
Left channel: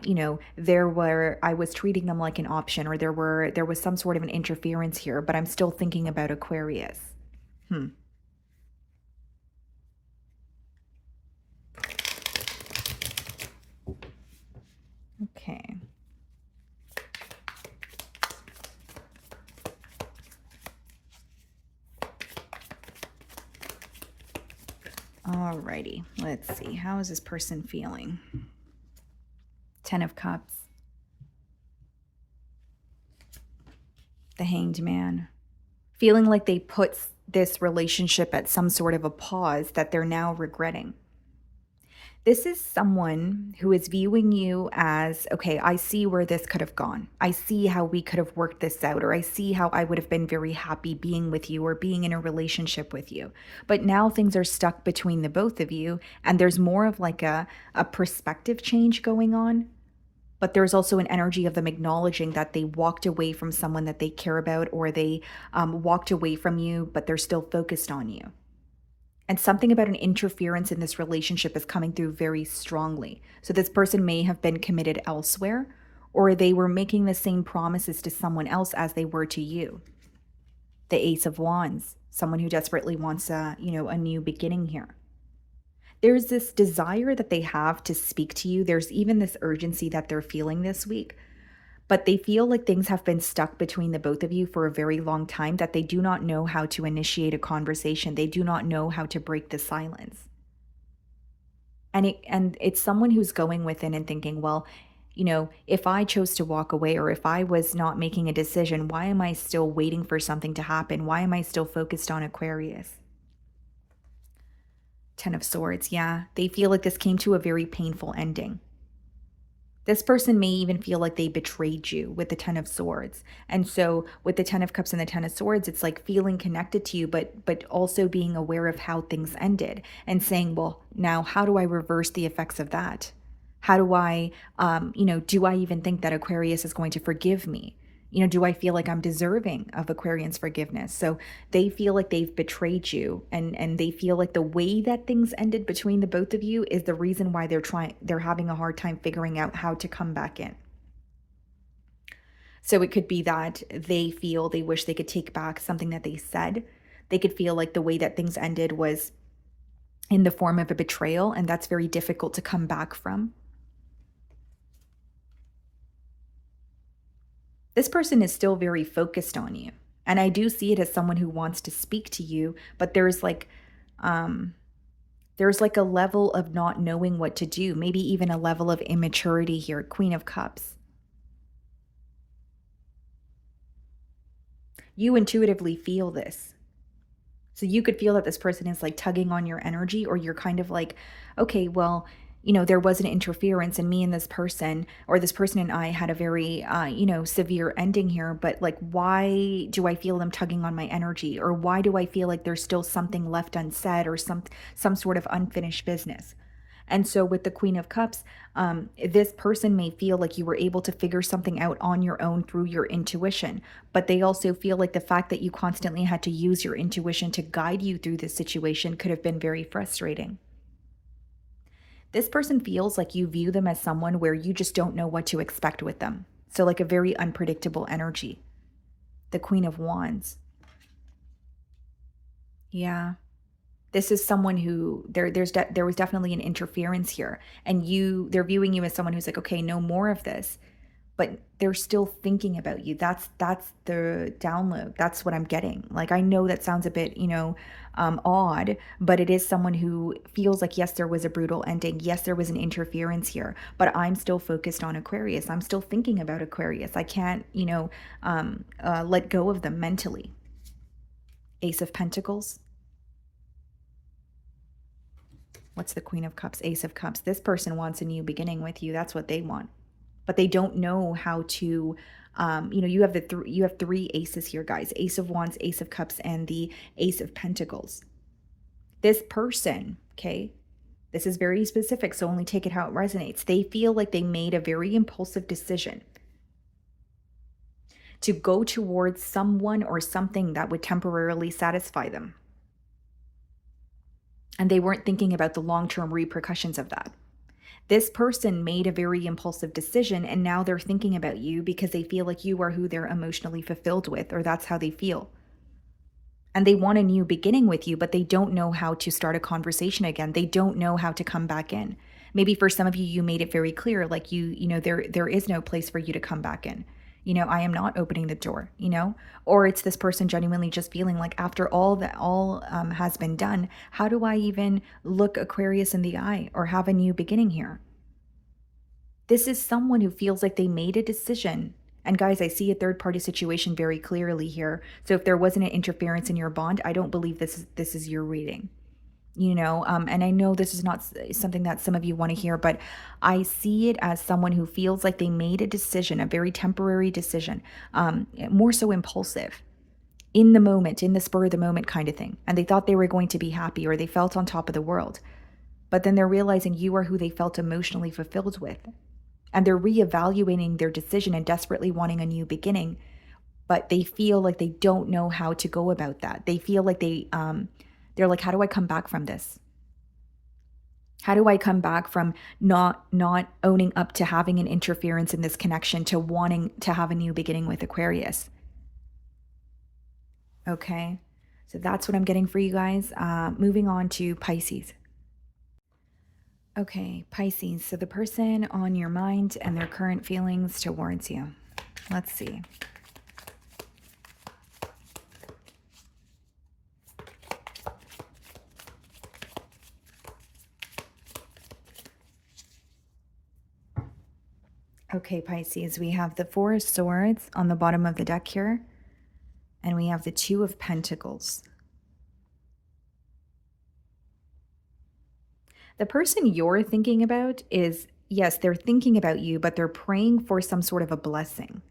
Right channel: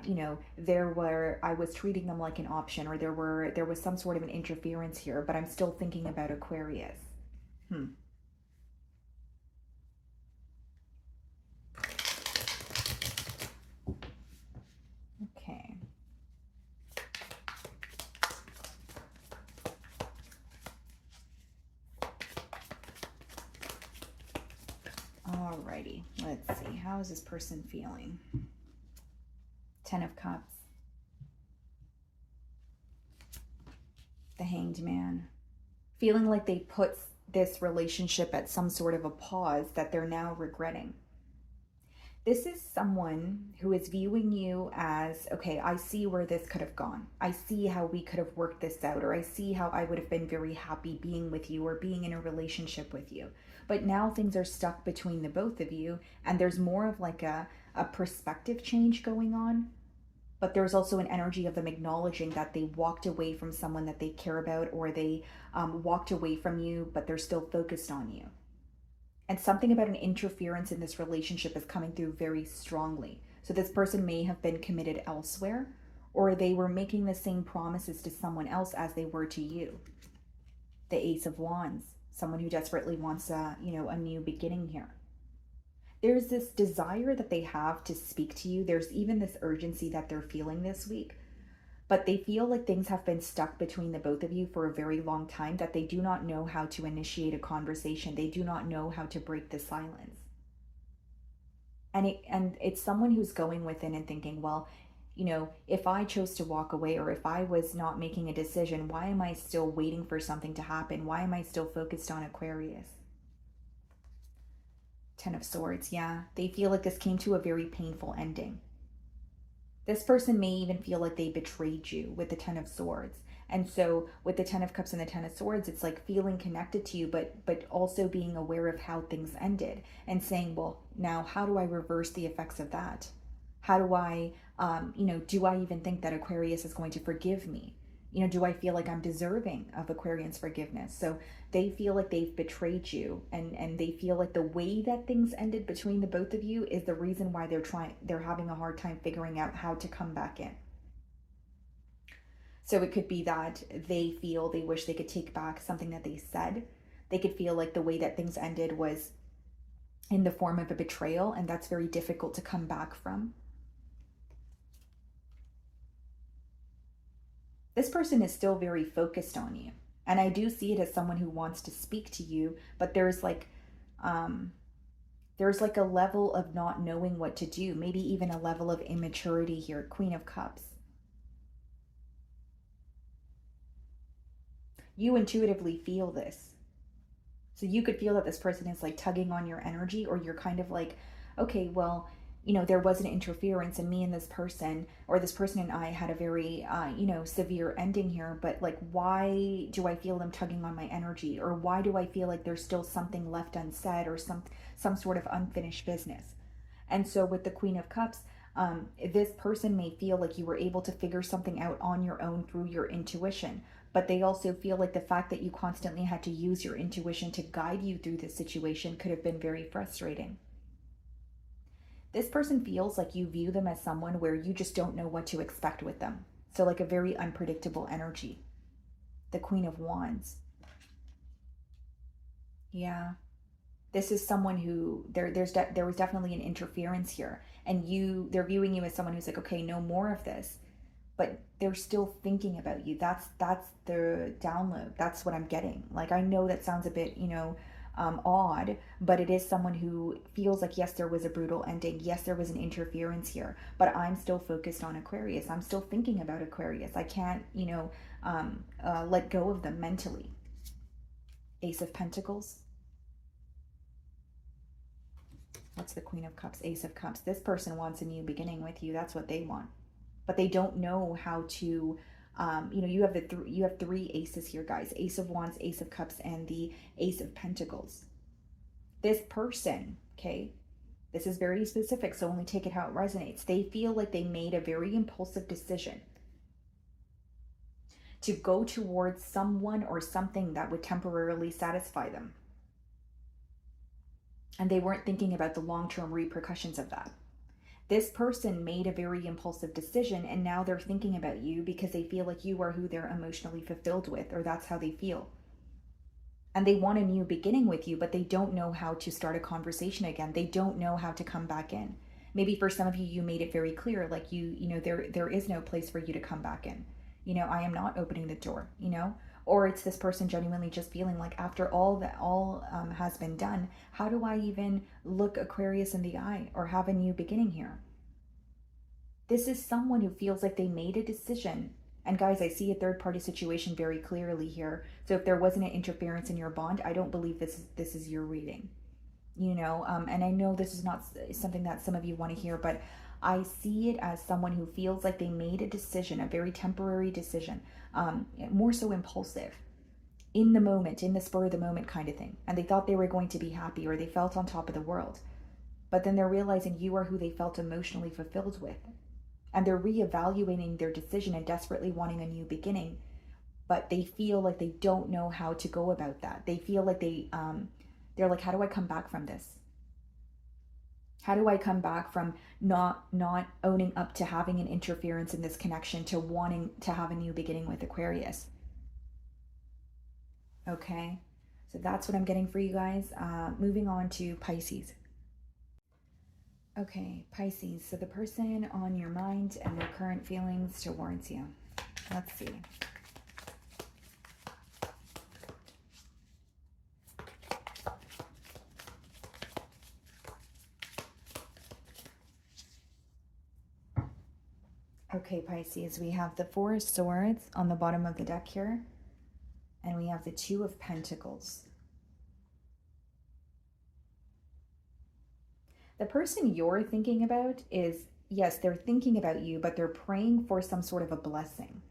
was treating them like an option, or there was some sort of an interference here, but I'm still thinking about Aquarius. Okay. Alrighty, let's see. How is this person feeling? Ten of Cups. The Hanged Man. Feeling like they put this relationship at some sort of a pause that they're now regretting. This is someone who is viewing you as, okay, I see where this could have gone. I see how we could have worked this out, or I see how I would have been very happy being with you or being in a relationship with you. But now things are stuck between the both of you, and there's more of like a perspective change going on. But there's also an energy of them acknowledging that they walked away from someone that they care about, or they walked away from you, but they're still focused on you. And something about an interference in this relationship is coming through very strongly. So this person may have been committed elsewhere, or they were making the same promises to someone else as they were to you. The Ace of Wands, someone who desperately wants a new beginning here. There's this desire that they have to speak to you. There's even this urgency that they're feeling this week, but they feel like things have been stuck between the both of you for a very long time, that they do not know how to initiate a conversation. They do not know how to break the silence. And it's someone who's going within and thinking, well, if I chose to walk away, or if I was not making a decision, why am I still waiting for something to happen? Why am I still focused on Aquarius? Ten of Swords, yeah. They feel like this came to a very painful ending. This person may even feel like they betrayed you with the Ten of Swords. And so with the Ten of Cups and the Ten of Swords, it's like feeling connected to you, but also being aware of how things ended and saying, well, now how do I reverse the effects of that? How do I, do I even think that Aquarius is going to forgive me? Do I feel like I'm deserving of Aquarian's forgiveness? So they feel like they've betrayed you, and they feel like the way that things ended between the both of you is the reason why they're having a hard time figuring out how to come back in. So it could be that they wish they could take back something that they said. They could feel like the way that things ended was in the form of a betrayal, and that's very difficult to come back from. This person is still very focused on you. And I do see it as someone who wants to speak to you, but there's like a level of not knowing what to do, maybe even a level of immaturity here. Queen of Cups. You intuitively feel this. So you could feel that this person is like tugging on your energy, or you're kind of like, okay, well, there was an interference, and me and this person, or this person and I, had a very, severe ending here. But like, why do I feel them tugging on my energy? Or why do I feel like there's still something left unsaid, or some sort of unfinished business? And so with the Queen of Cups, this person may feel like you were able to figure something out on your own through your intuition, but they also feel like the fact that you constantly had to use your intuition to guide you through this situation could have been very frustrating. This person feels like you view them as someone where you just don't know what to expect with them. So like a very unpredictable energy. The Queen of Wands. Yeah. This is someone who there was definitely an interference here, and they're viewing you as someone who's like, okay, no more of this, but they're still thinking about you. That's the download. That's what I'm getting. Like, I know that sounds a bit, odd, but it is someone who feels like, yes, there was a brutal ending. Yes, there was an interference here, but I'm still focused on Aquarius. I'm still thinking about Aquarius. I can't, let go of them mentally. Ace of Pentacles. What's the Queen of Cups? Ace of Cups. This person wants a new beginning with you. That's what they want. But they don't know how to, you have three aces here, guys. Ace of Wands, Ace of Cups, and the Ace of Pentacles. This person, okay, this is very specific, so only take it how it resonates. They feel like they made a very impulsive decision to go towards someone or something that would temporarily satisfy them. And they weren't thinking about the long-term repercussions of that. This person made a very impulsive decision, and now they're thinking about you because they feel like you are who they're emotionally fulfilled with, or that's how they feel. And they want a new beginning with you, but they don't know how to start a conversation again. They don't know how to come back in. Maybe for some of you, you made it very clear, like there is no place for you to come back in. I am not opening the door, or it's this person genuinely just feeling like, after all has been done, how do I even look Aquarius in the eye or have a new beginning here? This is someone who feels like they made a decision. And guys, I see a third party situation very clearly here. So if there wasn't an interference in your bond, I don't believe this is your reading. And I know this is not something that some of you want to hear, but I see it as someone who feels like they made a decision, a very temporary decision, more so impulsive, in the moment, in the spur of the moment kind of thing. And they thought they were going to be happy, or they felt on top of the world. But then they're realizing you are who they felt emotionally fulfilled with. And they're reevaluating their decision and desperately wanting a new beginning. But they feel like they don't know how to go about that. They feel like they're like, how do I come back from this? How do I come back from not owning up to having an interference in this connection to wanting to have a new beginning with Aquarius? Okay. So that's what I'm getting for you guys. Moving on to Pisces. Okay, Pisces. So the person on your mind and their current feelings towards you. Let's see. Okay, Pisces, we have the Four of Swords on the bottom of the deck here, and we have the Two of Pentacles. The person you're thinking about is, yes, they're thinking about you, but they're praying for some sort of a blessing.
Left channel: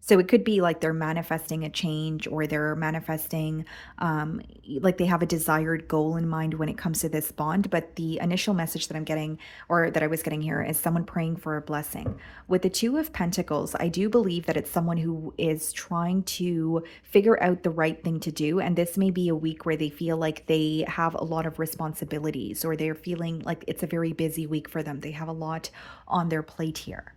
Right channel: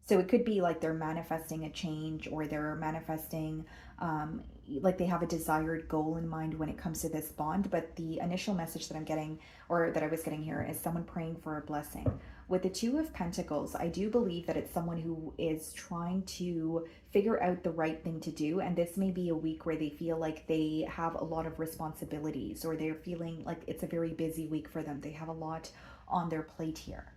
So it could be like they're manifesting a change, or they're manifesting, like they have a desired goal in mind when it comes to this bond. But the initial message that I'm getting, or that I was getting here, is someone praying for a blessing. With the Two of Pentacles, I do believe that it's someone who is trying to figure out the right thing to do. And this may be a week where they feel like they have a lot of responsibilities, or they're feeling like it's a very busy week for them. They have a lot on their plate here.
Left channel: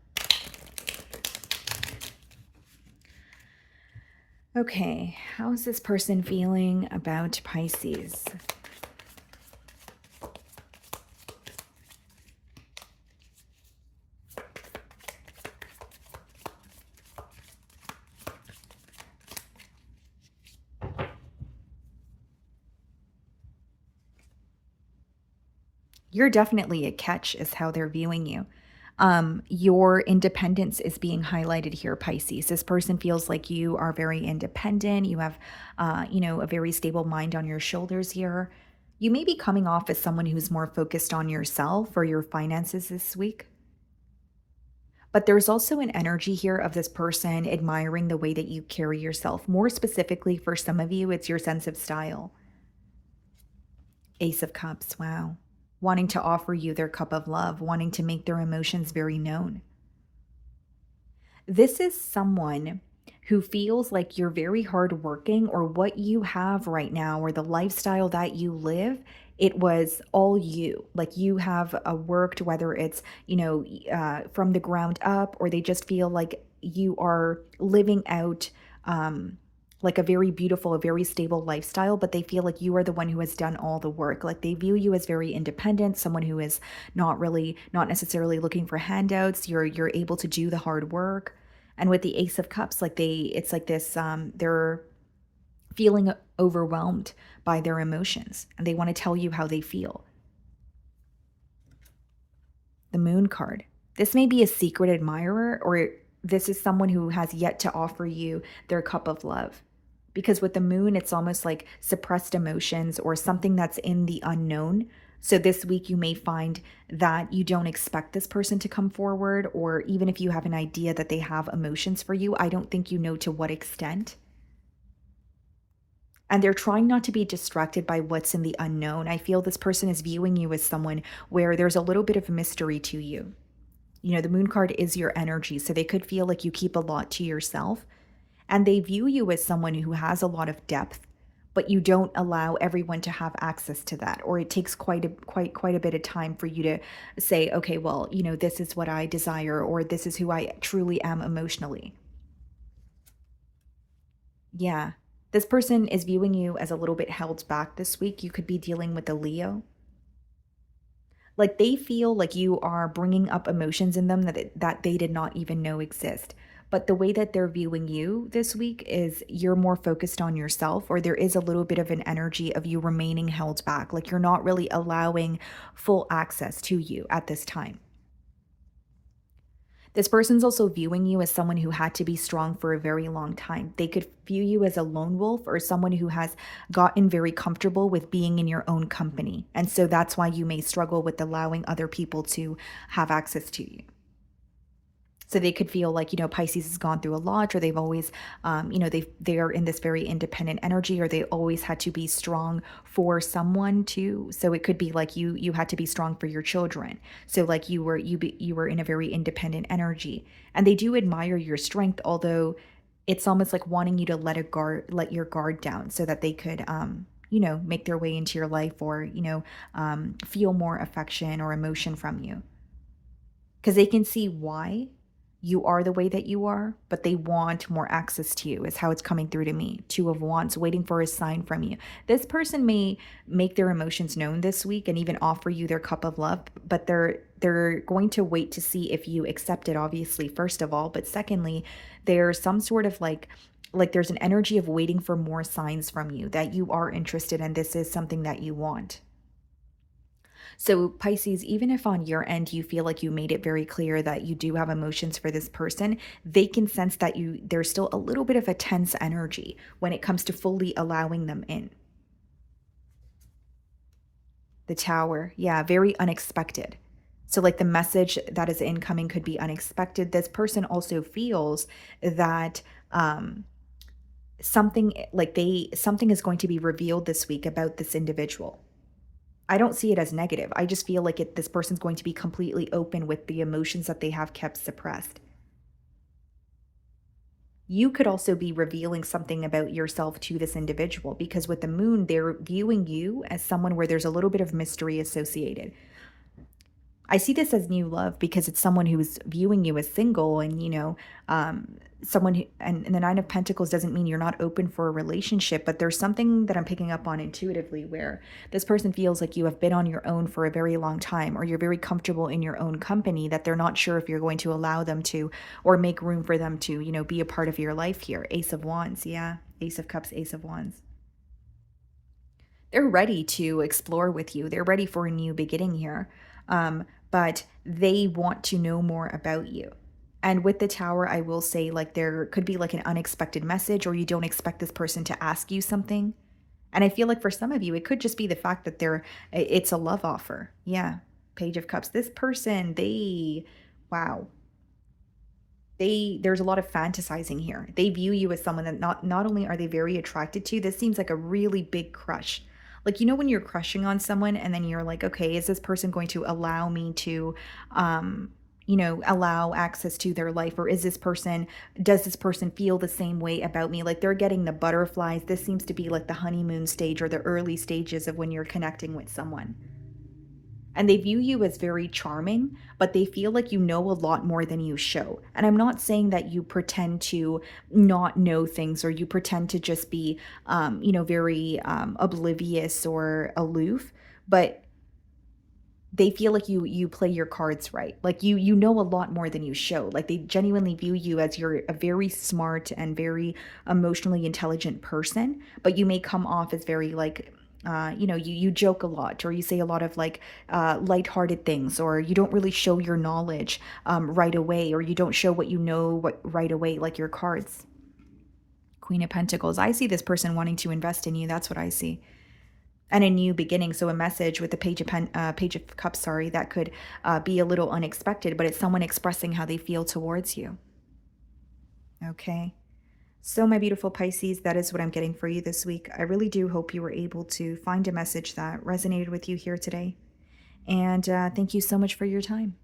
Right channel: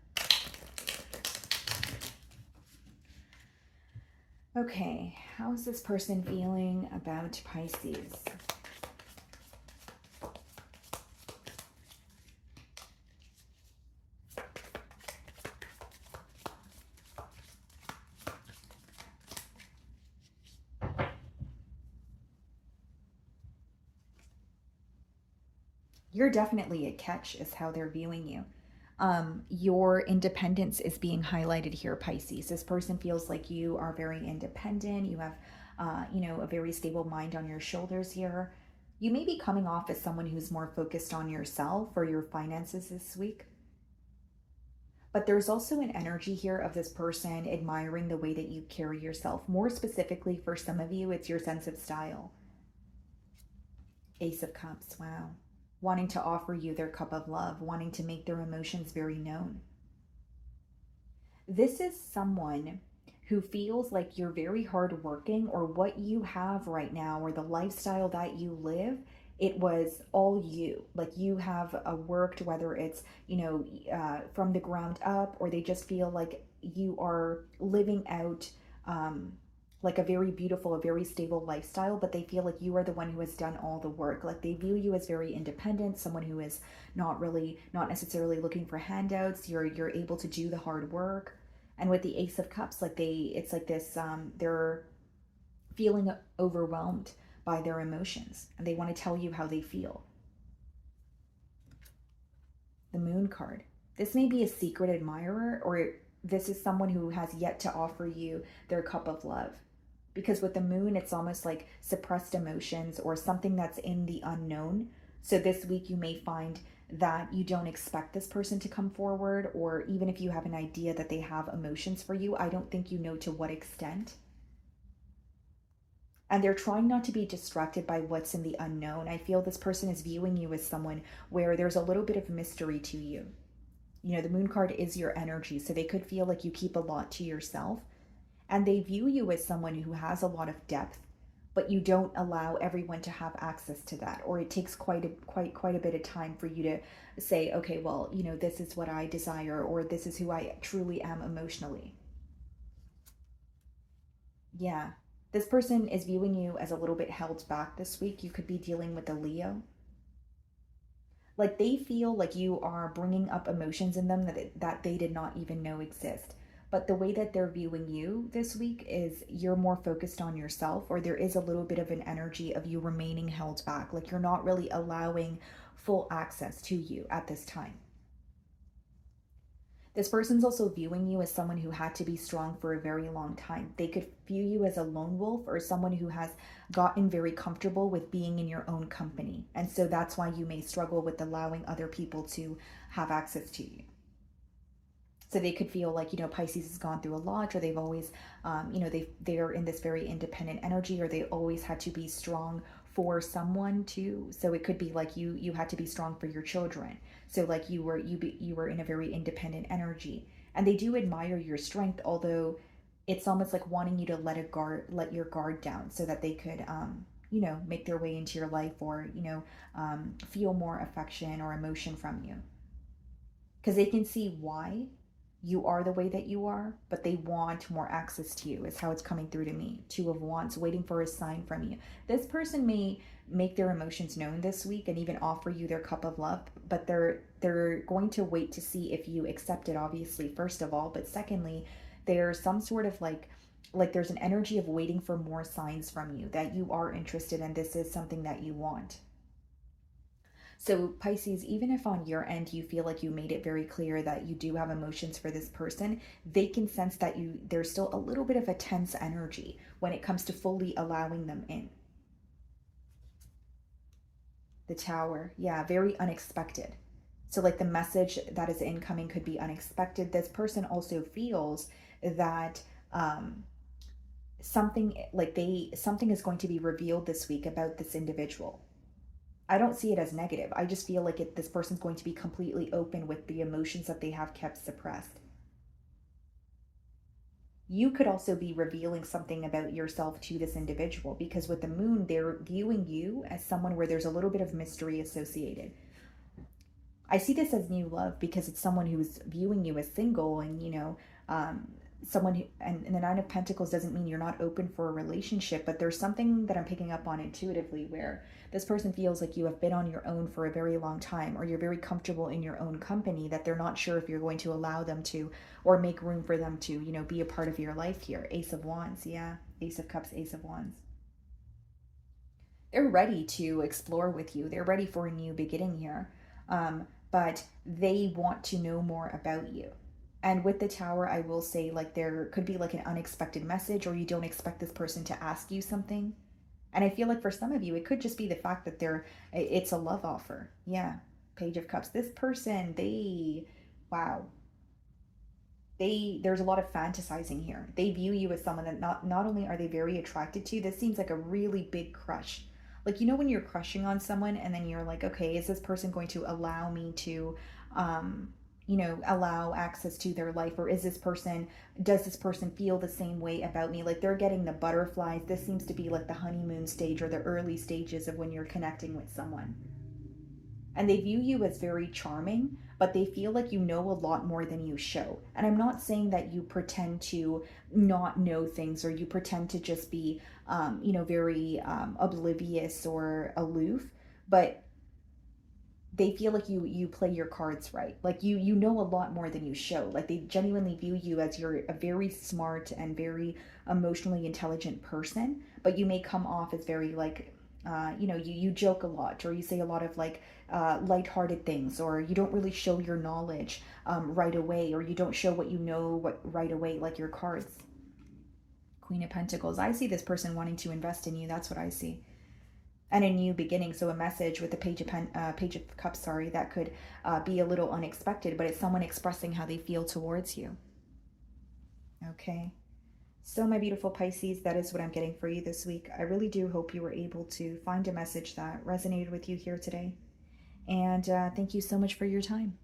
Okay, how is this person feeling about Pisces? You're definitely a catch, is how they're viewing you. Your independence is being highlighted here, Pisces. This person feels like you are very independent. You have, a very stable mind on your shoulders here. You may be coming off as someone who's more focused on yourself or your finances this week. But there's also an energy here of this person admiring the way that you carry yourself. More specifically, for some of you, it's your sense of style. Ace of Cups, wow. Wanting to offer you their cup of love, wanting to make their emotions very known. This is someone who feels like you're very hardworking, or what you have right now, or the lifestyle that you live, it was all you. Like you have worked, whether it's, from the ground up, or they just feel like you are living out like a very beautiful, a very stable lifestyle, but they feel like you are the one who has done all the work. Like they view you as very independent, someone who is not necessarily looking for handouts. You're able to do the hard work. And with the Ace of Cups, it's like this, they're feeling overwhelmed by their emotions, and they want to tell you how they feel. The Moon card. This may be a secret admirer, or this is someone who has yet to offer you their cup of love. Because with the Moon, it's almost like suppressed emotions, or something that's in the unknown. So this week you may find that you don't expect this person to come forward, or even if you have an idea that they have emotions for you, I don't think you know to what extent. And they're trying not to be distracted by what's in the unknown. I feel this person is viewing you as someone where there's a little bit of mystery to you. The Moon card is your energy, so they could feel like you keep a lot to yourself. And they view you as someone who has a lot of depth, but you don't allow everyone to have access to that, or it takes quite a bit of time for you to say, okay, well, this is what I desire, or this is who I truly am emotionally. Yeah. This person is viewing you as a little bit held back this week. You could be dealing with a Leo. Like they feel like you are bringing up emotions in them that they did not even know exist. But the way that they're viewing you this week is you're more focused on yourself, or there is a little bit of an energy of you remaining held back. Like you're not really allowing full access to you at this time. This person's also viewing you as someone who had to be strong for a very long time. They could view you as a lone wolf or someone who has gotten very comfortable with being in your own company. And so that's why you may struggle with allowing other people to have access to you. So they could feel like, Pisces has gone through a lot, or they've always, they're in this very independent energy, or they always had to be strong for someone too. So it could be like you had to be strong for your children. So like you were in a very independent energy, and they do admire your strength, although it's almost like wanting you to let your guard down, so that they could, make their way into your life, or feel more affection or emotion from you, because they can see why you are the way that you are, but they want more access to you, is how it's coming through to me. Two of Wands, waiting for a sign from you. This person may make their emotions known this week and even offer you their cup of love, but they're going to wait to see if you accept it, obviously, first of all. But secondly, there's some sort of like there's an energy of waiting for more signs from you that you are interested in. This is something that you want. So, Pisces, even if on your end you feel like you made it very clear that you do have emotions for this person, they can sense that there's still a little bit of a tense energy when it comes to fully allowing them in. The Tower, yeah, very unexpected. So, like, the message that is incoming could be unexpected. This person also feels that something is going to be revealed this week about this individual. I don't see it as negative. I just feel like this person's going to be completely open with the emotions that they have kept suppressed. You could also be revealing something about yourself to this individual, because with the moon, they're viewing you as someone where there's a little bit of mystery associated. I see this as new love because it's someone who's viewing you as single, and someone who, and the Nine of Pentacles doesn't mean you're not open for a relationship, but there's something that I'm picking up on intuitively where this person feels like you have been on your own for a very long time, or you're very comfortable in your own company, that they're not sure if you're going to allow them to, or make room for them to, be a part of your life here. Ace of Wands, yeah. Ace of Cups, Ace of Wands. They're ready to explore with you. They're ready for a new beginning here. But they want to know more about you. And with the Tower, I will say, like, there could be like an unexpected message, or you don't expect this person to ask you something. And I feel like for some of you, it could just be the fact that it's a love offer. Yeah. Page of Cups. This person, wow. There's a lot of fantasizing here. They view you as someone that not only are they very attracted to, this seems like a really big crush. Like, when you're crushing on someone and then you're like, okay, is this person going to allow me to allow access to their life, or does this person feel the same way about me? Like, they're getting the butterflies. This seems to be like the honeymoon stage, or the early stages of when you're connecting with someone. And they view you as very charming, but they feel like you know a lot more than you show. And I'm not saying that you pretend to not know things, or you pretend to just be, very oblivious or aloof, but they feel like you play your cards right. Like, you know a lot more than you show. Like, they genuinely view you as you're a very smart and very emotionally intelligent person, but you may come off as very like, you joke a lot, or you say a lot of like lighthearted things, or you don't really show your knowledge right away, or you don't show what you know right away, like your cards. Queen of Pentacles. I see this person wanting to invest in you. That's what I see. And a new beginning. So a message with the Page of Cups, sorry, that could be a little unexpected, but it's someone expressing how they feel towards you. Okay. So, my beautiful Pisces, that is what I'm getting for you this week. I really do hope you were able to find a message that resonated with you here today. And thank you so much for your time.